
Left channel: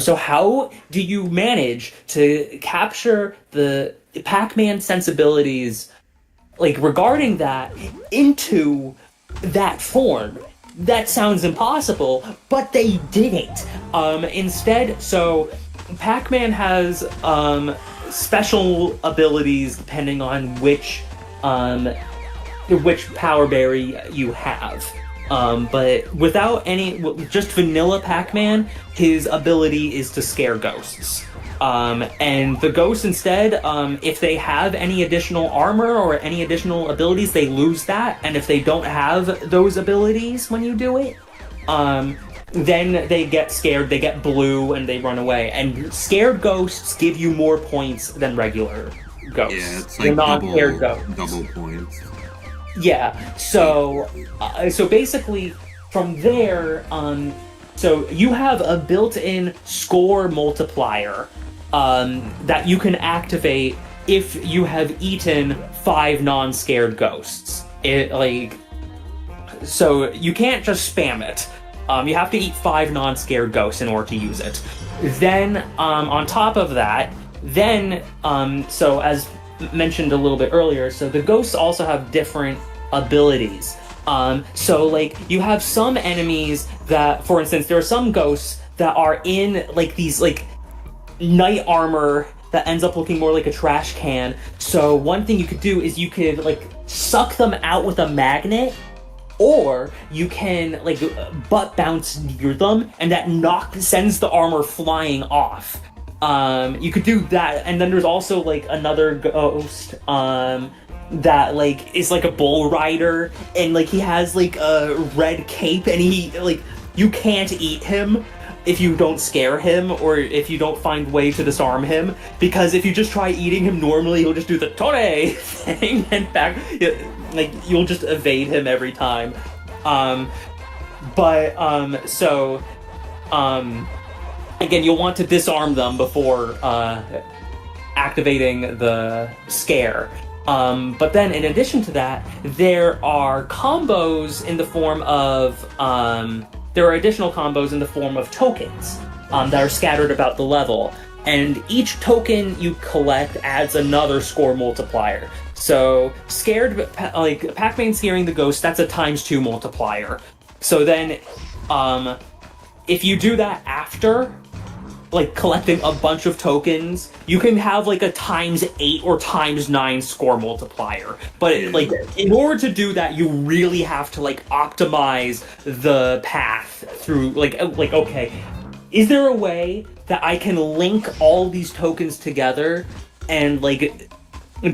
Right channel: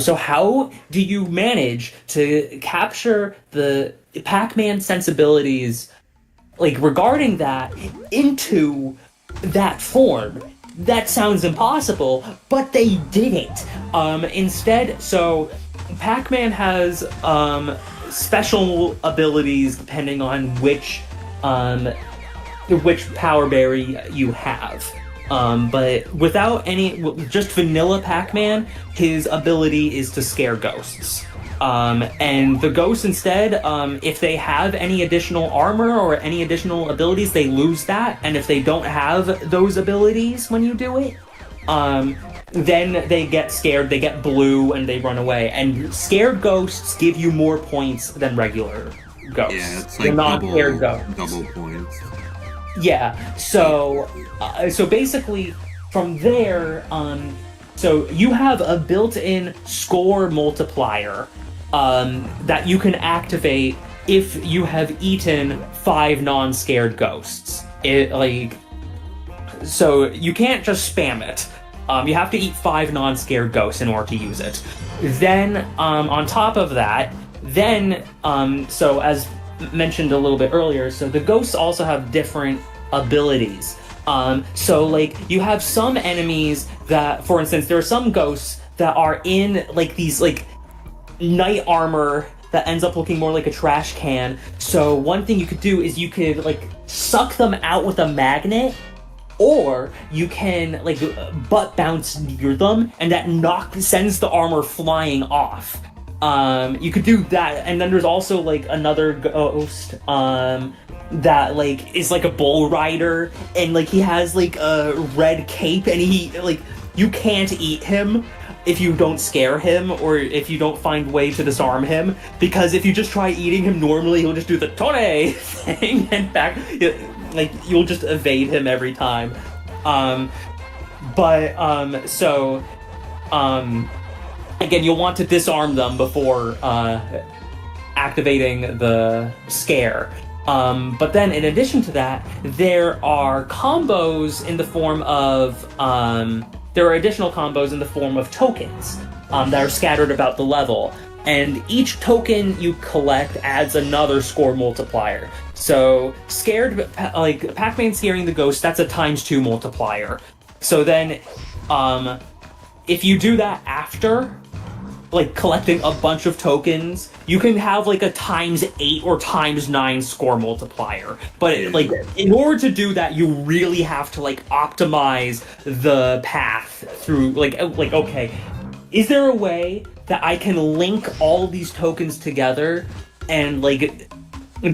So how do you manage to capture the Pac-Man sensibilities, like, regarding that into that form? That sounds impossible, but they didn't. Instead, so Pac-Man has special abilities depending on which power berry you have. But without just vanilla Pac-Man, his ability is to scare ghosts. And the ghosts instead, if they have any additional armor or any additional abilities, they lose that. And if they don't have those abilities when you do it, then they get scared, they get blue, and they run away. And scared ghosts give you more points than regular ghosts. Yeah, it's like double points. Yeah, so basically, from there, so you have a built-in score multiplier that you can activate if you have eaten 5 non-scared ghosts. So you can't just spam it. You have to eat 5 non-scared ghosts in order to use it. Then, on top of that, so as mentioned a little bit earlier, so the ghosts also have different abilities. So like you have some enemies that, for instance, there are some ghosts that are in like these like knight armor that ends up looking more like a trash can. So one thing you could do is you could like suck them out with a magnet, or you can like butt bounce near them, and that sends the armor flying off. You could do that, and then there's also like another ghost that like is like a bull rider, and like he has like a red cape, and he like you can't eat him if you don't scare him or if you don't find way to disarm him, because if you just try eating him normally, he'll just do the Tore thing and back, like you'll just evade him every time. Again, you'll want to disarm them before activating the scare. But then, in addition to that, there are combos in the form of there are additional combos in the form of tokens that are scattered about the level, and each token you collect adds another score multiplier. So, like Pac-Man scaring the ghost, that's a ×2 multiplier. So then, if you do that after like collecting a bunch of tokens, you can have like a ×8 or ×9 score multiplier. But like in order to do that, you really have to like optimize the path through like okay, is there a way that I can link all these tokens together and like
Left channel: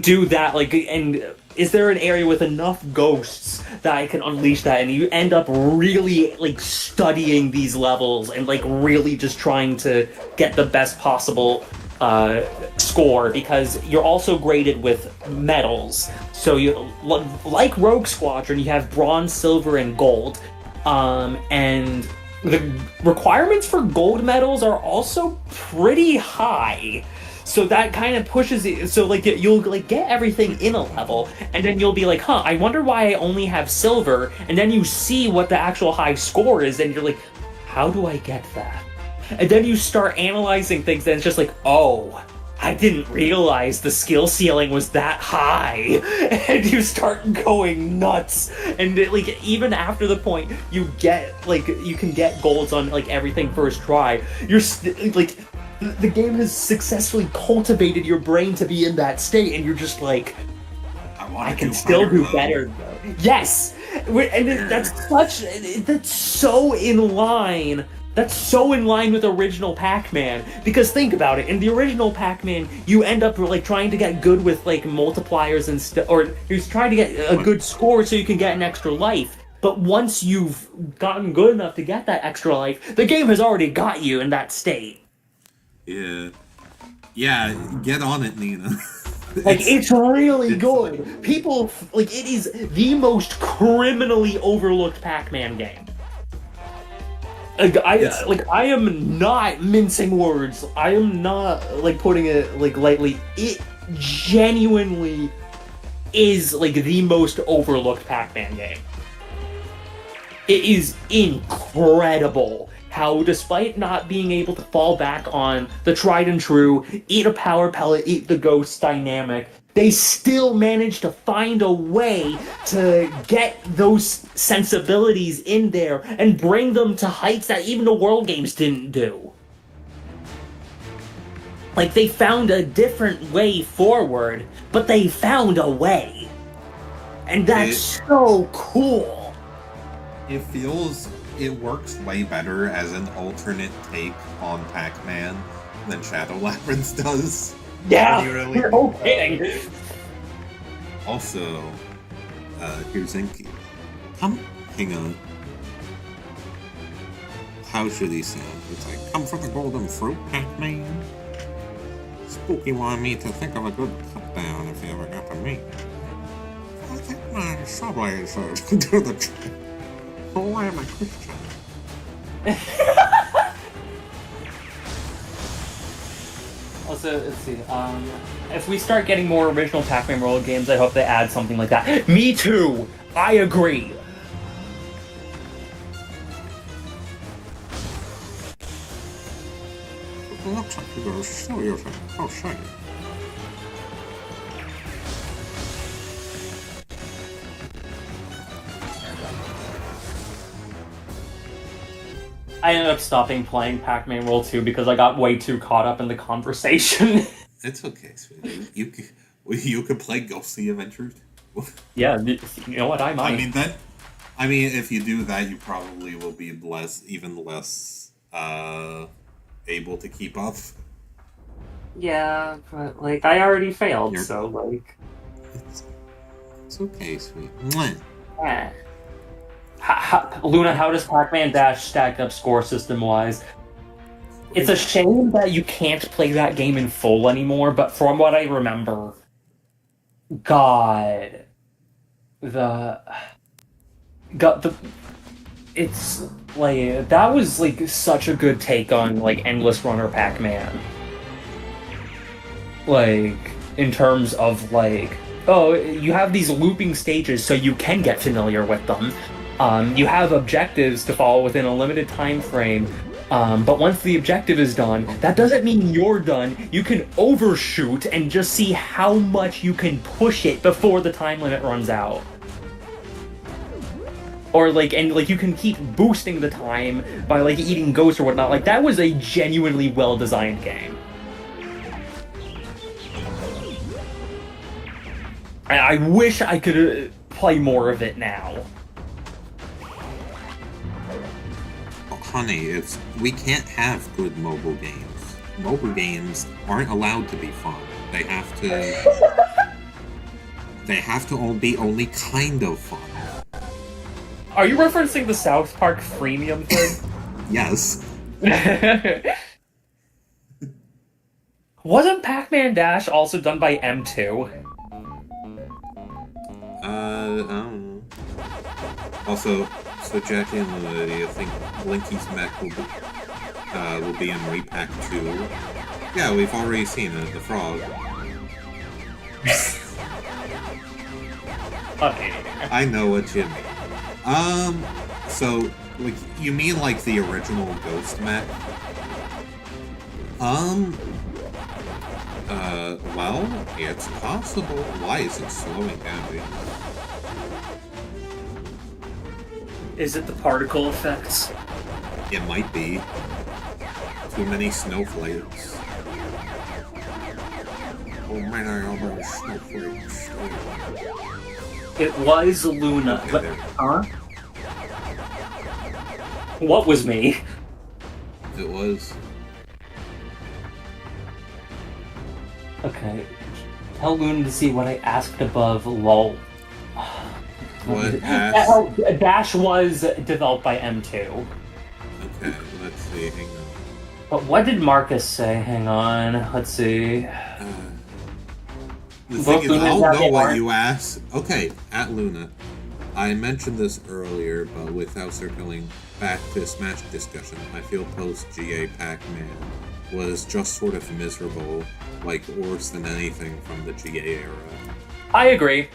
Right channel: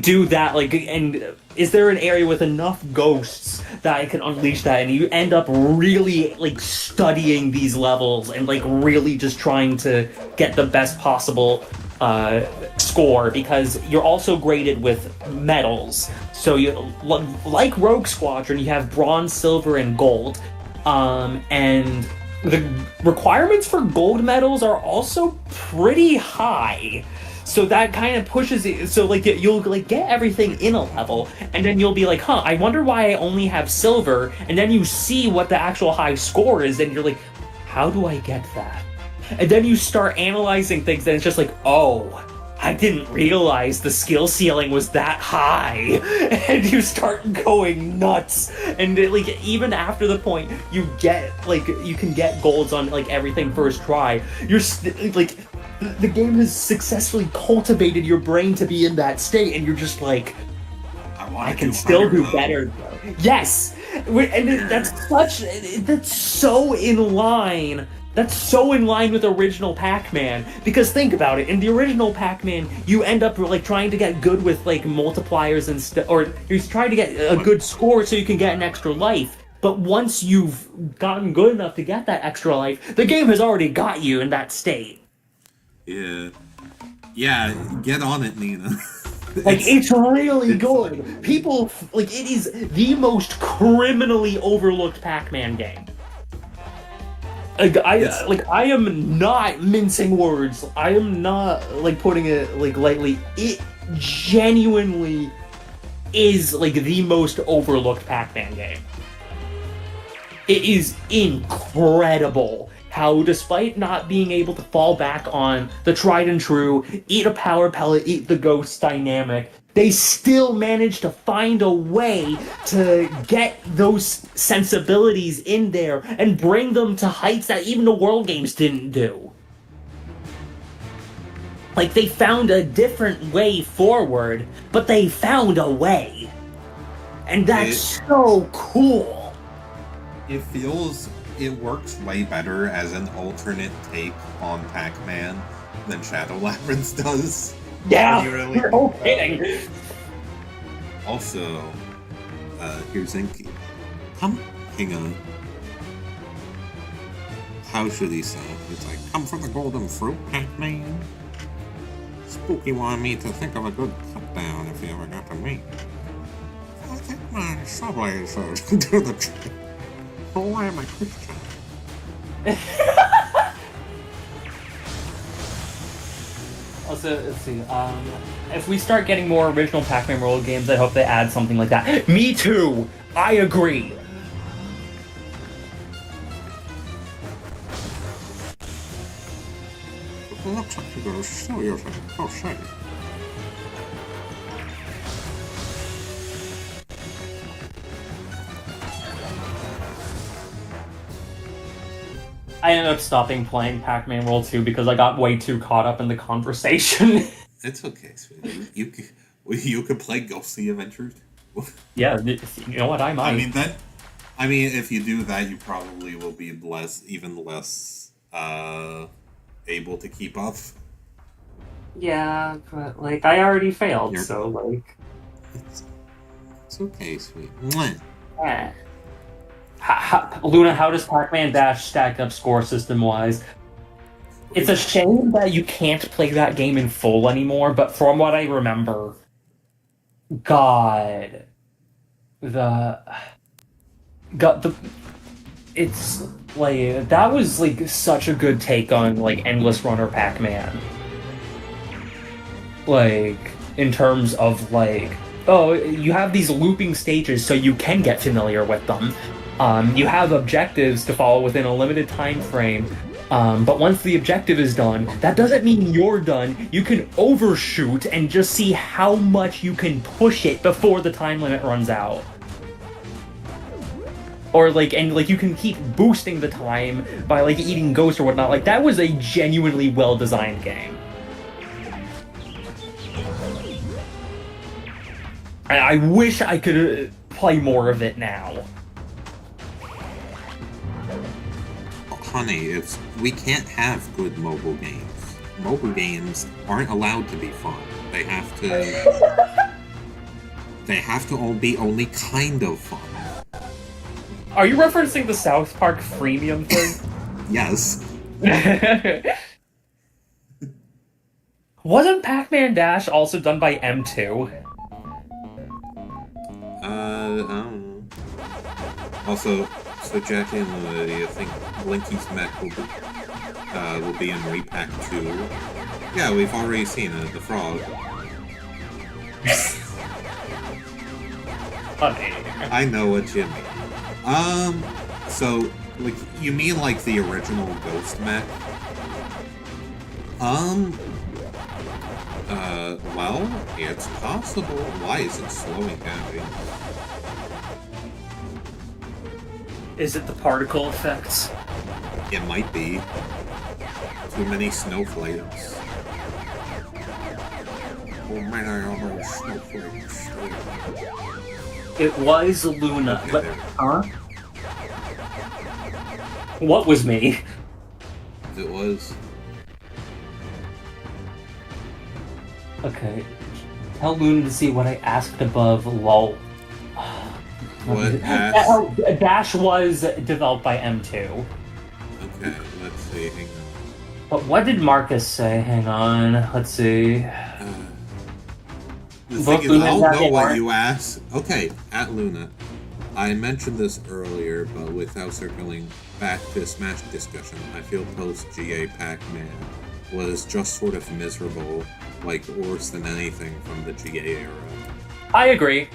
do that, like, and is there an area with enough ghosts that I can unleash that? And you end up really like studying these levels and like really just trying to get the best possible score, because you're also graded with medals. So you, like Rogue Squadron, you have bronze, silver, and gold, and the requirements for gold medals are also pretty high. So that kind of pushes it. So like you'll like get everything in a level, and then you'll be like, I wonder why I only have silver. And then you see what the actual high score is, and you're like, how do I get that? And then you start analyzing things, and it's just like, oh, I didn't realize the skill ceiling was that high. And you start going nuts. And like even after the point you get like you can get golds on like everything first try, you're like, the game has successfully cultivated your brain to be in that state, and you're just like, I can still do better though. Yes! That's so in line. That's so in line with original Pac-Man. Because think about it, in the original Pac-Man, you end up like trying to get good with like multipliers and stuff, or you're trying to get a good score so you can get an extra life. But once you've gotten good enough to get that extra life, the game has already got you in that state. Yeah. Yeah, get on it, Nina. Like, it's really good. People, like, it is the most criminally overlooked Pac-Man game. I am not mincing words. I am not, like, putting it, like, lightly. It genuinely is, like, the most overlooked Pac-Man game. It is incredible how, despite not being able to fall back on the tried and true, eat a power pellet, eat the ghost dynamic, they still manage to find a way to get those sensibilities in there and bring them to heights that even the World Games didn't do. Like, they found a different way forward, but they found a way. And that's so cool. It works way better as an alternate take on Pac-Man than Shadow Labyrinth does. Yeah, Really no kidding. Also, here's Inky. Hang on. How should he say it? It's like, come for the golden fruit, Pac-Man. Spooky wanted me to think of a good cut down if you ever got to meet. I think my subways do the trick. Oh, why am I Christian? Also, let's see, if we start getting more original Pac-Man World games, I hope they add something like that. Me too! I agree! It looks like you're gonna steal yourself. Oh, shit. I ended up stopping playing Pac-Man World 2 because I got way too caught up in the conversation. It's okay, sweetie. You could play Ghostly Adventures. Yeah, you know what, I might. I mean, if you do that, you probably will be even less able to keep up. Yeah, but, like, I already failed, so, like... It's okay, sweet. Mwah. Yeah. Luna, how does Pac-Man Dash stack up score system-wise? It's a shame that you can't play that game in full anymore, but from what I remember... It's, like, that was, like, such a good take on, like, Endless Runner Pac-Man. Like, in terms of, like, oh, you have these looping stages so you can get familiar with them. You have objectives to follow within a limited time frame, but once the objective is done, that doesn't mean you're done. You can overshoot and just see how much you can push it before the time limit runs out. Or, like, and, like, you can keep boosting the time by, like, eating ghosts or whatnot. Like, that was a genuinely well-designed game. I wish I could play more of it now. Honey, we can't have good mobile games. Mobile games aren't allowed to be fun. They have to all be only kind of fun. Are you referencing the South Park freemium thing? Yes. Wasn't Pac-Man Dash also done by M2? I don't know. Also, so Jackie and Luna, do you think Blinky's mech will be in Repack 2? Yeah, we've already seen it, the frog. I know what you mean. So, like, you mean like the original Ghost mech? Well, it's possible. Why is it slowing down? Is it the particle effects? It might be. Too many snowflakes. Oh man, I almost snowflakes. It was Luna. Okay, But, there. huh? What was me? It was. Okay. Tell Luna to see what I asked above, lol. What Oh, Dash was developed by M2. Okay, let's see. Hang on. But what did Marcus say? Hang on. Let's see. The Both thing is, Luna I and don't Dash know what are- you asked. Okay, at Luna. I mentioned this earlier, but without circling back to Smash discussion, I feel post-GA Pac-Man was just sort of miserable, like worse than anything from the GA era. I agree.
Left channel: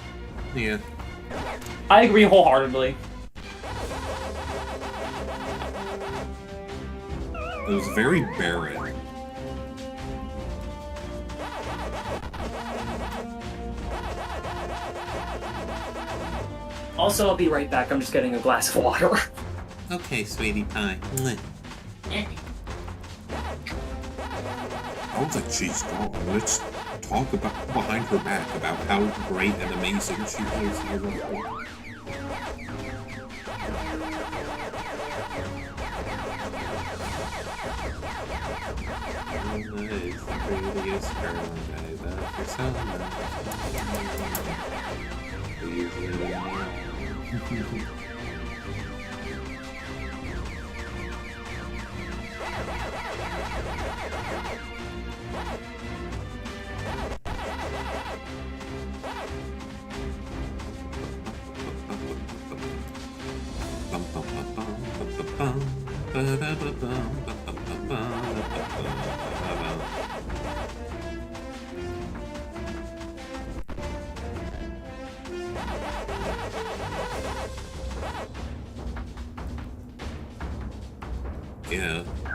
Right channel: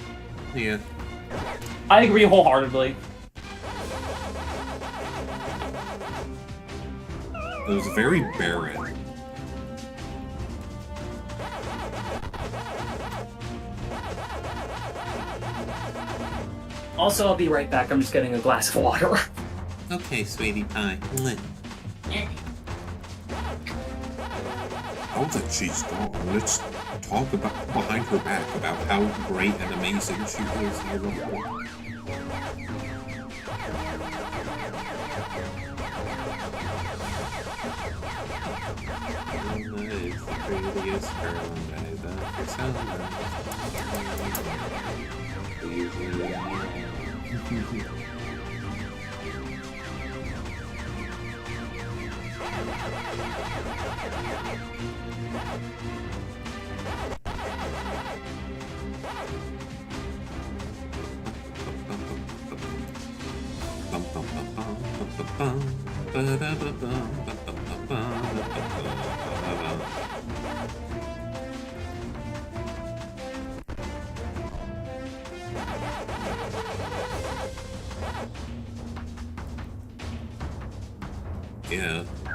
Yeah. I agree wholeheartedly. It was very barren. Also, I'll be right back. I'm just getting a glass of water. Okay, sweetie pie. Now that she's gone, let's talk about behind her back about how great and amazing she is. I love her. Luna is the prettiest girl and I love her so much. Please, Luna.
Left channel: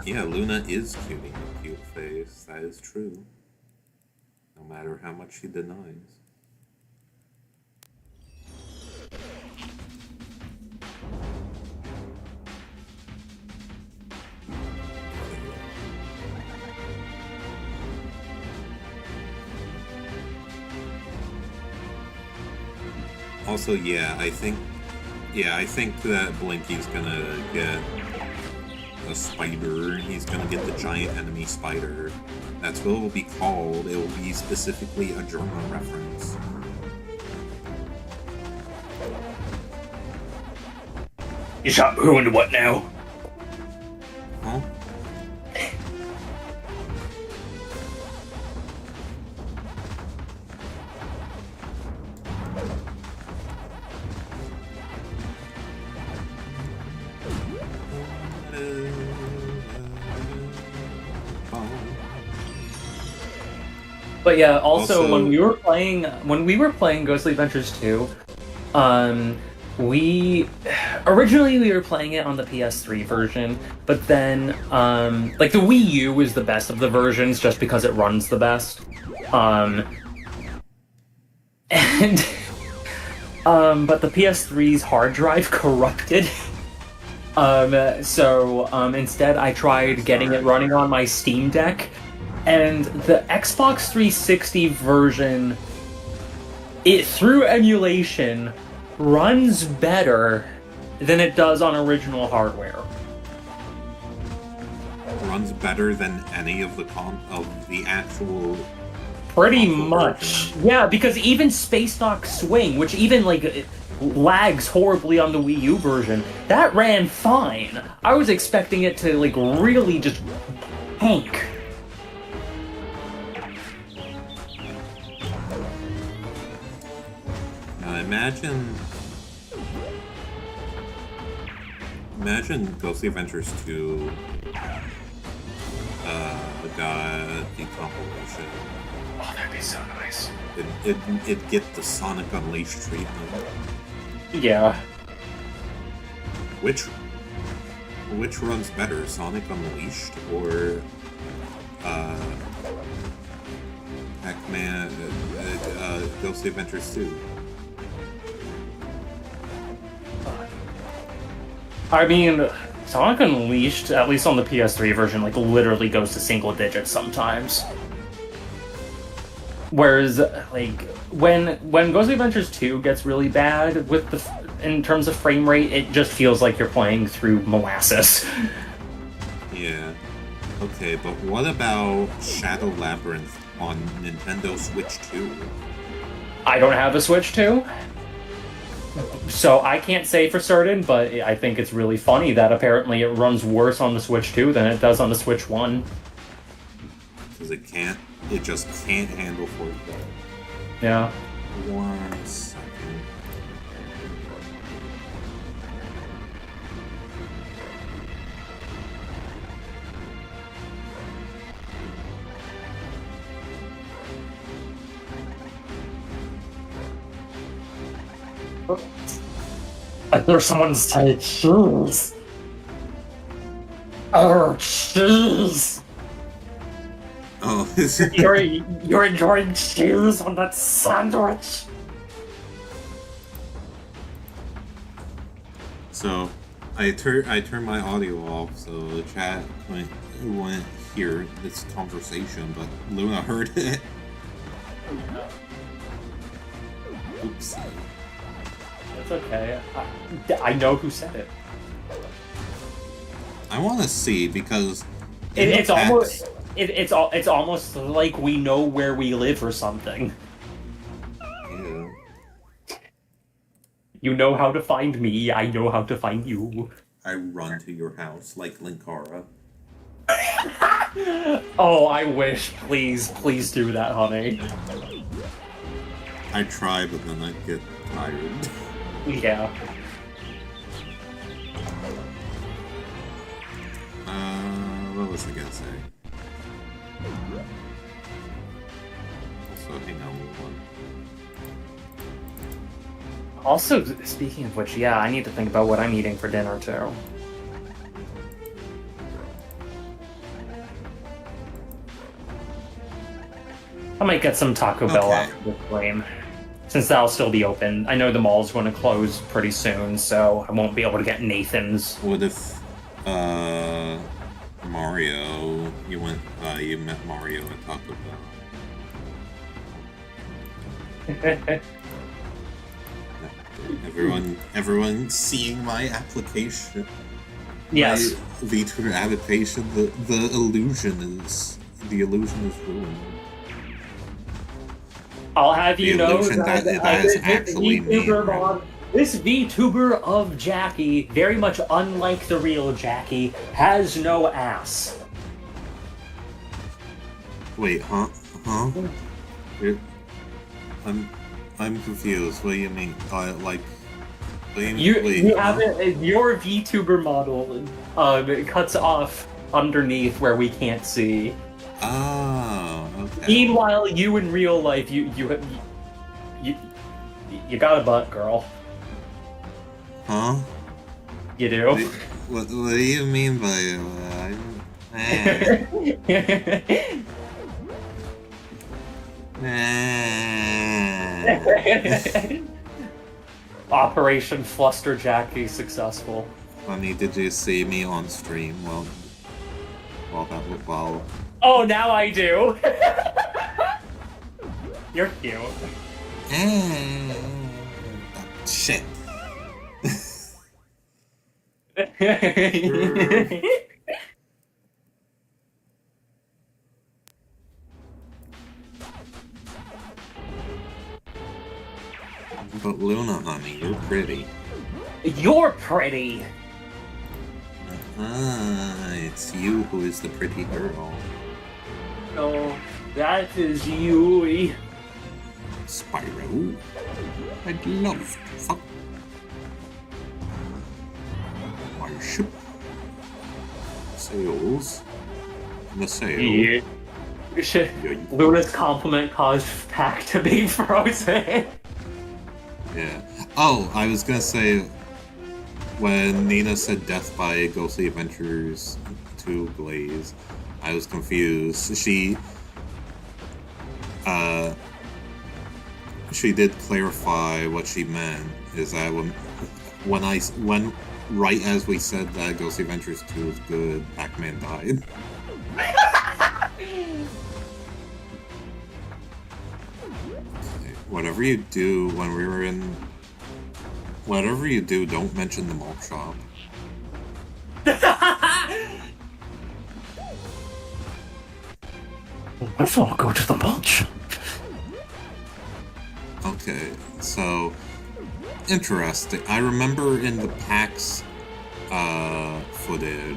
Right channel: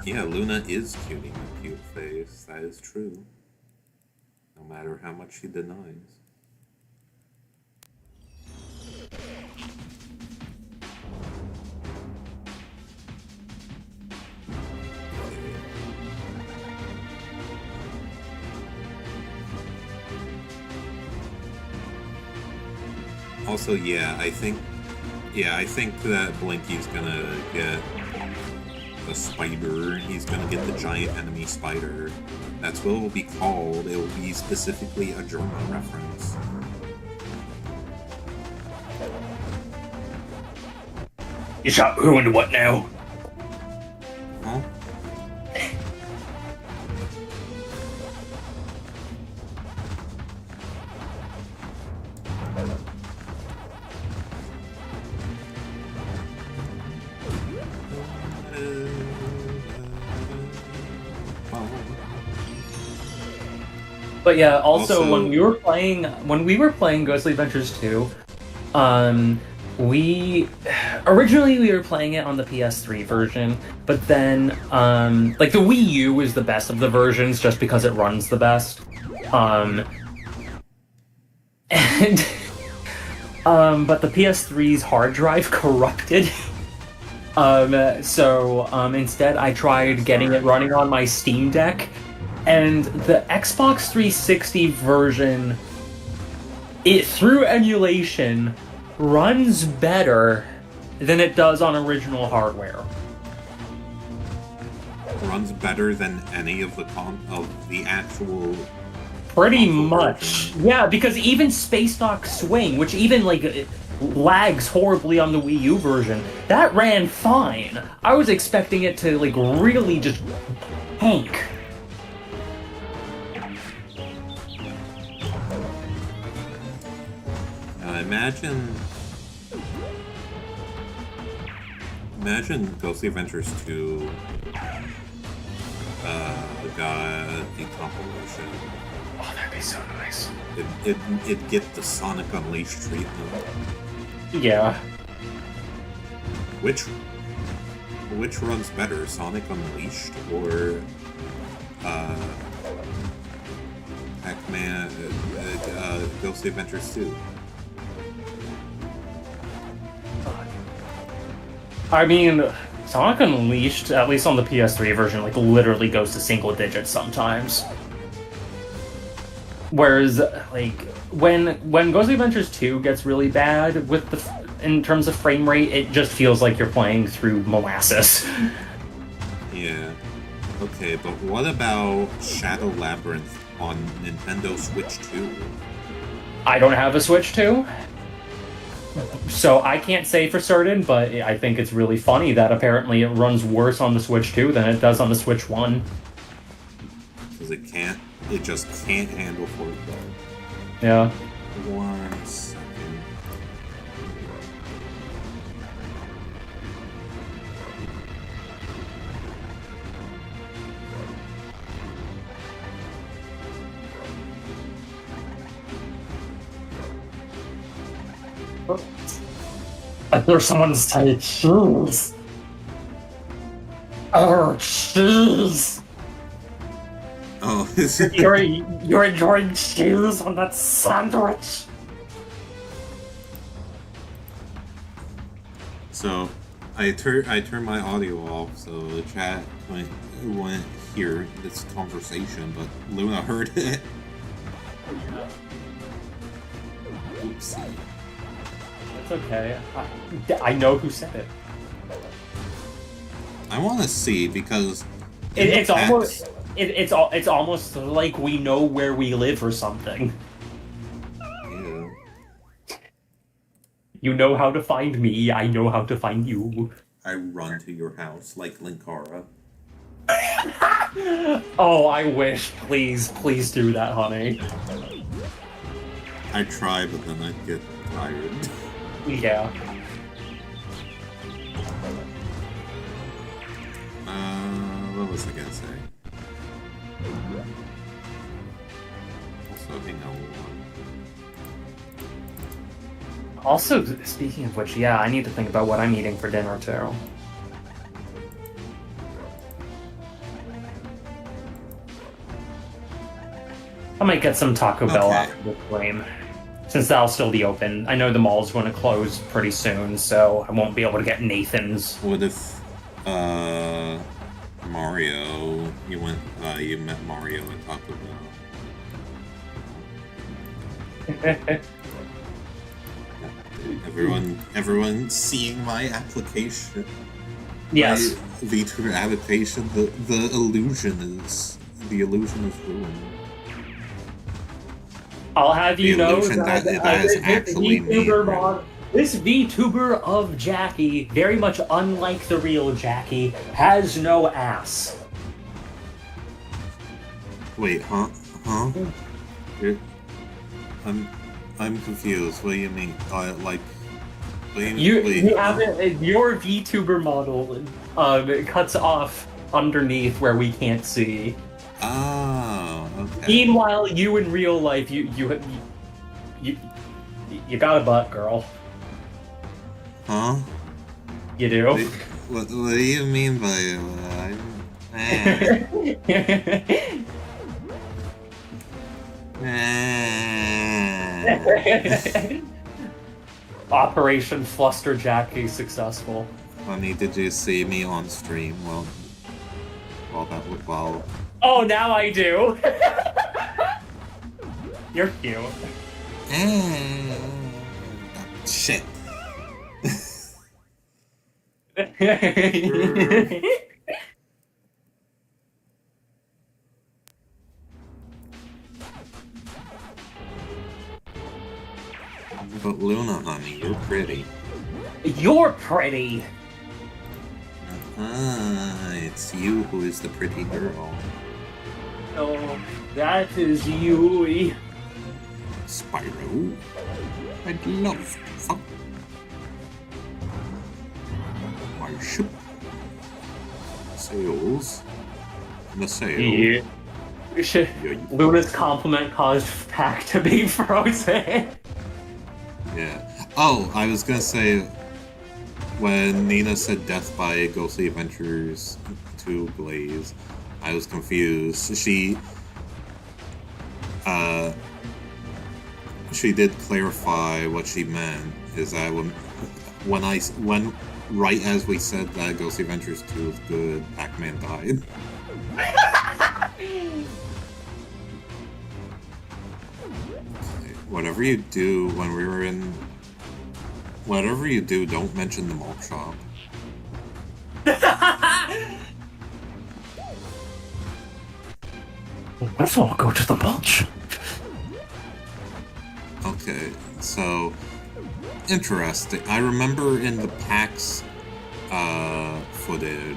Yeah, Luna is cutie McCute face. That is true. No matter how much she denies. Also, I think that Blinky's gonna get a spider. He's gonna get the giant enemy spider. That's what it will be called. It will be specifically a German reference. You shot who and what now? Huh? But yeah, also, Also- when we were playing Ghostly Adventures 2, we were playing it on the PS3 version, but then like the Wii U is the best of the versions just because it runs the best. And but the PS3's hard drive corrupted. So instead I tried getting it running on my Steam Deck, and the Xbox 360 version, it through emulation runs better than it does on original hardware. Runs better than any of the actual. Pretty console much. version. Yeah, because even Space Knock Swing, which even like it lags horribly on the Wii U version, that ran fine. I was expecting it to like really just tank. Now imagine Ghostly Adventures 2 got decompilation. Oh, that'd be so nice. It'd get the Sonic Unleashed treatment. Yeah. Which runs better, Sonic Unleashed or Pac-Man, Ghostly Adventures 2? I mean, Sonic Unleashed, at least on the PS3 version, like literally goes to single digits sometimes. Whereas, like, when Ghost Adventures 2 gets really bad with in terms of frame rate, it just feels like you're playing through molasses. Yeah. Okay, but what about Shadow Labyrinth on Nintendo Switch 2? I don't have a Switch 2, so I can't say for certain, but I think it's really funny that apparently it runs worse on the Switch 2 than it does on the Switch 1. Because it just can't handle 4K. Yeah. 1 second. I hear someone say cheese. Oh, cheese. Oh, You're enjoying cheese on that sandwich. So, I turned my audio off so the chat wouldn't hear this conversation, but Luna heard it. Oopsie. It's okay. I know who said it. I want to see because It's almost like we know where we live or something. Yeah. You know how to find me. I know how to find you. I run to your house like Linkara. Oh, I wish. Please do that, honey. I try, but then I get tired. Yeah. What was I gonna say? Also, hang on one. Also, speaking of which, yeah, I need to think about what I'm eating for dinner, too. I might get some Taco Bell after the flame, since that'll still be open. I know the mall's going to close pretty soon, so I won't be able to get Nathan's. What if, Mario, you met Mario at Taco Bell? Everyone seeing my application. Yes. My VTuber adaptation, the illusion is ruined. I'll have you know that is actually me. This VTuber of Jackie, very much unlike the real Jackie, has no ass. Wait, huh? I'm confused. What do you mean? Like, what do you mean? You have it. Your VTuber model it cuts off underneath where we can't see. Oh, okay. Meanwhile, you in real life, you got a butt, girl. Huh? You do? What do you mean by Operation Fluster Jackie successful. Funny, did you see me on stream? Well, Oh, now I do. You're cute. Shit. But Luna, honey, you're pretty. You're pretty. It's you who is the pretty girl. No, that is Yui. Spyro, I'd love to fuck my ship. Sails in a sail. Yeah. Luna's compliment caused Pac to be frozen. Yeah. Oh, I was gonna say, when Nina said Death by Ghostly Adventures 2 Glaze, I was confused. She did clarify what she meant, is that when right as we said that Ghostly Adventures 2 was good, Pac-Man died. Okay. Whatever you do when we were in... Whatever you do, don't mention the malt shop. Let's all go to the mulch. Okay, so... Interesting. I remember in the PAX footage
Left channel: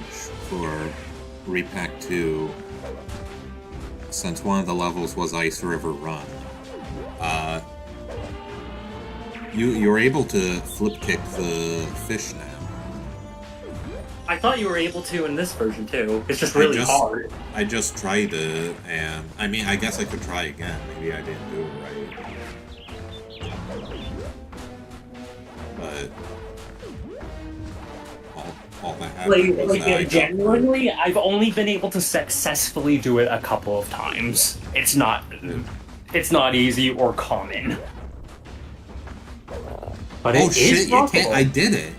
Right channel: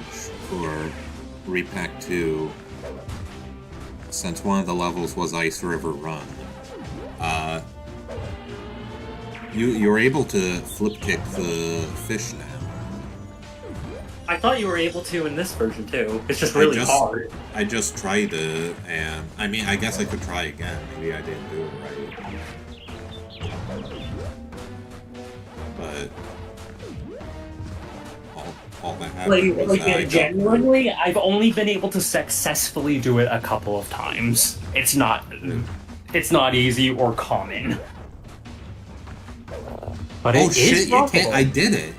for Repack 2, since one of the levels was Ice River Run, you're able to flip kick the fish now. I thought you were able to in this version too. It's just really hard. I just tried it, and I mean, I guess I could try again. Maybe I didn't do it right. But all that happened was that I got genuinely, I've only been able to successfully do it a couple of times. It's not easy or common. But oh it shit! is You can't. I did it.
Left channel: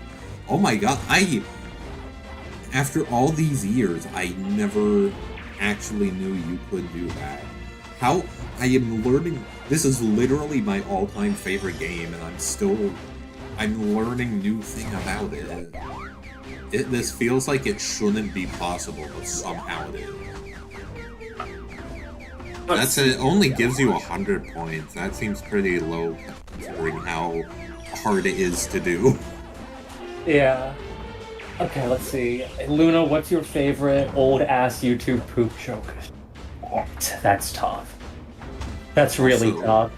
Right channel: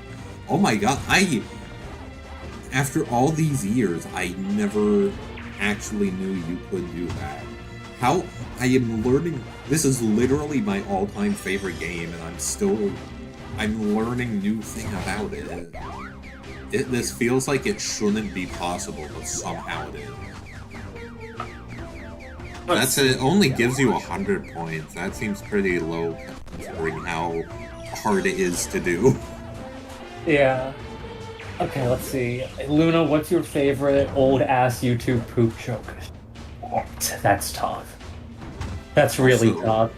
Oh my god! After all these years, I never actually knew you could do that. How I am learning. This is literally my all-time favorite game, and I'm learning new thing about it. This feels like it shouldn't be possible, but somehow it is. It only gives you 100 points. That seems pretty low considering how hard it is to do. Yeah. Okay, let's see. Luna, what's your favorite old-ass YouTube poop joke? That's tough. That's really tough.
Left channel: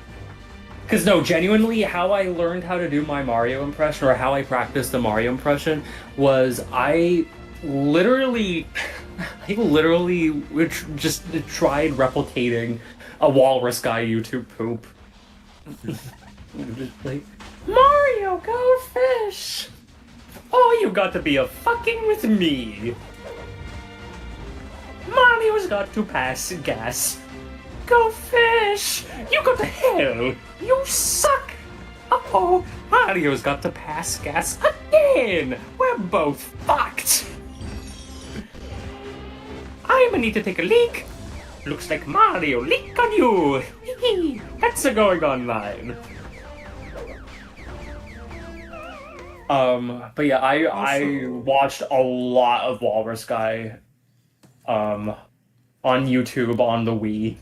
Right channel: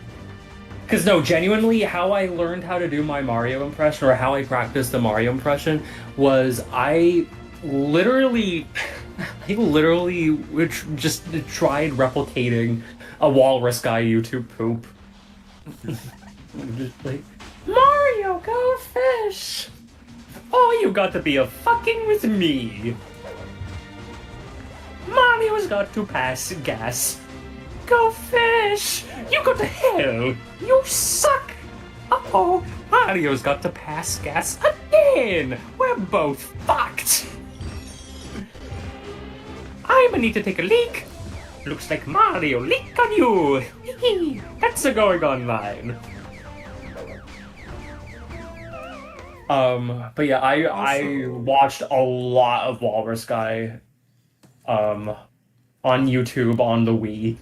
Because no, genuinely, how I learned how to do my Mario impression, or how I practiced the Mario impression, was I literally just tried replicating a walrus guy YouTube poop. Just like, Mario, go fish! Oh, you got to be a fucking with me! Mario's got to pass gas. Go fish! You go to hell! You suck! Uh-oh, Mario's got to pass gas again! We're both fucked! I'm gonna need to take a leak. Looks like Mario leak on you! That's a going online. But yeah, I watched a lot of Walrus Guy, on YouTube on the Wii.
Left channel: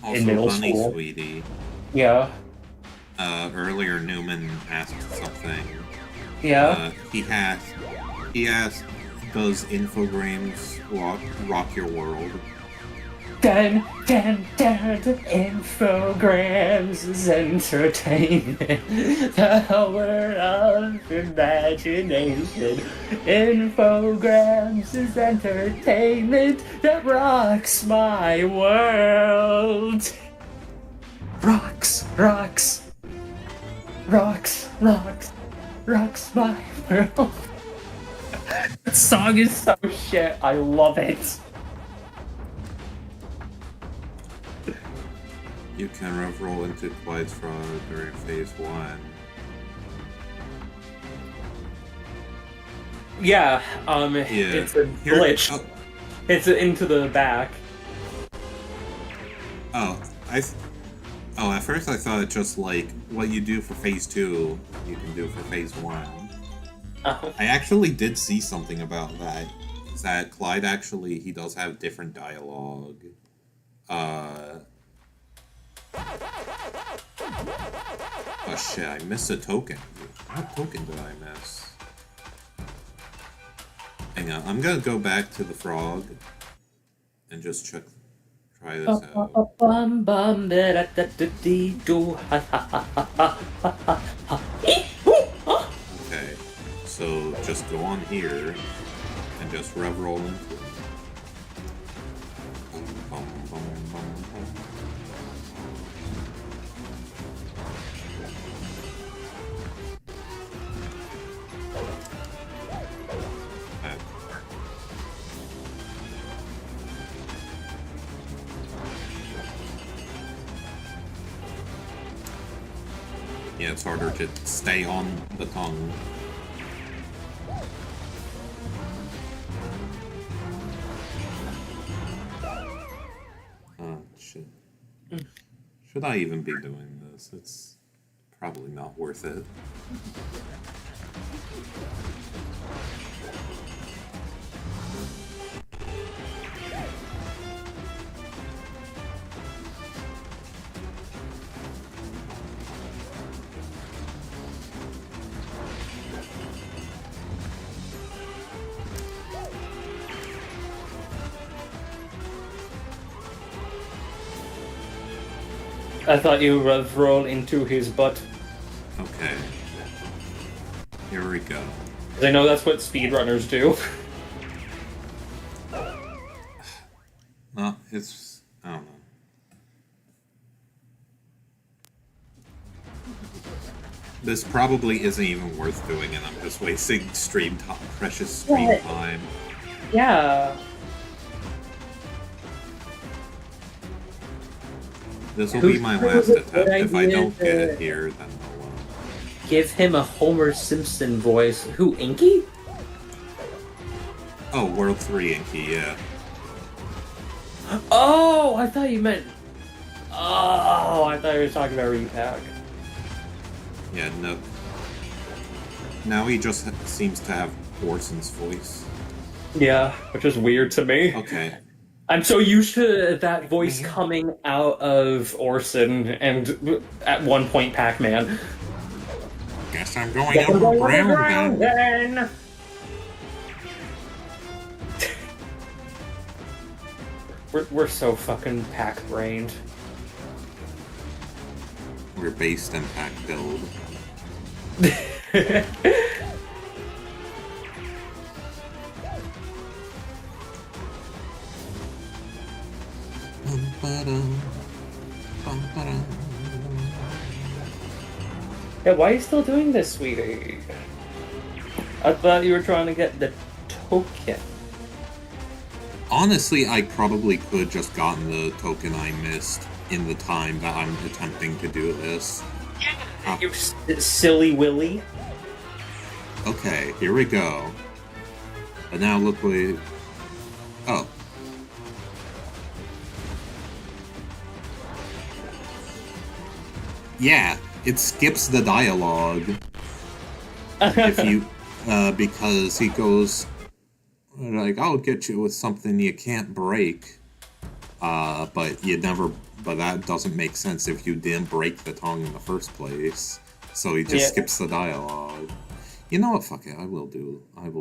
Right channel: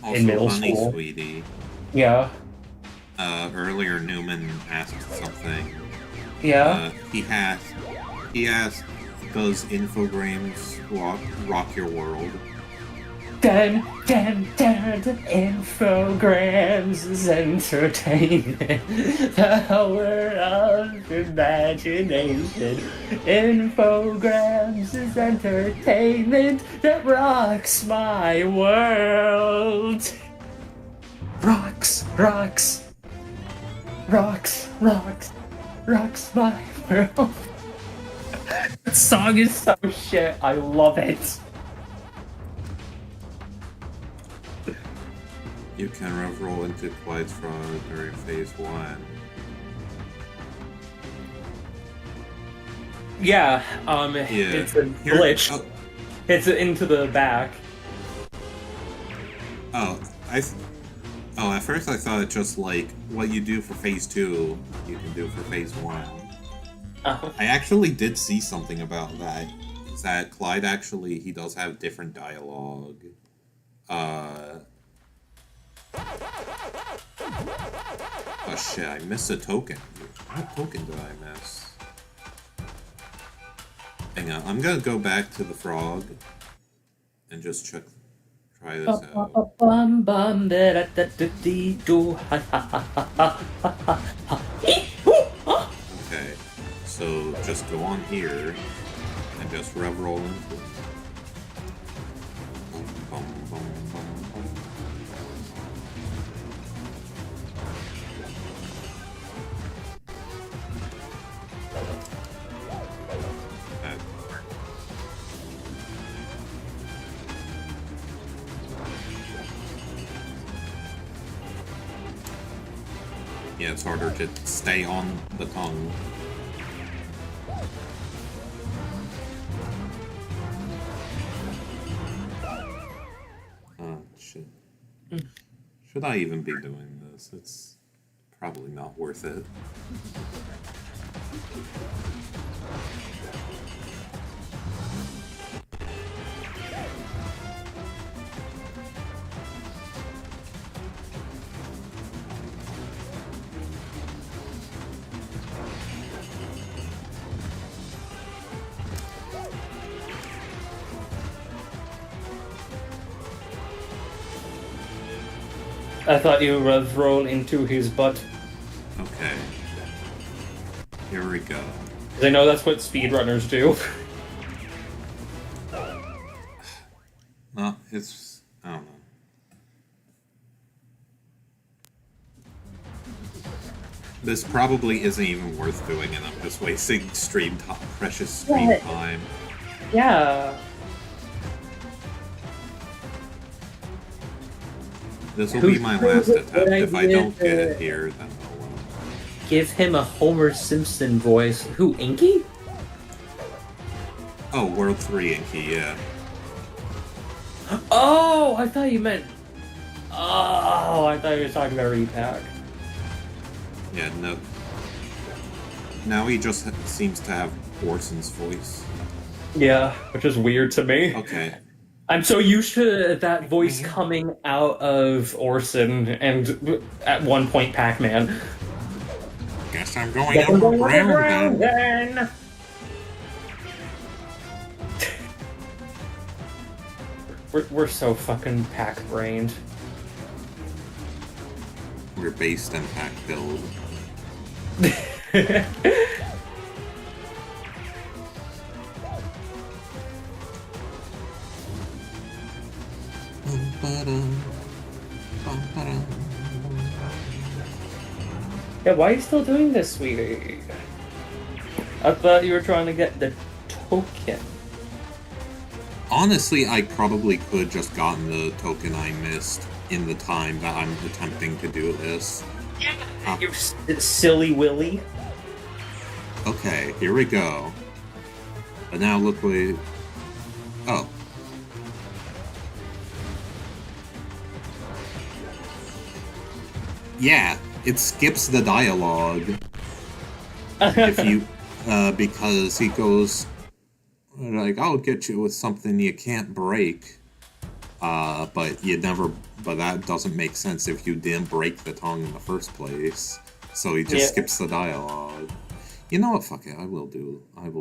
Also, in middle Honey school. Sweetie. Yeah. Earlier Newman asked something. Yeah. He asked, does Infogrames rock your world? Dun, dun, dun, Infograms is entertainment, the power of imagination. Infograms is entertainment that rocks my world. Rocks, rocks, rocks, rocks, rocks my world. That song is so shit, I love it. You can rev-roll into Clyde's Frog during Phase 1. Yeah, it's a glitch. It's into the back. At first I thought it just like what you do for Phase 2, you can do for Phase 1. I actually did see something about that. Is that Clyde actually, he does have different dialogue. Oh shit, I missed a token. What token did I miss? Hang on, I'm gonna go back to the frog and just try this out. Okay, so just go on here and just rev roll into it. Bum, bum, bum, bum, bum. Yeah, it's harder to stay on the tongue. Oh, shit. Should I even be doing this? It's probably not worth it. I thought you would roll into his butt. Okay. Here we go. 'Cause I know that's what speedrunners do. No, it's... I don't know. This probably isn't even worth doing, and I'm just wasting precious stream time. Yeah. This will be my last attempt. If I don't get it here, then I'll... Give him a Homer Simpson voice. Who, Inky? Oh, World 3 Inky, yeah. Oh, I thought you meant... Oh, I thought you were talking about Repack. Yeah, no. Now he just seems to have Orson's voice. Yeah, which is weird to me. Okay. I'm so used to that voice coming out of Orson and at one point Pac-Man. Guess I'm going underground then. We're so fucking pack-brained. We're based in pack build. Yeah, why are you still doing this, sweetie? I thought you were trying to get the token. Honestly, I probably could just gotten the token I missed in the time that I'm attempting to do this. You silly Willy. Okay, here we go. But now look what... Oh. Yeah, it skips the dialogue. If you... because he goes... Like, I'll get you with something you can't break. But you never... But that doesn't make sense if you didn't break the tongue in the first place. So he just skips the dialogue. You know what? Fuck it. I will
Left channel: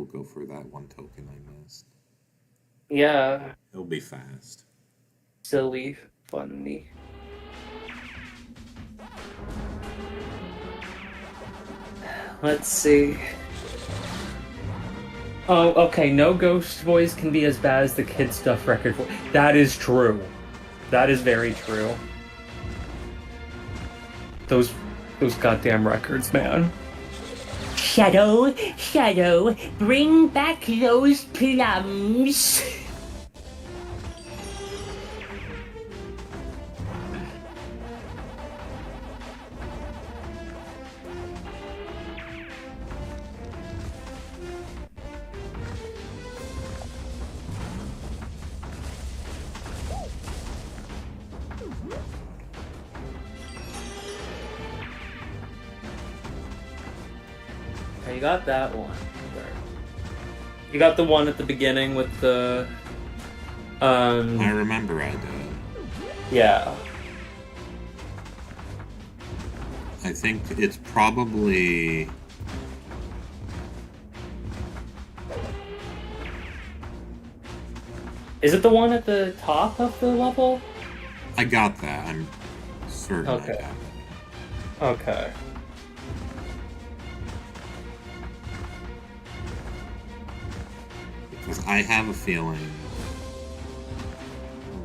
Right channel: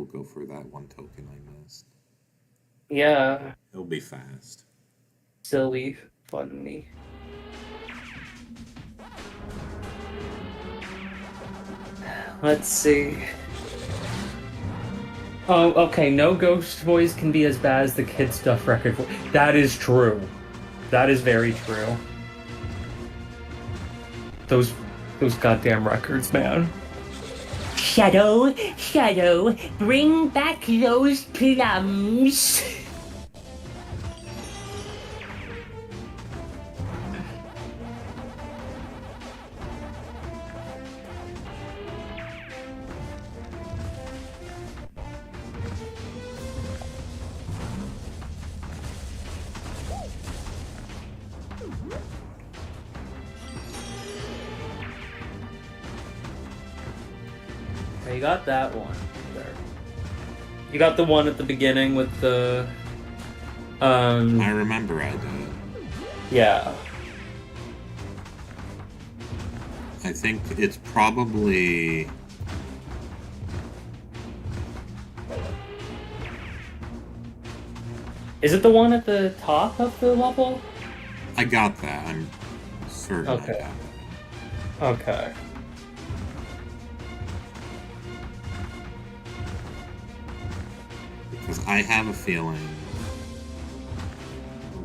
go for that one token I missed. Yeah. It'll be fast. Silly. Funny. Let's see. Oh, okay. No ghost voice can be as bad as the Kid Stuff record voice. That is true. That is very true. Those goddamn records, man. Shadow, bring back those plums. Okay, you got that one. There. You got the one at the beginning with the... I remember I did. Yeah. I think it's probably... Is it the one at the top of the level? I got that. I'm certain Okay. I got that. Okay. Because I have a feeling...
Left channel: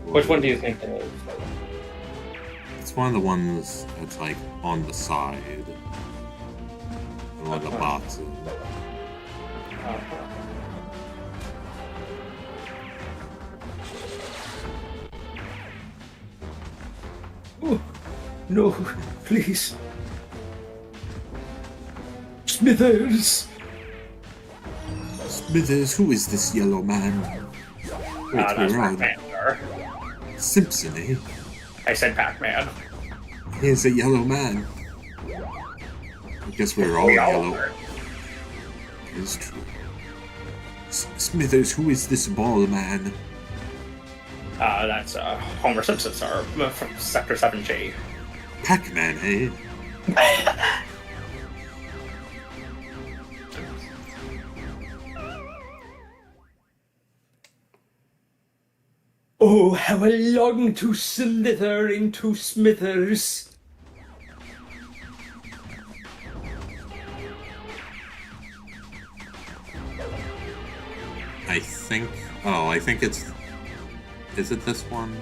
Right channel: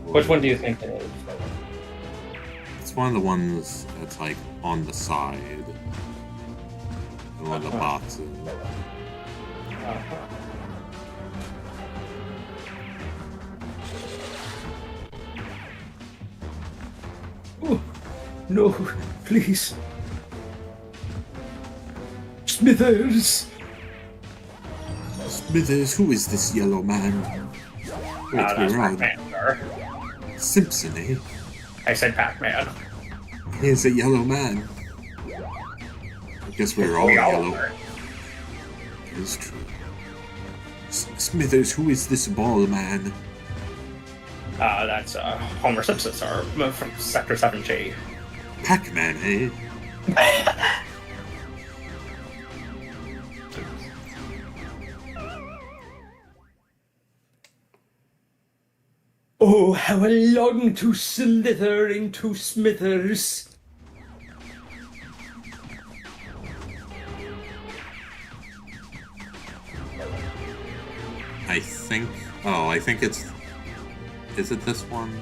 Which one do you think it is? It's one of the ones that's like on the side. In one of the boxes. Oh, no, please. Smithers! Smithers, who is this yellow man? Wait, That's we're on Pac-Man, sir. Simpson, eh? I said Pac-Man. Here's a yellow man. I guess we're all yellow. It is true. Smithers, who is this bald man? That's Homer Simpson, sir, from Sector 7G. Pac-Man, eh? Oh, how I long to slither into Smithers. I think it's... Is it this one?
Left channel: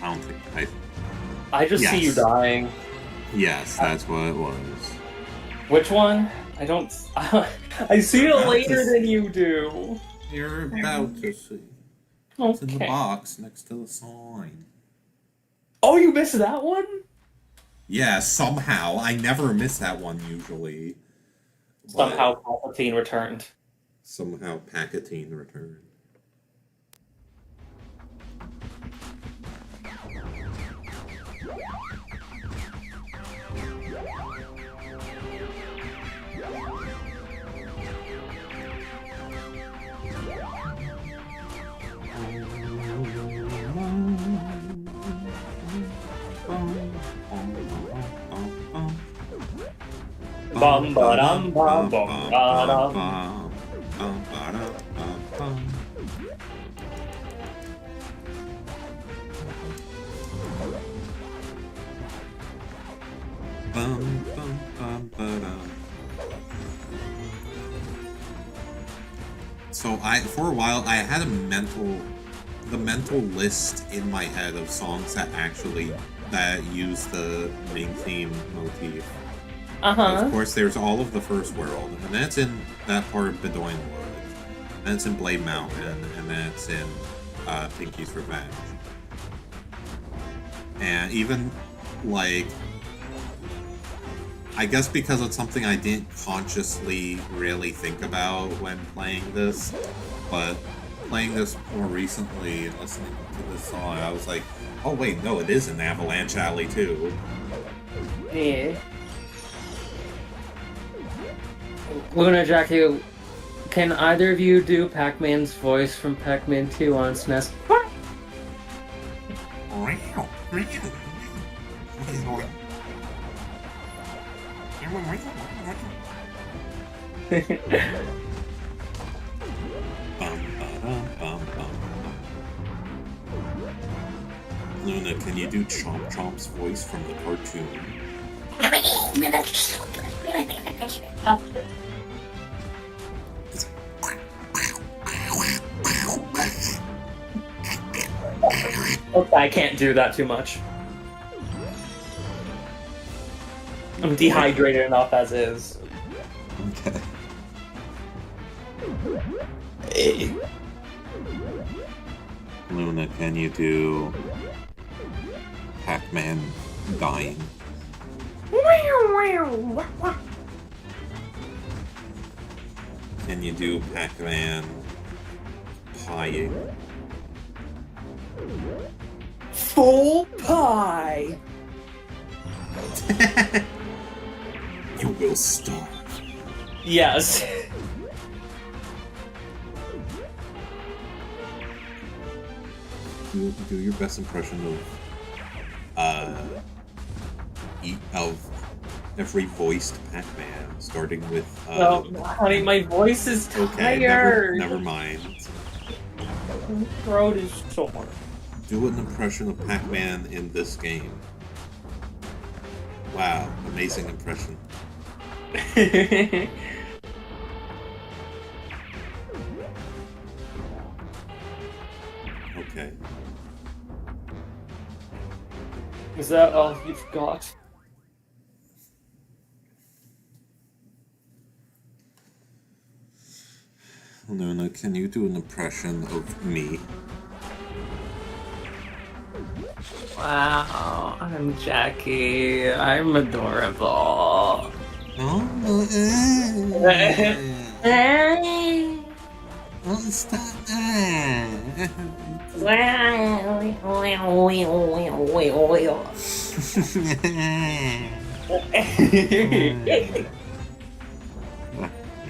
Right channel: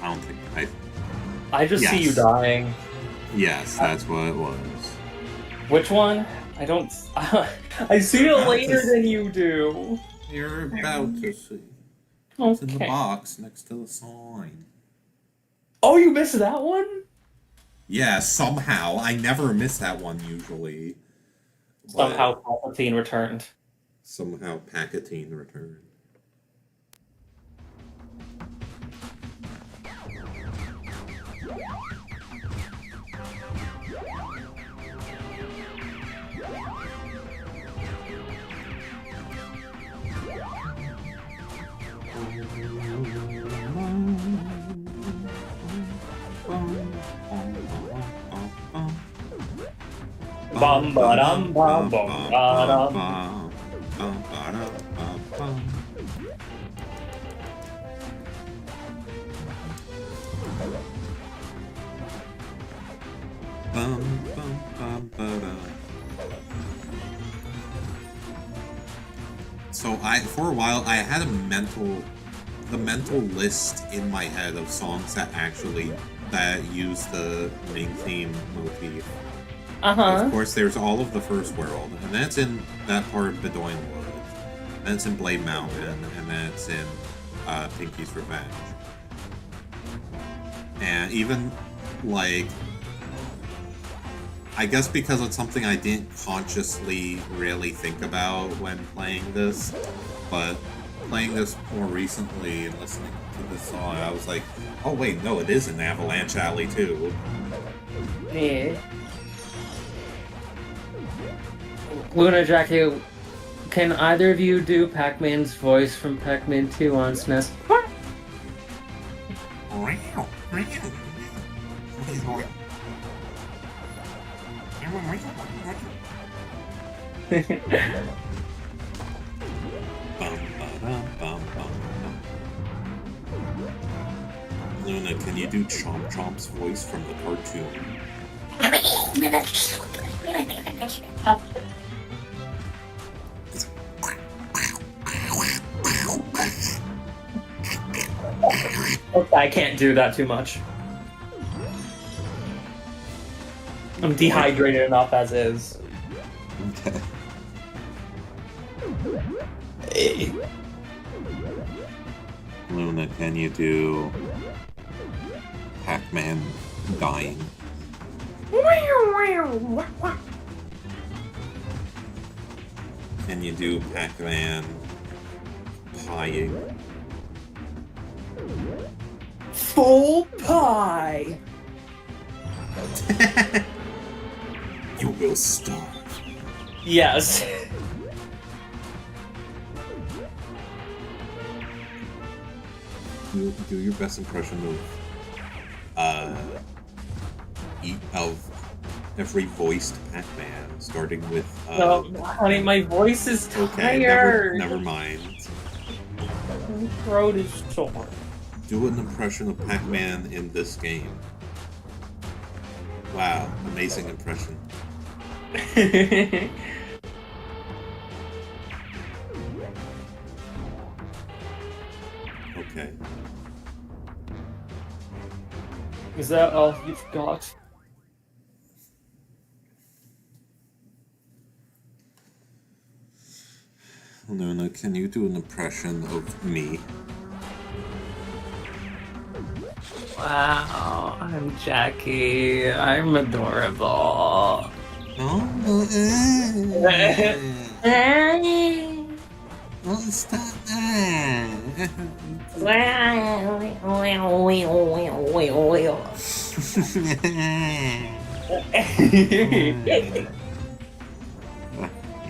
I don't think... I just see you dying. Yes, that's what it was. Which one? I don't... I see it later than you do. You're about to see. Okay. It's in the box next to the sign. Oh, you missed that one? Yeah, somehow. I never miss that one usually. Somehow Palpatine returned. Somehow Pac-Man returned. Bum ba dum bum bum ba dum. So for a while I had the mental list in my head of songs that use the main theme motif. Of course, there's all of the First World, and that's in that part of Bedoin Woods. That's in Blade Mountain, and that's in Pinky's Revenge. And even, like, I guess because it's something I didn't consciously really think about when playing this, but playing this more recently and listening to this song, I was like, oh wait, no, it is in Avalanche Alley too. Yeah. Luna, Jackie, can either of you do Pac-Man's voice from Pac-Man 2 on SNES? Luna, can you do Chomp Chomp's voice from the cartoon? Okay, I can't do that too much. I'm dehydrated enough as is. Okay. Luna, can you do Pac-Man dying? Can you do Pac-Man pieing? Full pie! You will starve. Yes. Do your best impression of every voiced Pac-Man, starting with No, honey, my voice is tired. Okay, never mind. My throat is sore. Do an impression of Pac-Man in this game. Wow, amazing impression. Okay. Is that all you've got? Luna, can you do an impression of me? Wow, I'm Jackie. I'm adorable. Oh, stop that.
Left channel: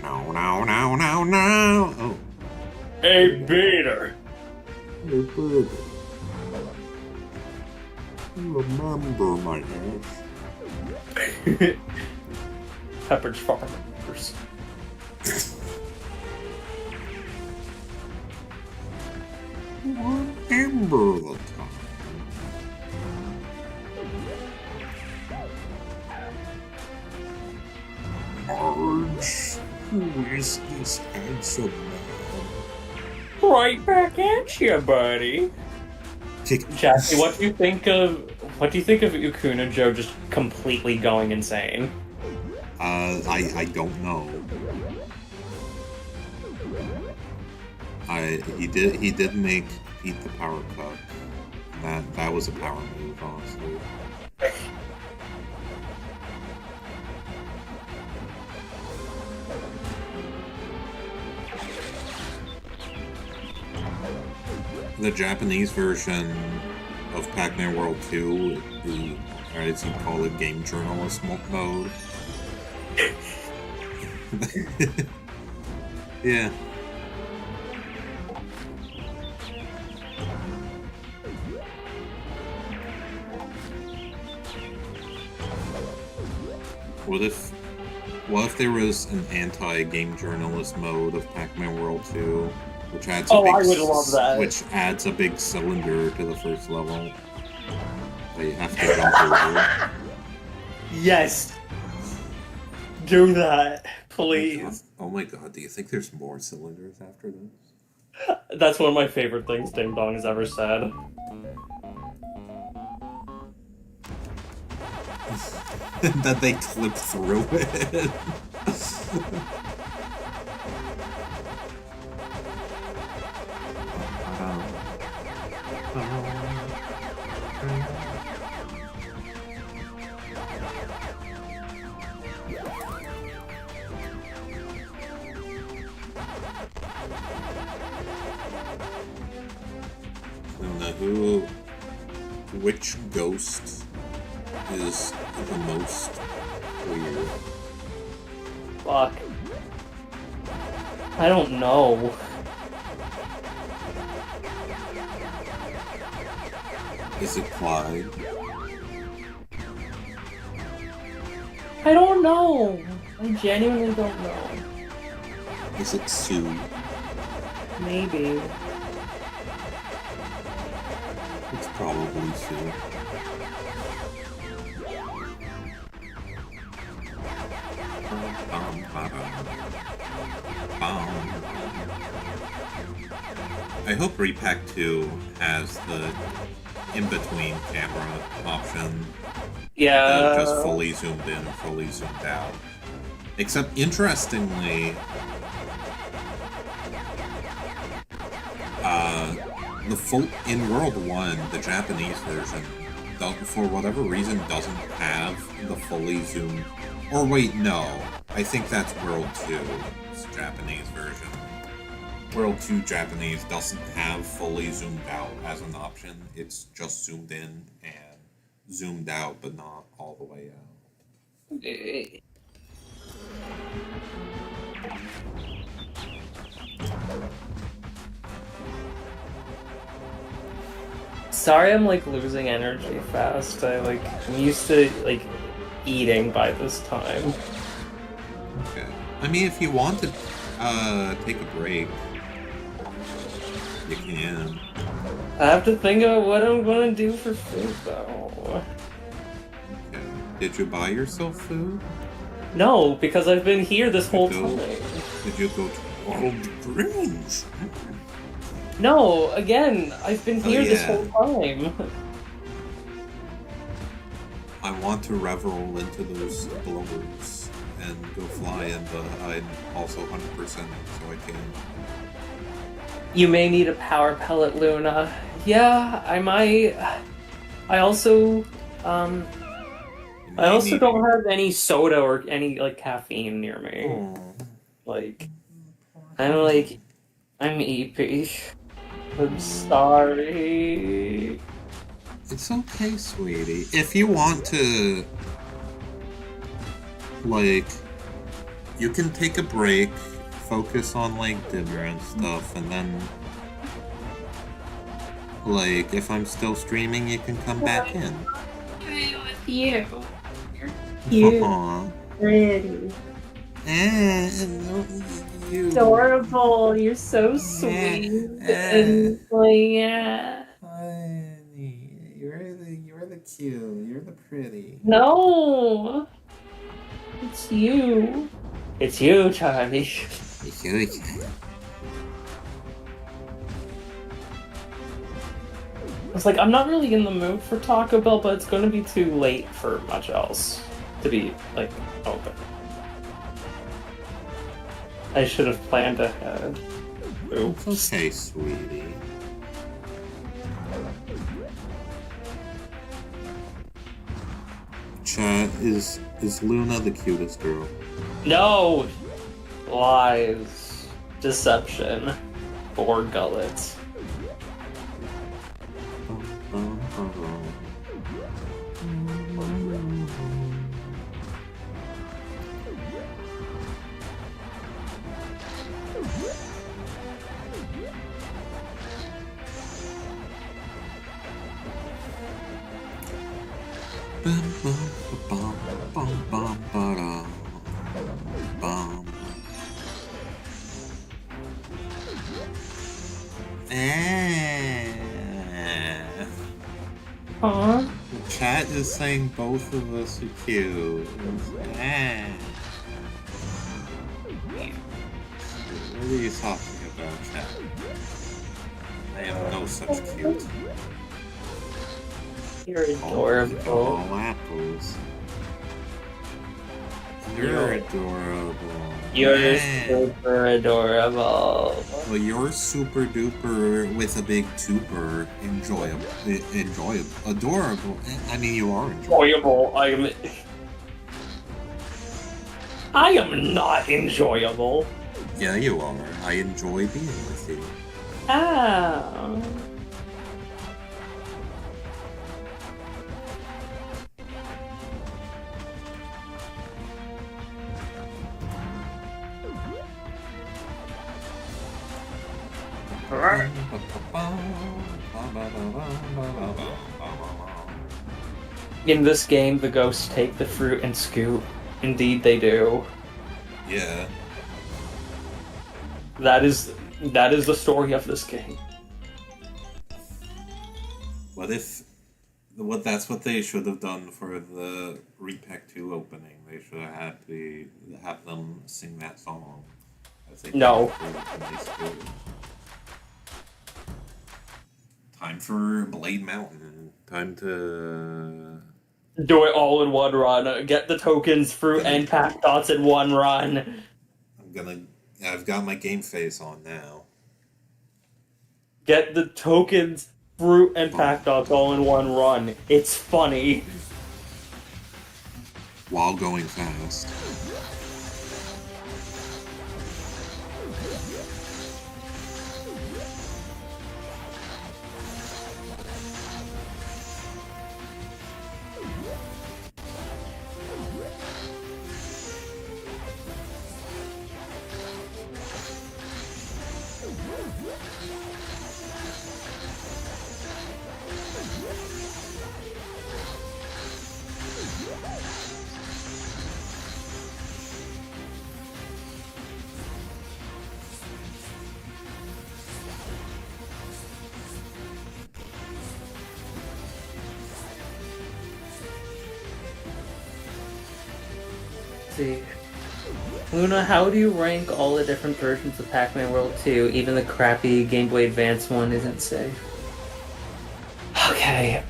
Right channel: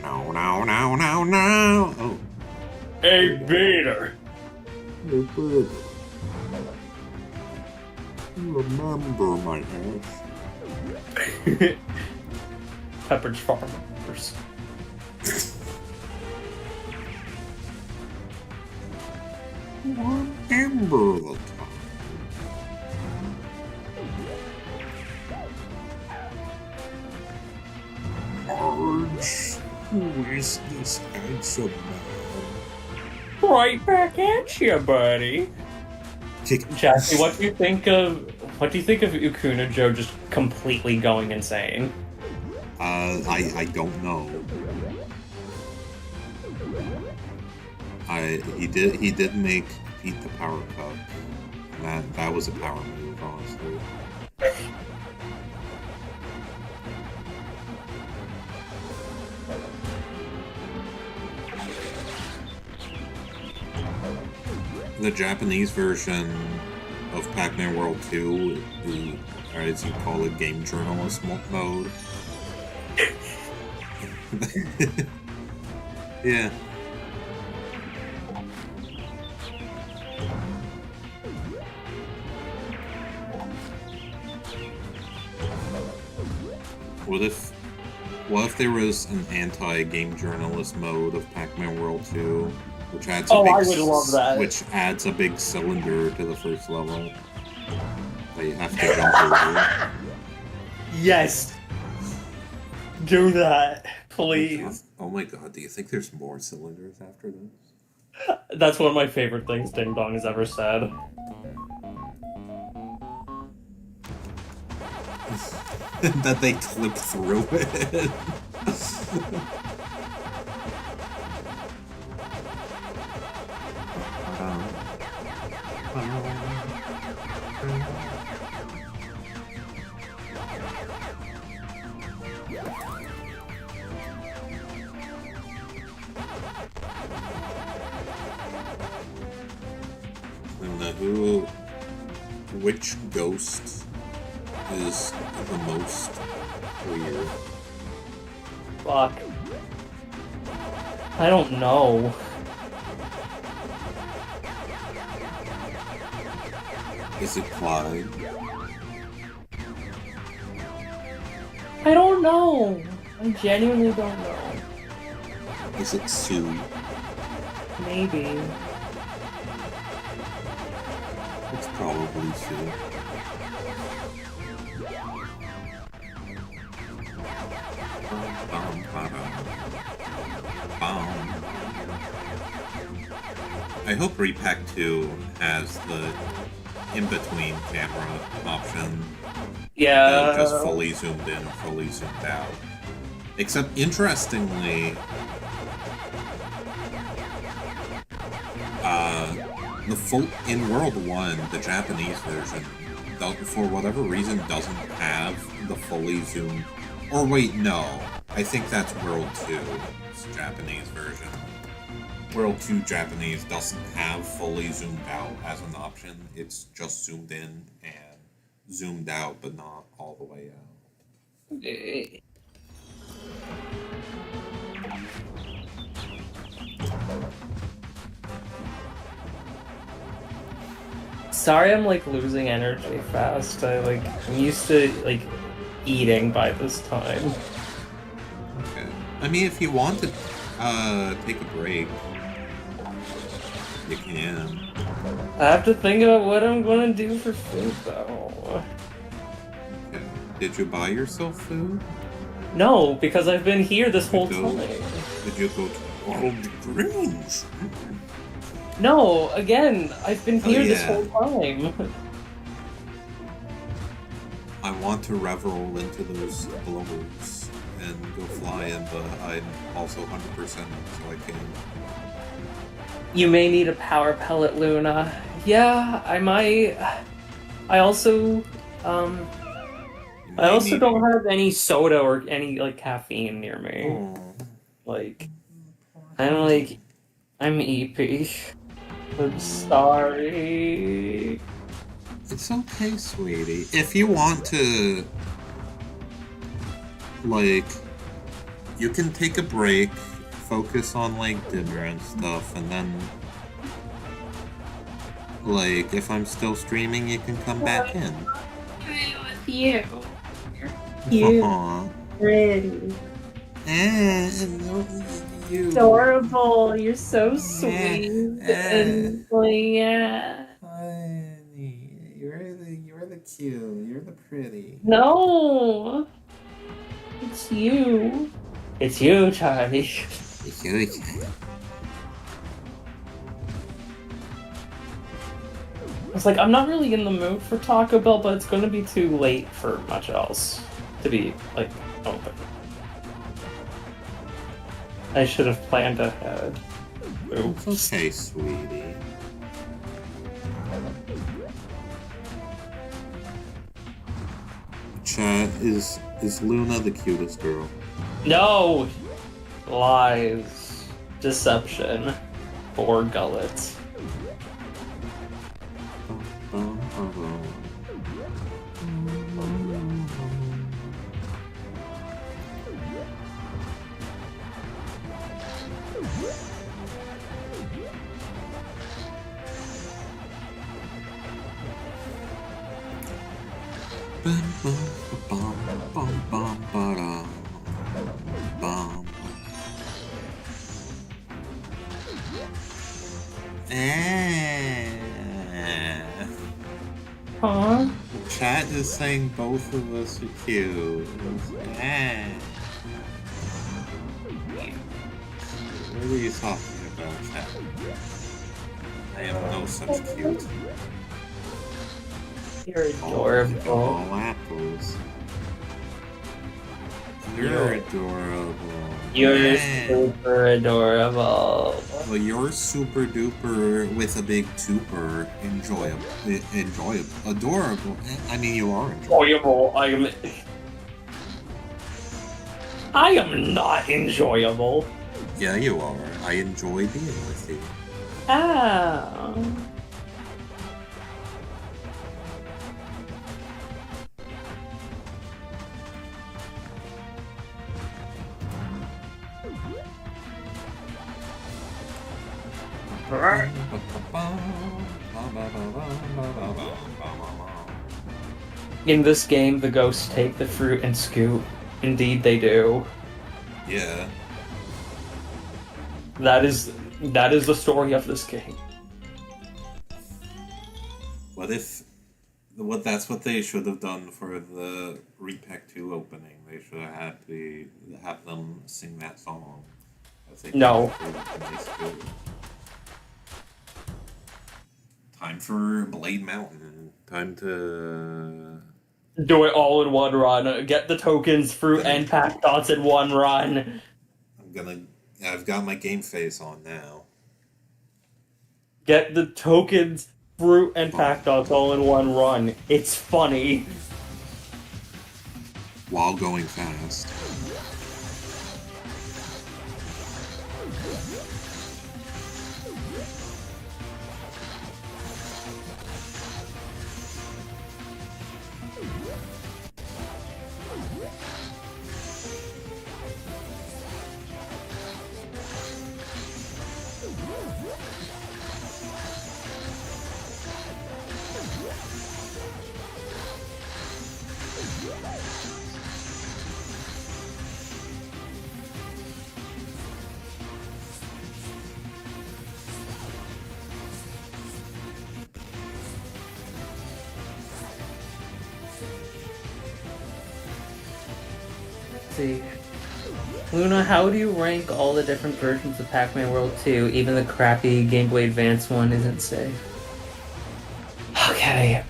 No, no, no, no, no. Oh. Hey, Peter. Hey, Peter. Remember my ass. Pepperidge Farmers. Remember the time. Marge, who is this handsome man? Right back at you, buddy. Jackie, what do you think of Ukuna Joe just completely going insane? I don't know. He did make Pete the power cut. And that was a power move, honestly. The Japanese version of Pac-Man World 2, or as you call it, game journalist mode. Yeah. What if there was an anti-game journalist mode of Pac-Man World 2, which adds I would love that. Which adds a big cylinder to the first level that you have to jump over. Yes. Do that, please. Oh my god, do you think there's more cylinders after this? That's one of my favorite things Ding Dong has ever said. That they clip through it. Which ghost is the most weird? Fuck. I don't know. Is it Clyde? I don't know. I genuinely don't know. Is it Sue? Maybe. It's probably Sue. I hope Repack 2 has the in-between camera option. Yeah. Just fully zoomed in and fully zoomed out. Except, interestingly, the full in World 1, the Japanese version, for whatever reason, doesn't have the fully zoomed. Or wait, no. I think that's World 2's Japanese version. World 2 Japanese doesn't have fully zoomed out as an option. It's just zoomed in and zoomed out, but not all the way out. Sorry, I'm like losing energy fast. I'm used to like eating by this time. Okay. I mean, if you want to take a break, you can. I have to think about what I'm gonna do for food though. Okay. Did you buy yourself food? No, because I've been here this whole time. Did you go to World Greens? No, again, I've been here this whole time. I want to revel into those blowers and go fly in, but I'm also 100% so I can. You may need a power pellet, Luna. Yeah, I might. I also don't have any soda or any like caffeine near me. Like, I'm EP. I'm sorry. It's okay, sweetie. If you want to, like, you can take a break, focus on, like, dinner and stuff, and then, like, if I'm still streaming, you can come back in. With you. You're cute. Aw. Pretty. You. Adorable. You're so sweet. And like, yeah. Honey, you're the cute. You're the pretty. No. It's you. It's you, Charlie. It's like, I'm not really in the mood for Taco Bell, but it's gonna be too late for much else to be, like, open. I should have planned ahead. Oops. It's okay, sweetie. Chat, is Luna the cutest girl? No! Lies. Deception. Or gullet. Huh? The chat is saying both of us are cute. What are you talking about, chat? I am no such cute. You're All adorable. apples. You're adorable. You're super adorable. Well, you're super duper with a big tuper. Enjoyable. Adorable. I mean, you are enjoyable. I am not enjoyable. Yeah, you are. I enjoy being with you. Oh. In this game, the ghosts take the fruit and scoot. Indeed, they do. Yeah. That is the story of this game. That's what they should have done for the Repack 2 opening. They should have have them sing that song. As they No. Time for Blade Mountain. Time to Do it all in one run. Get the tokens, fruit, and pack dots in one run. I've got my game face on now. Get the tokens, fruit, and pack dots all in one run. It's funny. While going fast. See. Luna, how do you rank all the different versions of Pac-Man World 2? Even the crappy Game Boy Advance one isn't safe. Okay,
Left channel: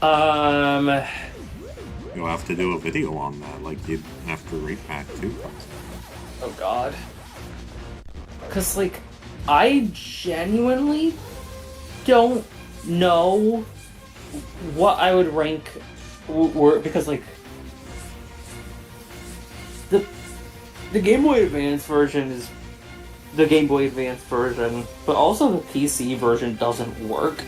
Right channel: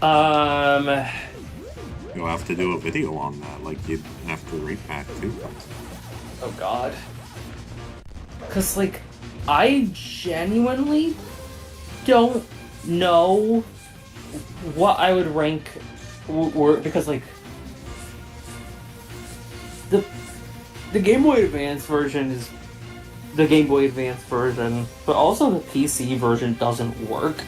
You'll have to do a video on that, like you after Repack 2 comes out. oh god. Cause, like, I genuinely don't know what I would rank, because, like, the Game Boy Advance version is the Game Boy Advance version, but also the PC version doesn't work.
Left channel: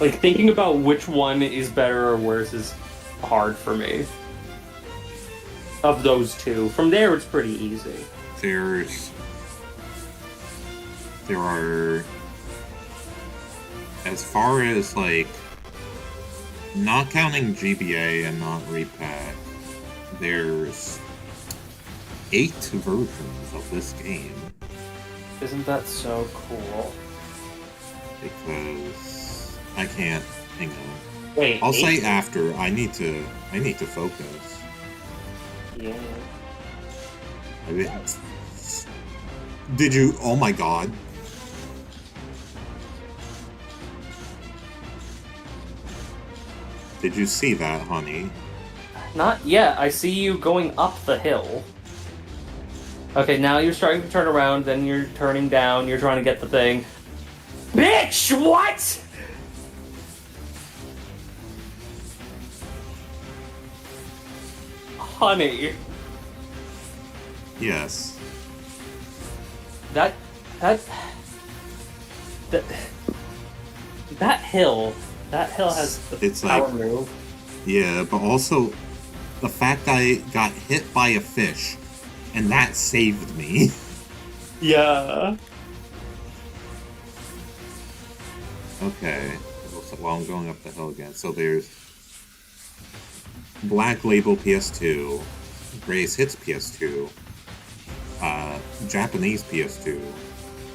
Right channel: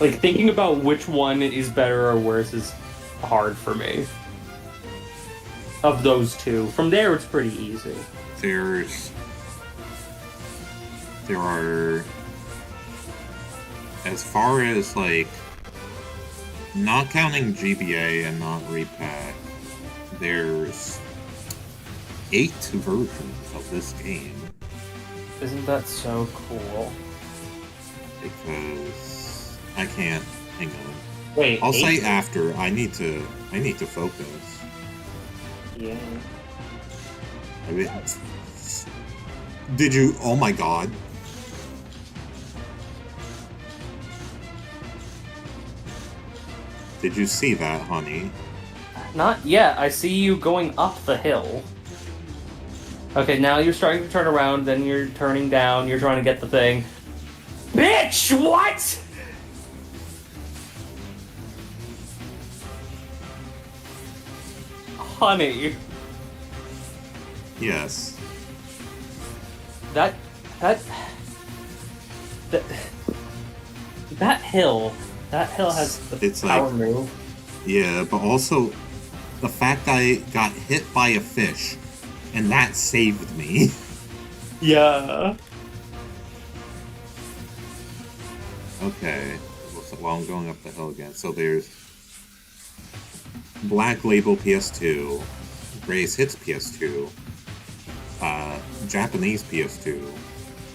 Like, thinking about which one is better or worse is hard for me. Of those two. From there, it's pretty easy. There are, as far as, like, not counting GBA and not repack, there's 8 versions of this game. Isn't that so cool? Because I can't. Hang on. Wait, I'll 8? say after. I need to focus. Yeah. I mean, did you? Oh my god! Did you see that, honey? Not yet. I see you going up the hill. Okay, now you're starting to turn around, then you're turning down, you're trying to get the thing. Bitch, what? Honey, Yes. that hill has the It's power like- move. Yeah, but also the fact I got hit by a fish, and that saved me. Yeah. Okay. Well, I'm going up the hill again. So there's Black Label PS2, Greatest Hits PS2, Japanese PS2,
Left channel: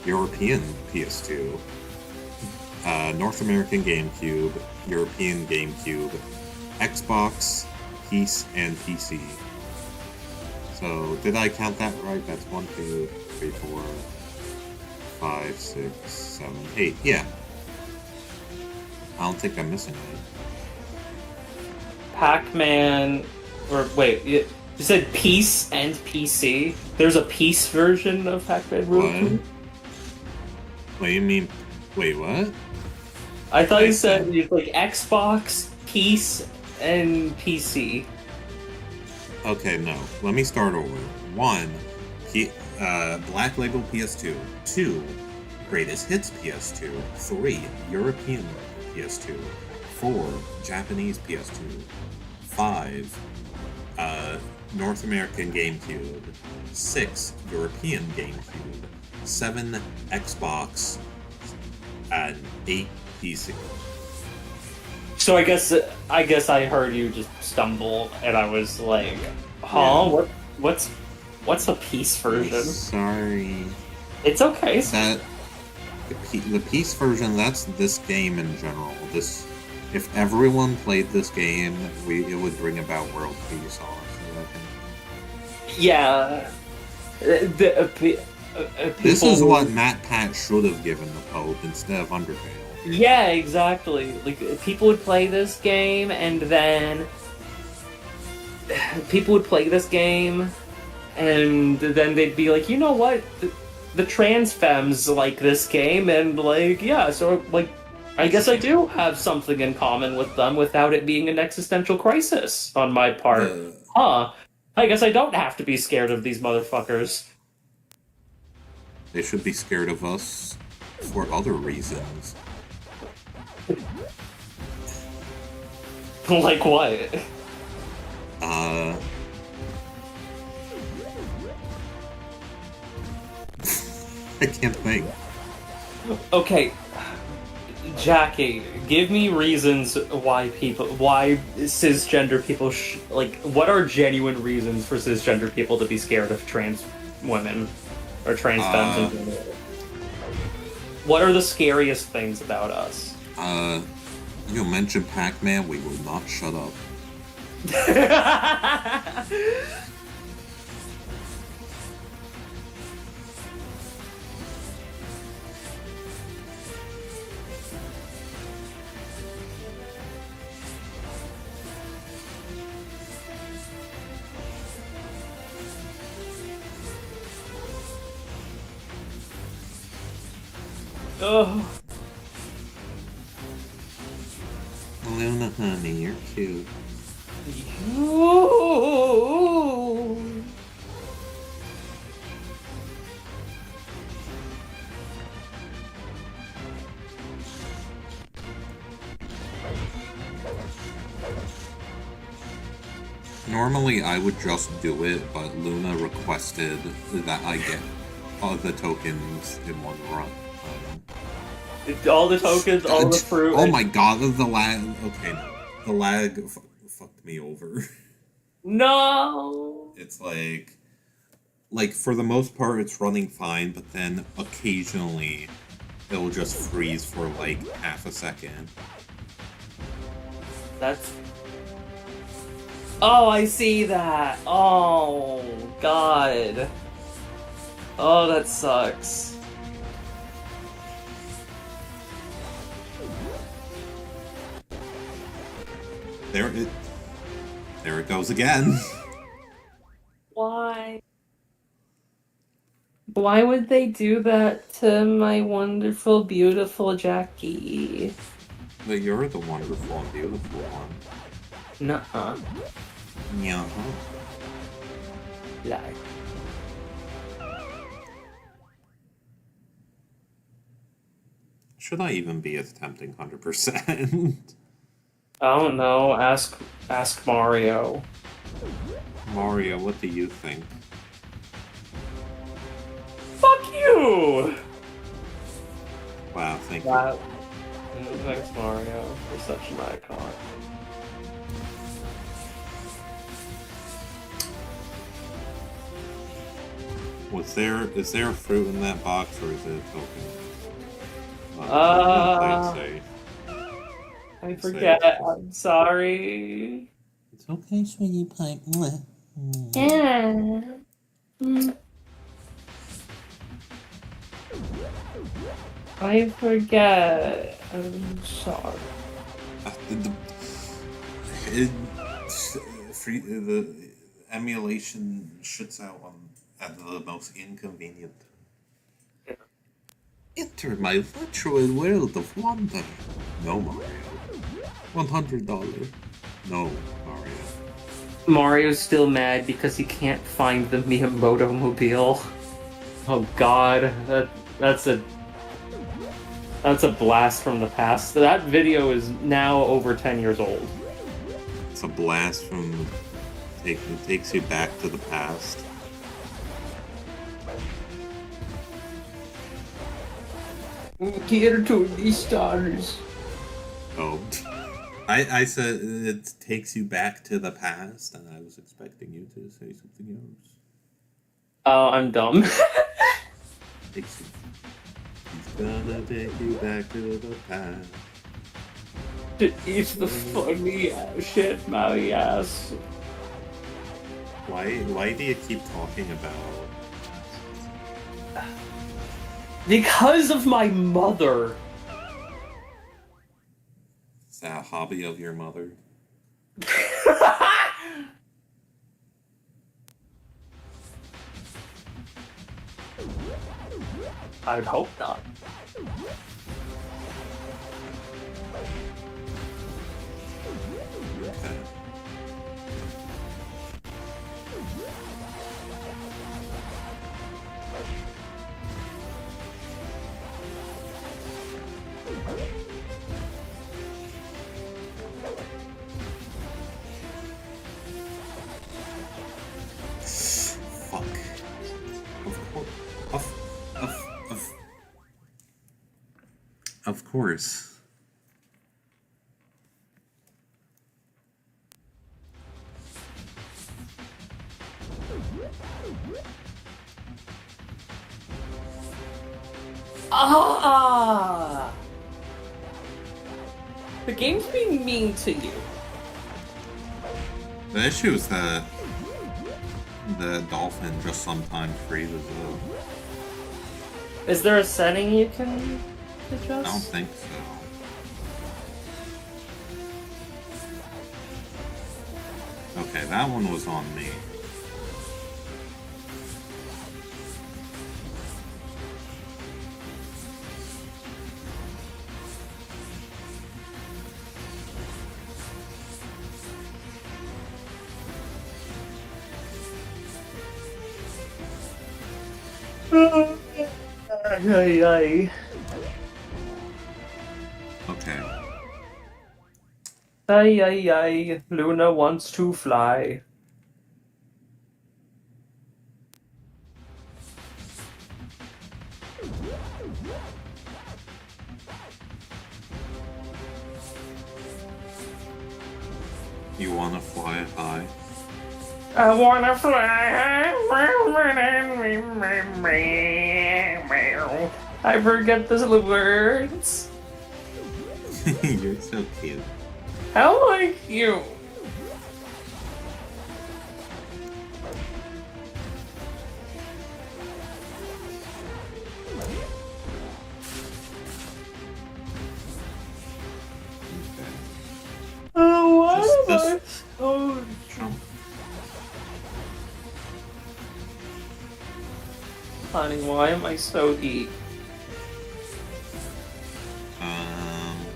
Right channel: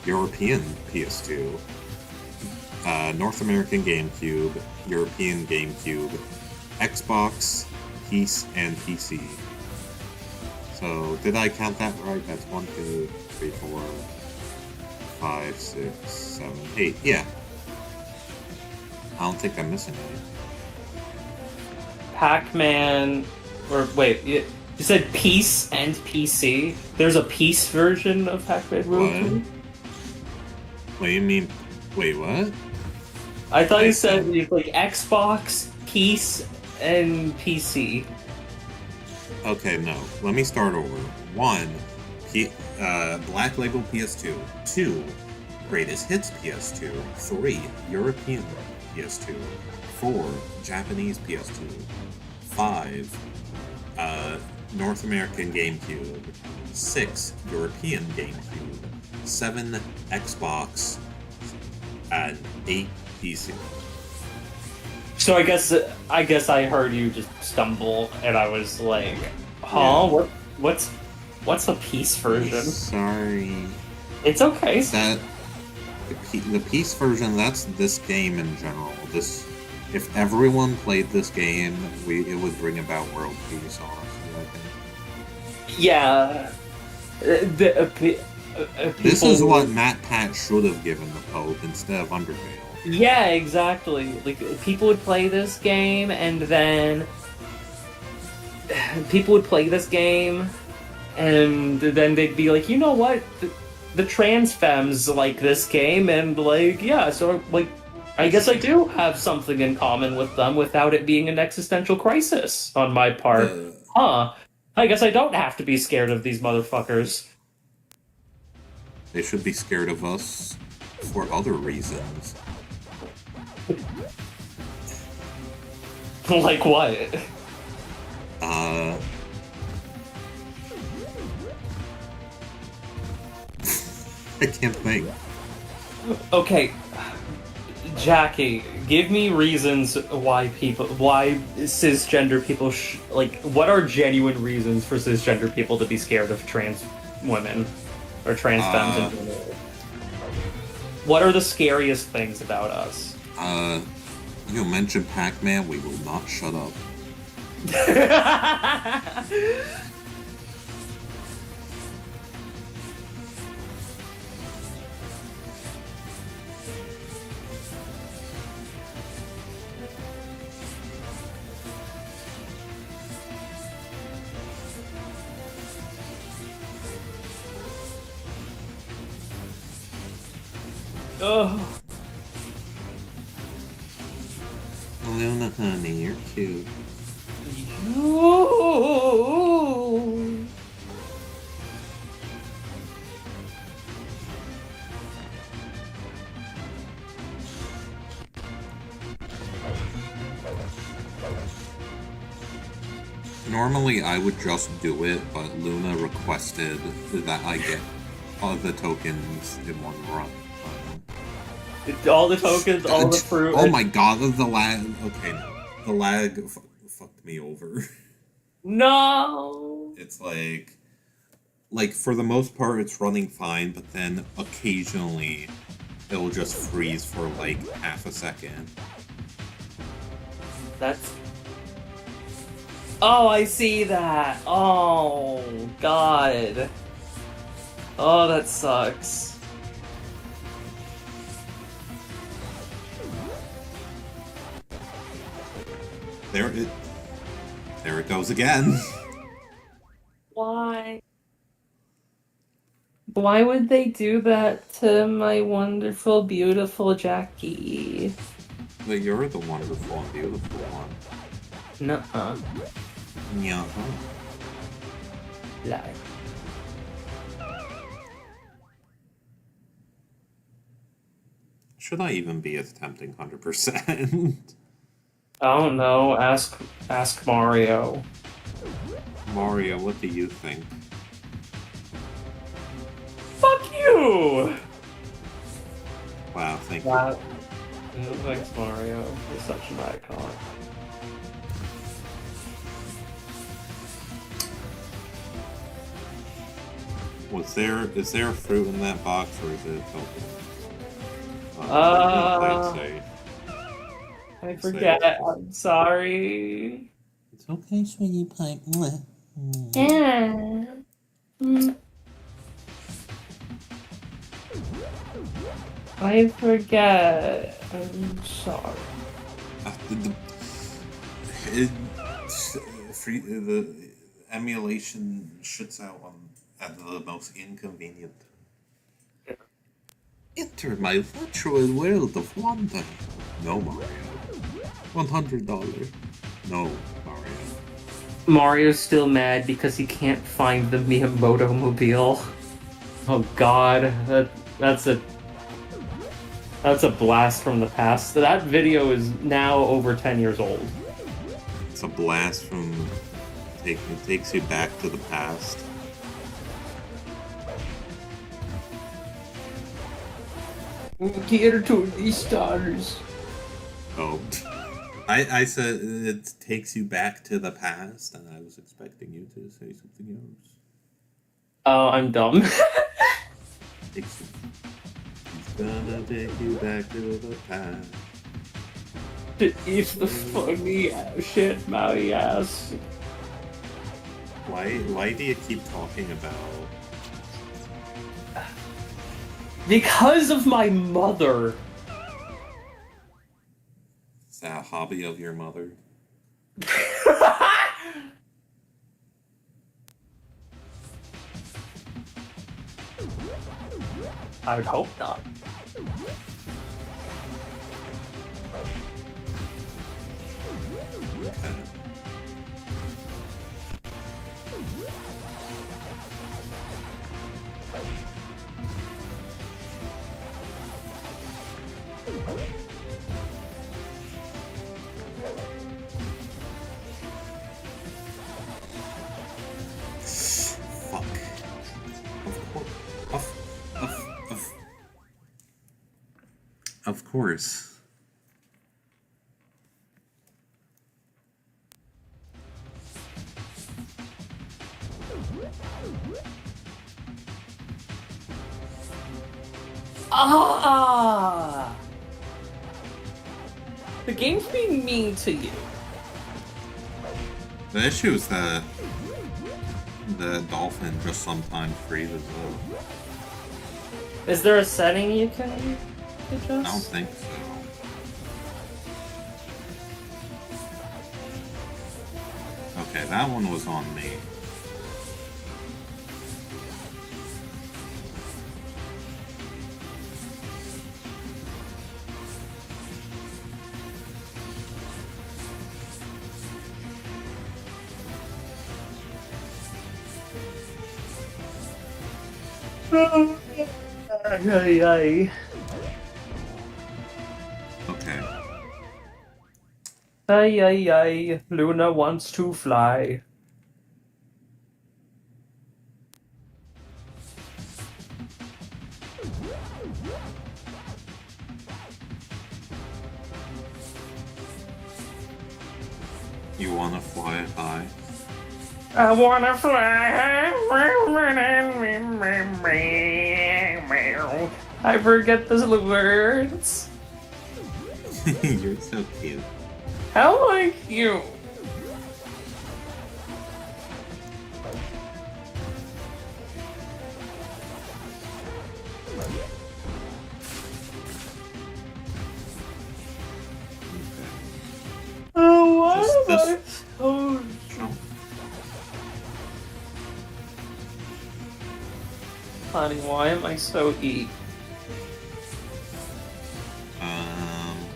European PS2, North American GameCube, European GameCube, Xbox, PS, and PC. So, did I count that right? That's 1, 2, 3, 4, 5, 6, 7, 8. Yeah. I don't think I'm missing any. Pac-Man, or wait, you said Peace and PC? There's a Peace version of Pac-Man Ruin? What do you mean? Wait, what? I thought I you said said- it's like Xbox, Peace, and PC. Okay, no. Let me start over. 1, Black Label PS2. 2, Greatest Hits PS2. 3, European PS2. 4, Japanese PS2. 5, North American GameCube. 6, European GameCube. 7, Xbox. And 8, PC. So I guess I heard you just stumble, and I was like, Yeah. what's a Peace version? Sorry. It's okay. That the peace version, that's this game in general. This, if everyone played this game, it would bring about world peace. Honestly, I think Yeah. this is People- what Matt Pat should have given the Pope instead of Undertale. Yeah, exactly. Like, people would play this game, and then people would play this game, and then they'd be like, you know what? The trans femmes like this game, and like, yeah, so like, I guess I do have something in common with them without it being an existential crisis on my part. Huh. I guess I don't have to be scared of these motherfuckers. They should be scared of us for other reasons. Like what? I can't think. Okay, Jackie, give me reasons why cisgender people what are genuine reasons for cisgender people to be scared of trans women or trans femmes in general? What are the scariest things about us? You mentioned Pac-Man, we will not shut up. Oh, Luna, honey, you're cute. you. Normally, I would just do it, but Luna requested that I get all the tokens in one run. All the tokens, all the fruit. Oh my god, the lag. Okay, no. The lag fucked me over. No! It's like, for the most part, it's running fine, but then occasionally it'll just freeze for like half a second. That's... Oh, I see that! Oh, God. Oh, that sucks. There it goes again. Why? Why would they do that to my wonderful, beautiful Jackie? But you're the wonderful and beautiful one. Nuh-uh. Yeah. Lie. Should I even be attempting 100%? I don't know. Ask Mario. Mario, what do you think? Fuck you! Wow, thank you. Wow. Thanks, Mario. You're such an icon. Is there a fruit in that box, or is it a token? I'm gonna play it safe. I forget. I'm sorry. It's okay, sweetie pie. Yeah. Mm. I forget. I'm sorry. The emulation shits out at the most inconvenient. Enter my virtual world of wonder. No, Mario. $100. No, Mario. Mario's still mad because he can't find the Miyamoto mobile. Oh God, that's a blast from the past. That video is now over 10 years old. It's a blast from... It takes you back to the past. Here to the stars. Oh. I said it takes you back to the past, and I was expecting you to say something else. Oh, I'm dumb. He's gonna take you back to the past. To eat the funny shit, my ass. Why do you keep talking about... Because of my mother. Is that a hobby of your mother? I would hope not. Okay. Fuck. Of course. Of course. Ah! The game's being mean to you. The issue is that the dolphin just sometimes freezes up. Is there a setting you can adjust? I don't think so. Okay, that one was on me. Ay, ay. Okay. Ay, ay, ay. Luna wants to fly. You wanna fly high? I wanna fly. I forget the words. You're so cute. How like you? Okay. Oh, what Just am this- I so Jump. funny? Why am I so geek?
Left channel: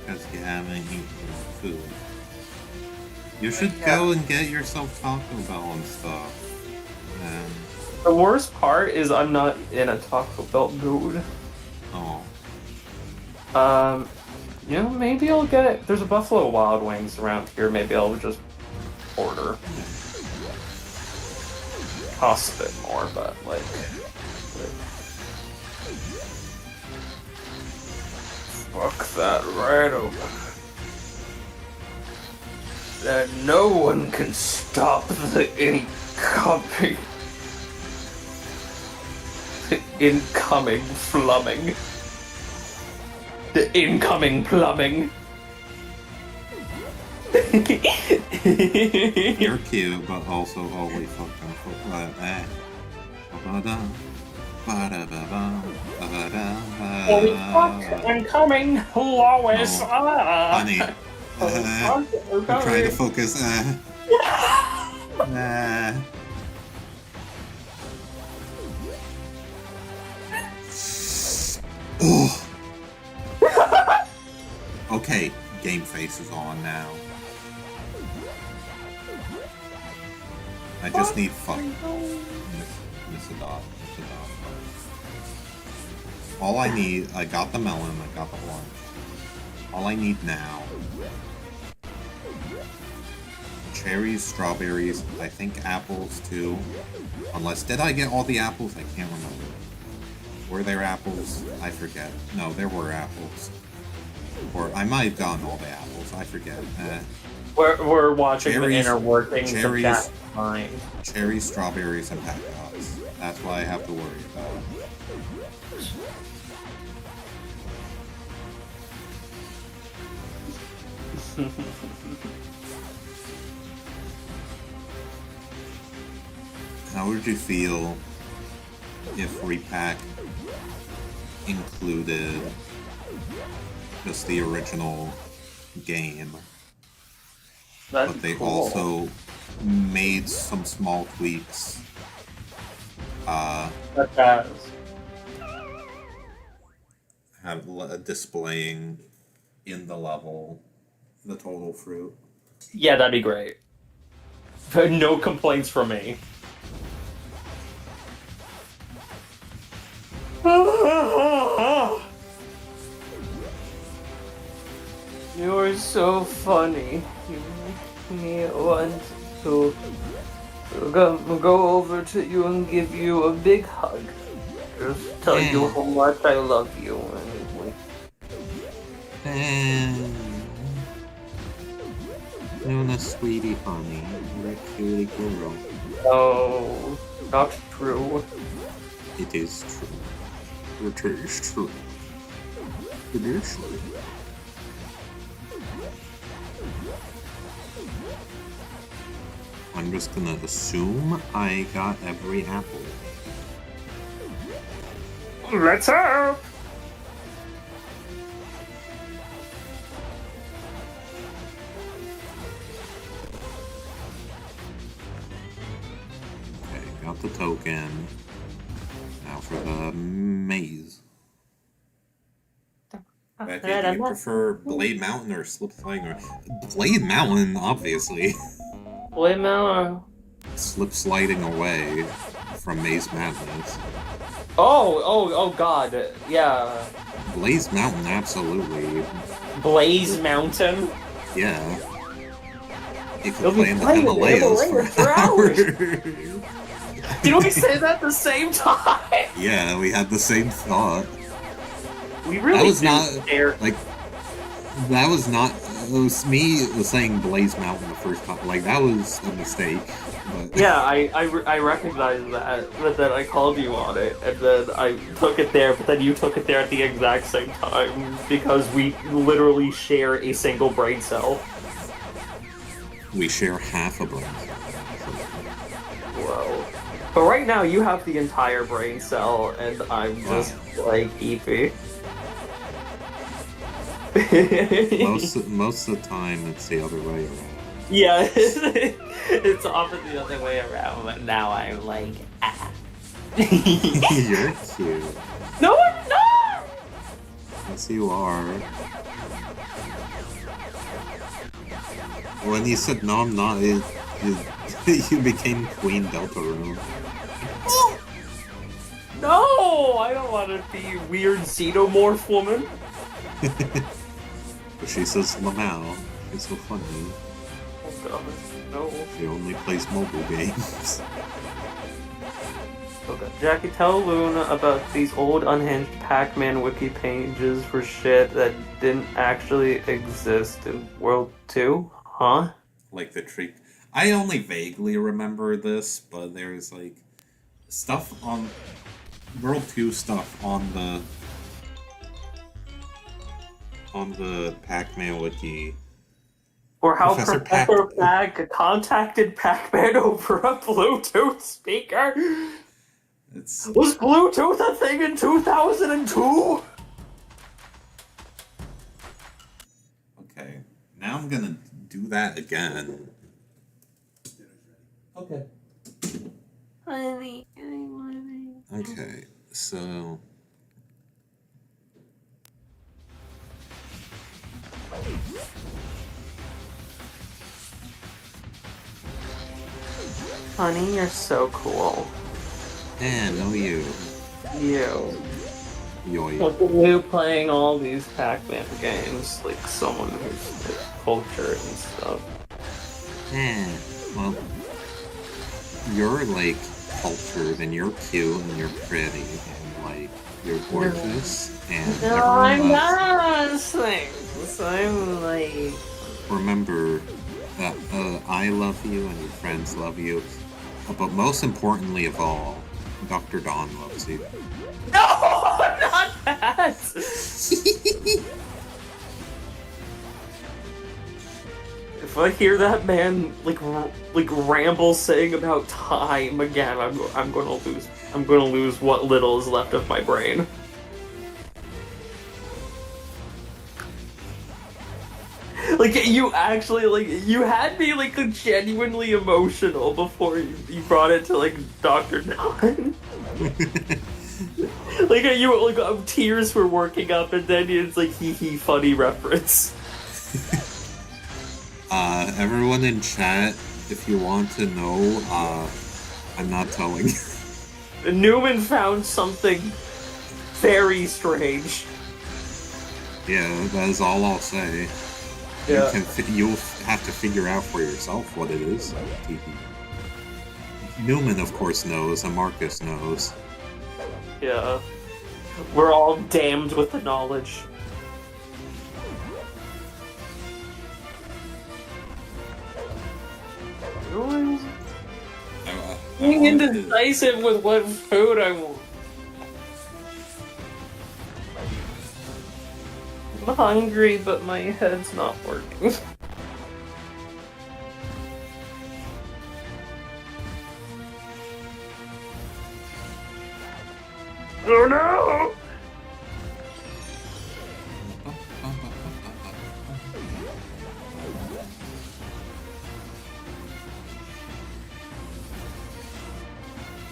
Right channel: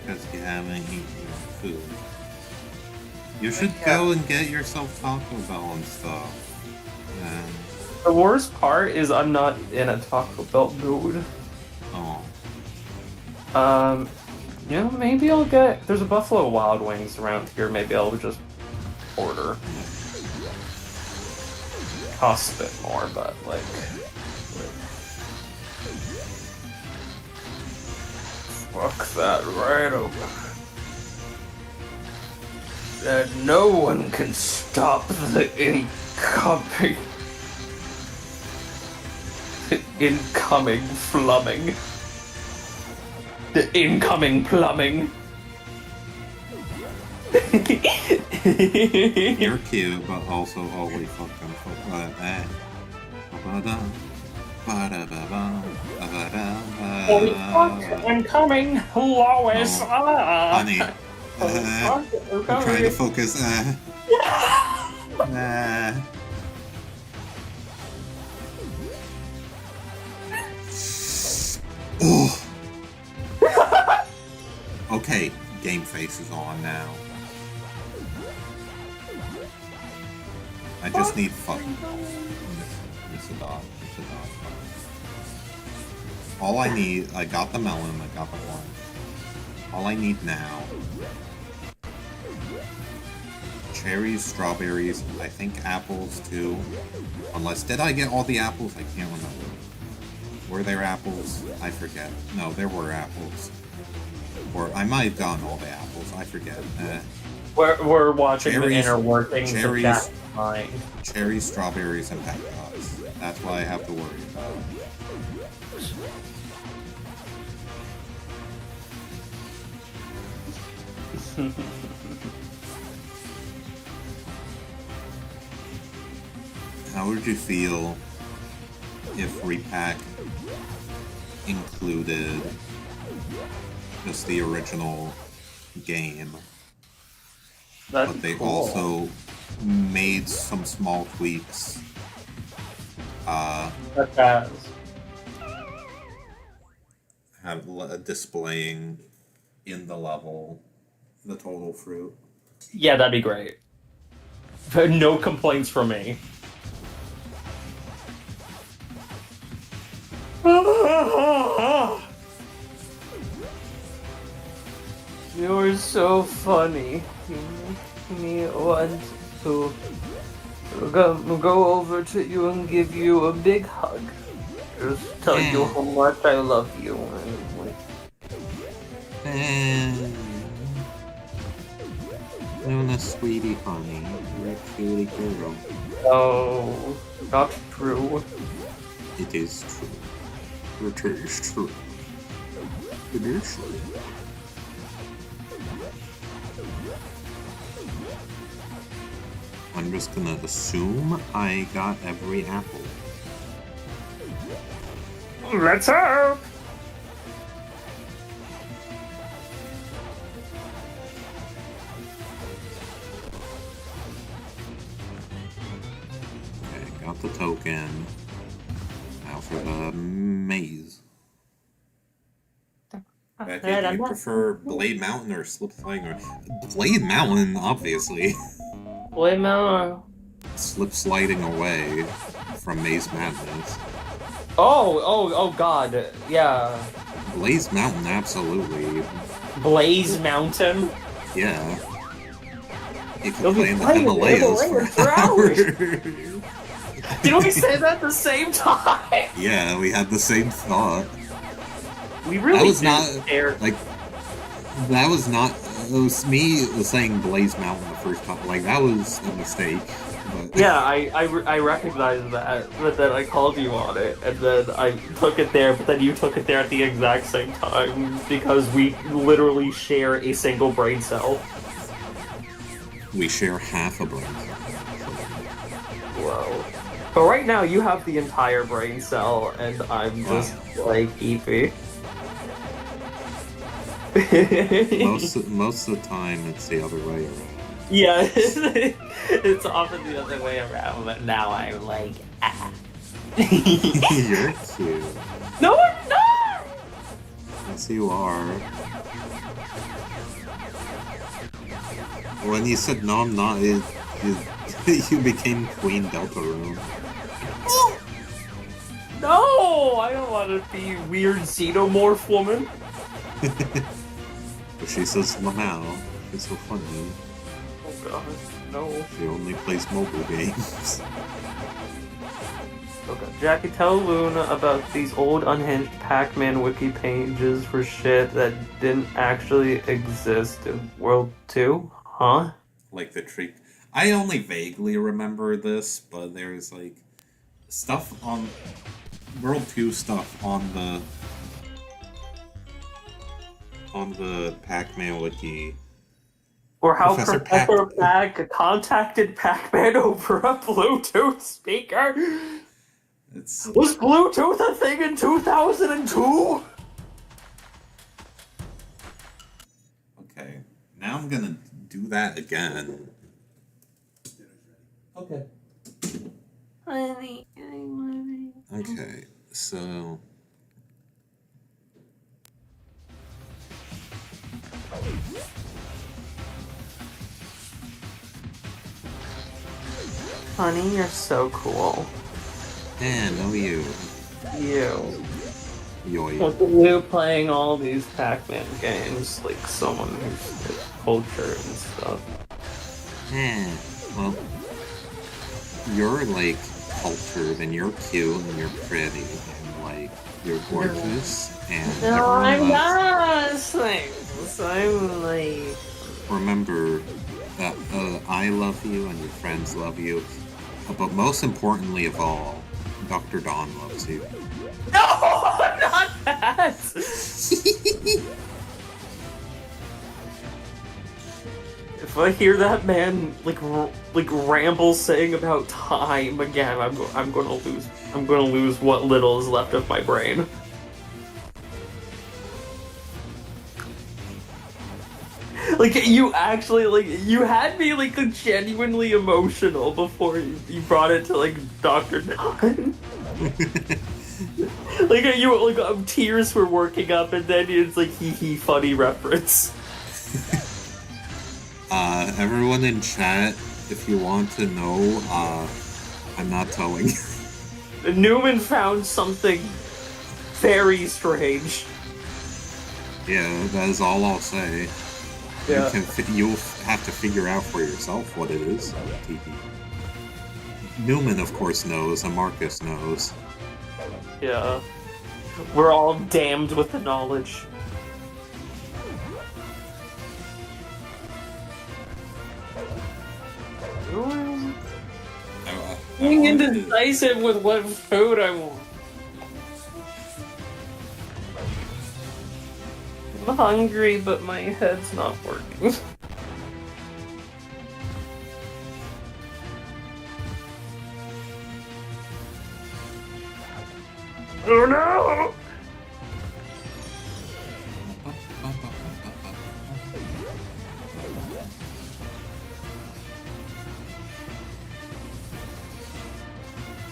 Because you haven't eaten food. You should go and get yourself Taco Bell and stuff. And The worst part is I'm not in a Taco Bell mood. oh, You know, maybe I'll get. There's a Buffalo Wild Wings around here. Maybe I'll just order. Costs a bit more, but like. Fuck that right over. That no one can stop the incoming. The incoming plumbing. The incoming plumbing. you're cute, but also holy fucking fuck. Holy fuck, I'm coming, Lois. No. Ah. Honey, I'm trying to focus. Oh. Okay, game face is on now. I just need fuck. Miss a dot. All I need, I got the melon, I got the orange. All I need now. Cherries, strawberries, I think apples too. Unless, did I get all the apples? I can't remember. Were there apples? I forget. No, there were apples. Or I might have gotten all the apples, I forget. We're watching Cherries- the inner workings cherries- of Jack's mind. Cherries, strawberries, and pecans. That's what I have to worry about. How would you feel if Repack included just the original game, That's but they cool. also made some small tweaks? That does. Displaying in the level the total fruit. Yeah, that'd be great. No complaints from me. You're so funny. You make me want to go over to you and give you a big hug. Just tell you how much I love you. Luna, sweetie honey, you're a cutie girl. No, not true. It is true. It is true. It is true. I'm just gonna assume I got every apple. Let's hope. Okay, got the token. Now for the maze. Becky, do you prefer Blade Mountain or Slip Sliding? Or Blade Mountain, obviously. Wait, no. Slip sliding away from Maze Madness. Oh, God, yeah. Blaze Mountain, absolutely. Blaze Mountain. Yeah. You You'll could be play in the playing Himalayas for hours. Did we say that at the same time? Yeah, we had the same thought. We really That was do not share. like that was not. It was me saying Blaze Mountain the first time. Like that was a mistake. But Yeah, I recognize that, but then I called you on it, and then I took it there, but then you took it there at the exact same time, because we literally share a single brain cell. we share half a brain. So, Whoa. But right now, you have the entire brain cell, and I'm just, like, EP. most of the time, it's the other way around. Yeah, it's often the other way around, but now I'm like, ah. You're cute. No, I'm not! Yes, you are. When you said no, I'm not, you became Queen Deltarune. No, I don't want to be weird xenomorph woman. But she says Lamau. She's so funny. Oh god, no. She only plays mobile games. Okay. Jackie, tell Luna about these old unhinged Pac-Man wiki pages for shit that didn't actually exist in World 2? Huh? Like the tree. I only vaguely remember this, but there's like stuff on World 2 stuff on the Pac-Man wiki. Or how Professor Professor Pac contacted Pac-Man over a Bluetooth speaker? It's Was Bluetooth a thing in 2002? okay. Now I'm gonna do that again. Okay. Honey, I love you. Okay, so Honey, you're so cool. no you. You. Yoy. Look at you playing all these Pac-Man games, like someone who's into culture and stuff. Well, you're like cultured and you're cute and you're pretty and like you're gorgeous and No, everyone I'm loves. not things. I'm like... Remember that I love you and your friends love you, but most importantly of all, Dr. Dawn loves you. No, not that! If I hear that man like ramble saying about time again, I'm gonna lose what little is left of my brain. Like you actually you had me like genuinely emotional before you brought it to like Dr. Dawn. Tears were working up, and then it's like hee funny reference. Everyone in chat, if you want to know, I'm not telling. Newman found something very strange. Yeah, that is all I'll say. Yeah. You'll have to figure out for yourself what it is. TP. Newman, of course, knows, and Marcus knows. Yeah. We're all damned with the knowledge. Being indecisive with what food I want. I'm hungry, but my head's not working. Oh no!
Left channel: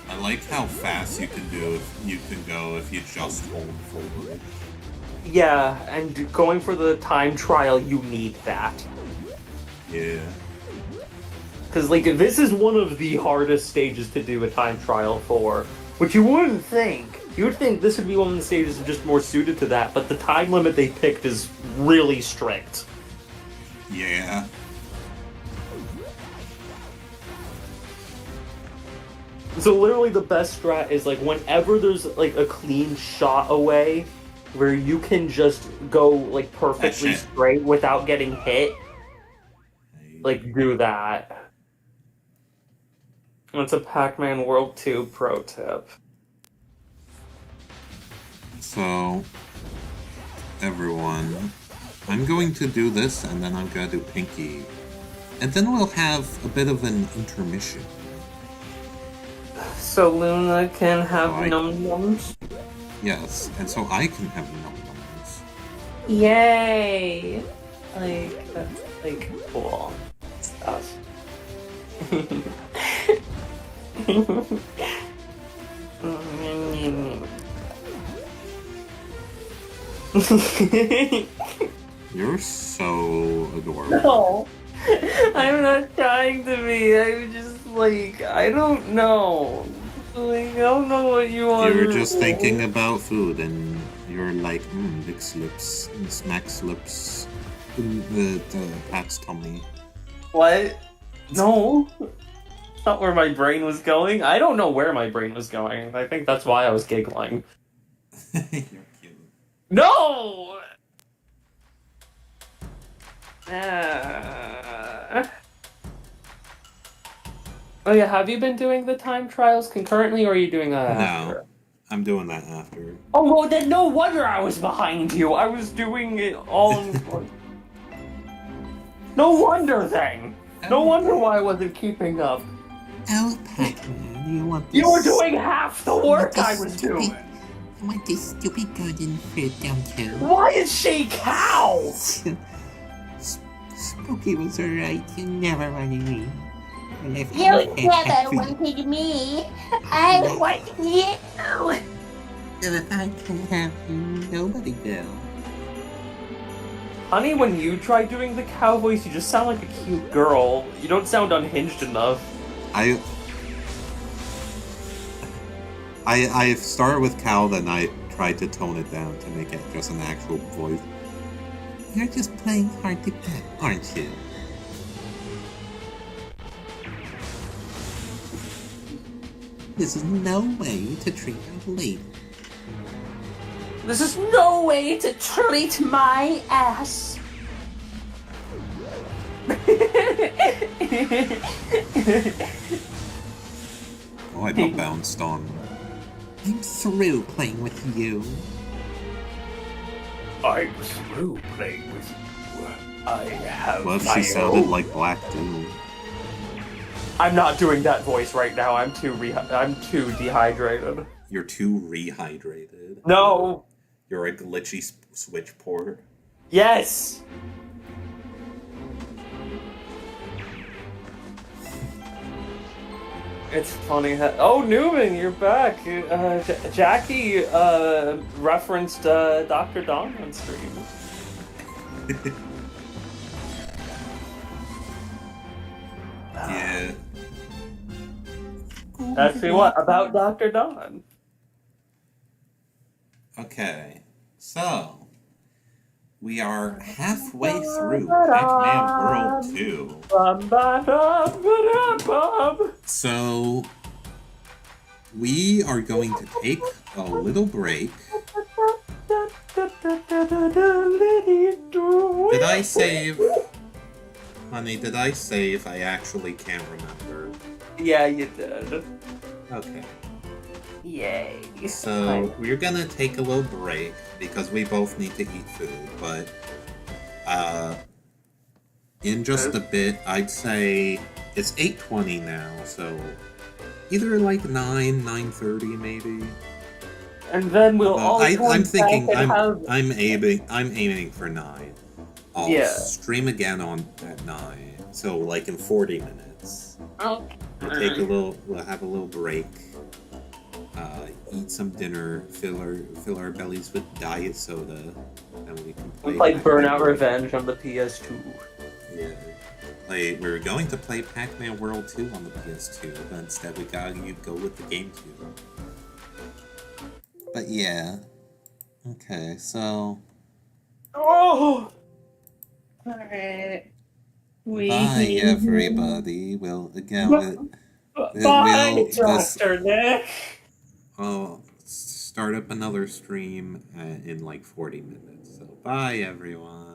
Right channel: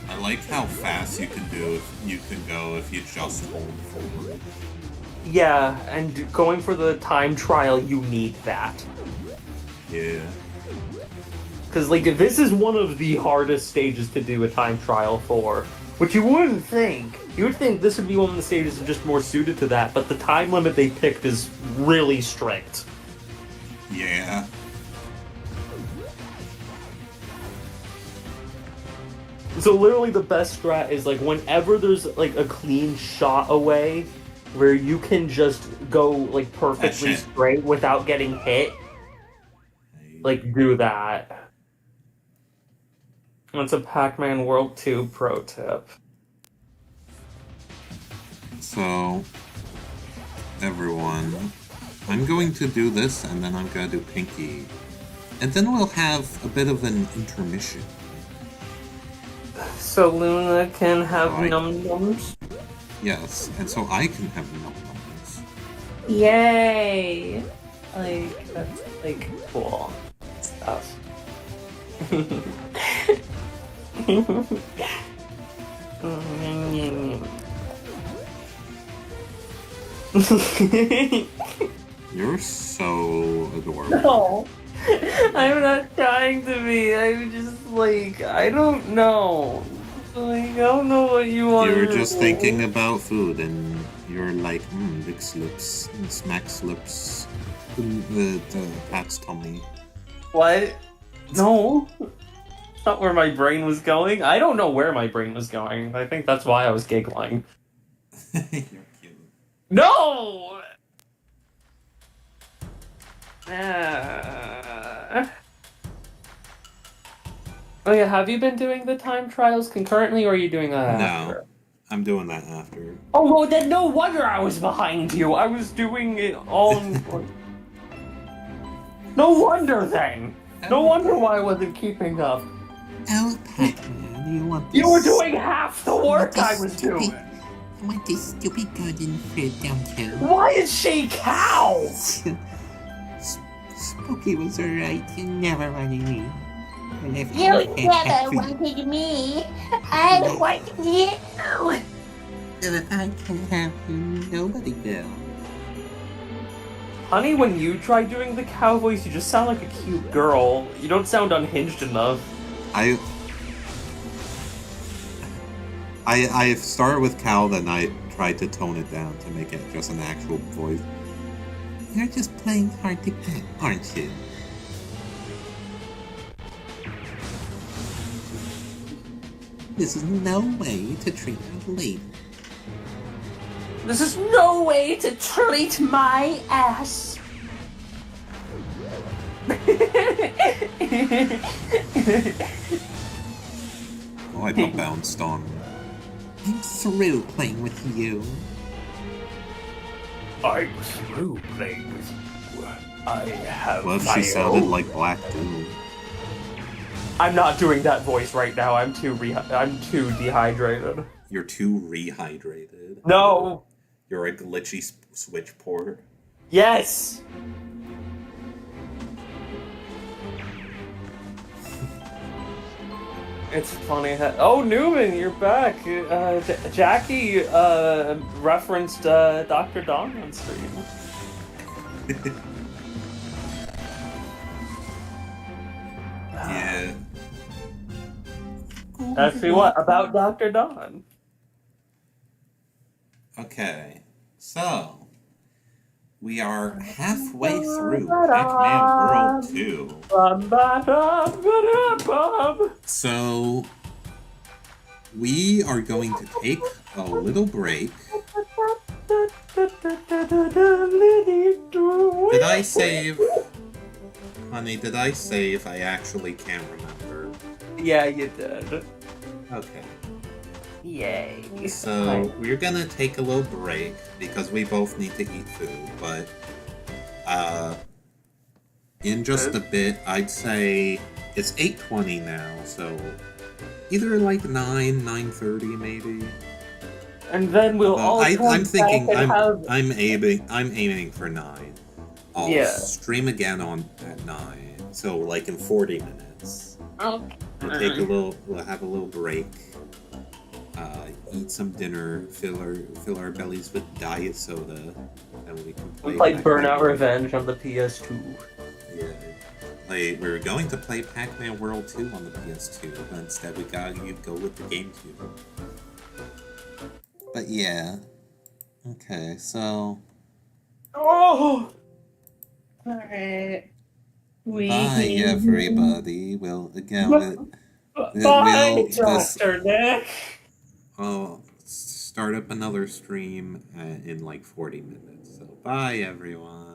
I like how fast you can go if you just hold forward. Yeah, and going for the time trial, you need that. Yeah. Because, like, this is one of the hardest stages to do a time trial for, which you wouldn't think. You would think this would be one of the stages just more suited to that, but the time limit they picked is really strict. Yeah. So literally the best strat is, like, whenever there's, like, a clean shot away, where you can just go like perfectly shit. straight without getting hit, like do that. That's a Pac-Man World 2 pro tip. So, everyone, I'm going to do this, and then I'm going to do Pinky. And then we'll have a bit of an intermission. So Luna can have So I- num-nums? Yes, and so I can have num-nums. Yay! Like, that's, like, cool stuff. You're so adorable. No! I'm not trying to be, I'm just, like, I don't know. Like, I don't know what you want You were to just do. thinking about food, and you're like, big slips, smack slips, the Pat's tummy. What? No. That's not where my brain was going. I don't know where my brain was going. I think that's why I was giggling. You're cute. No! Oh yeah, have you been doing the time trials concurrently, or are you doing that after? No, I'm doing that after. Oh, well, then no wonder I was behind you. I was doing it all in... No wonder then! No wonder why I wasn't keeping up. Oh, Pac-Man, you want this? You were doing half the work I was doing! I want this stupid garden fruit, don't you? Why is she cow? Spooky was alright, you never wanted me. And if You never wanted me. I want you. If I can have you, nobody will. Honey, when you try doing the cow voice, you just sound like a cute girl. You don't sound unhinged enough. I started with cow, then I tried to tone it down to make it just an actual voice. You're just playing hard to get, aren't you? This is no way to treat a lady. This is no way to treat my ass. Oh, I got bounced on. I'm through playing with you. I'm through playing with you. I have What if my she sounded own- like Black Doom? I'm not doing that voice right now. I'm too dehydrated. You're too rehydrated. No. You're a glitchy switch port. Yes. It's funny. Oh, Newman, you're back. Jackie referenced Dr. Don on stream. Yeah. Actually, what about Dr. Don? Okay, so we are halfway through Pac-Man World 2. So we are going to take a little break. Did I save? Honey, did I save? I actually can't remember. Yeah, you did. Okay. Yay. So we're gonna take a little break because we both need to eat food, but in just a bit, I'd say it's 8:20 now, so either like 9:30 maybe. And then we'll all I'm thinking have... I'm aiming for 9. I'll Yeah. stream again at 9, so like in 40 minutes. Okay. We'll have a little break. Eat some dinner, fill our bellies with diet soda, and we can play. Like Pac-Man Burnout World. Revenge on the PS2. Yeah. Like, we were going to play Pac-Man World 2 on the PS2, but instead we gotta go with the GameCube. But yeah. Okay, so Oh! Alright. bye everybody. We'll again Bye, we'll Dr. Nick. oh start up another stream in like 40 minutes. So bye, everyone.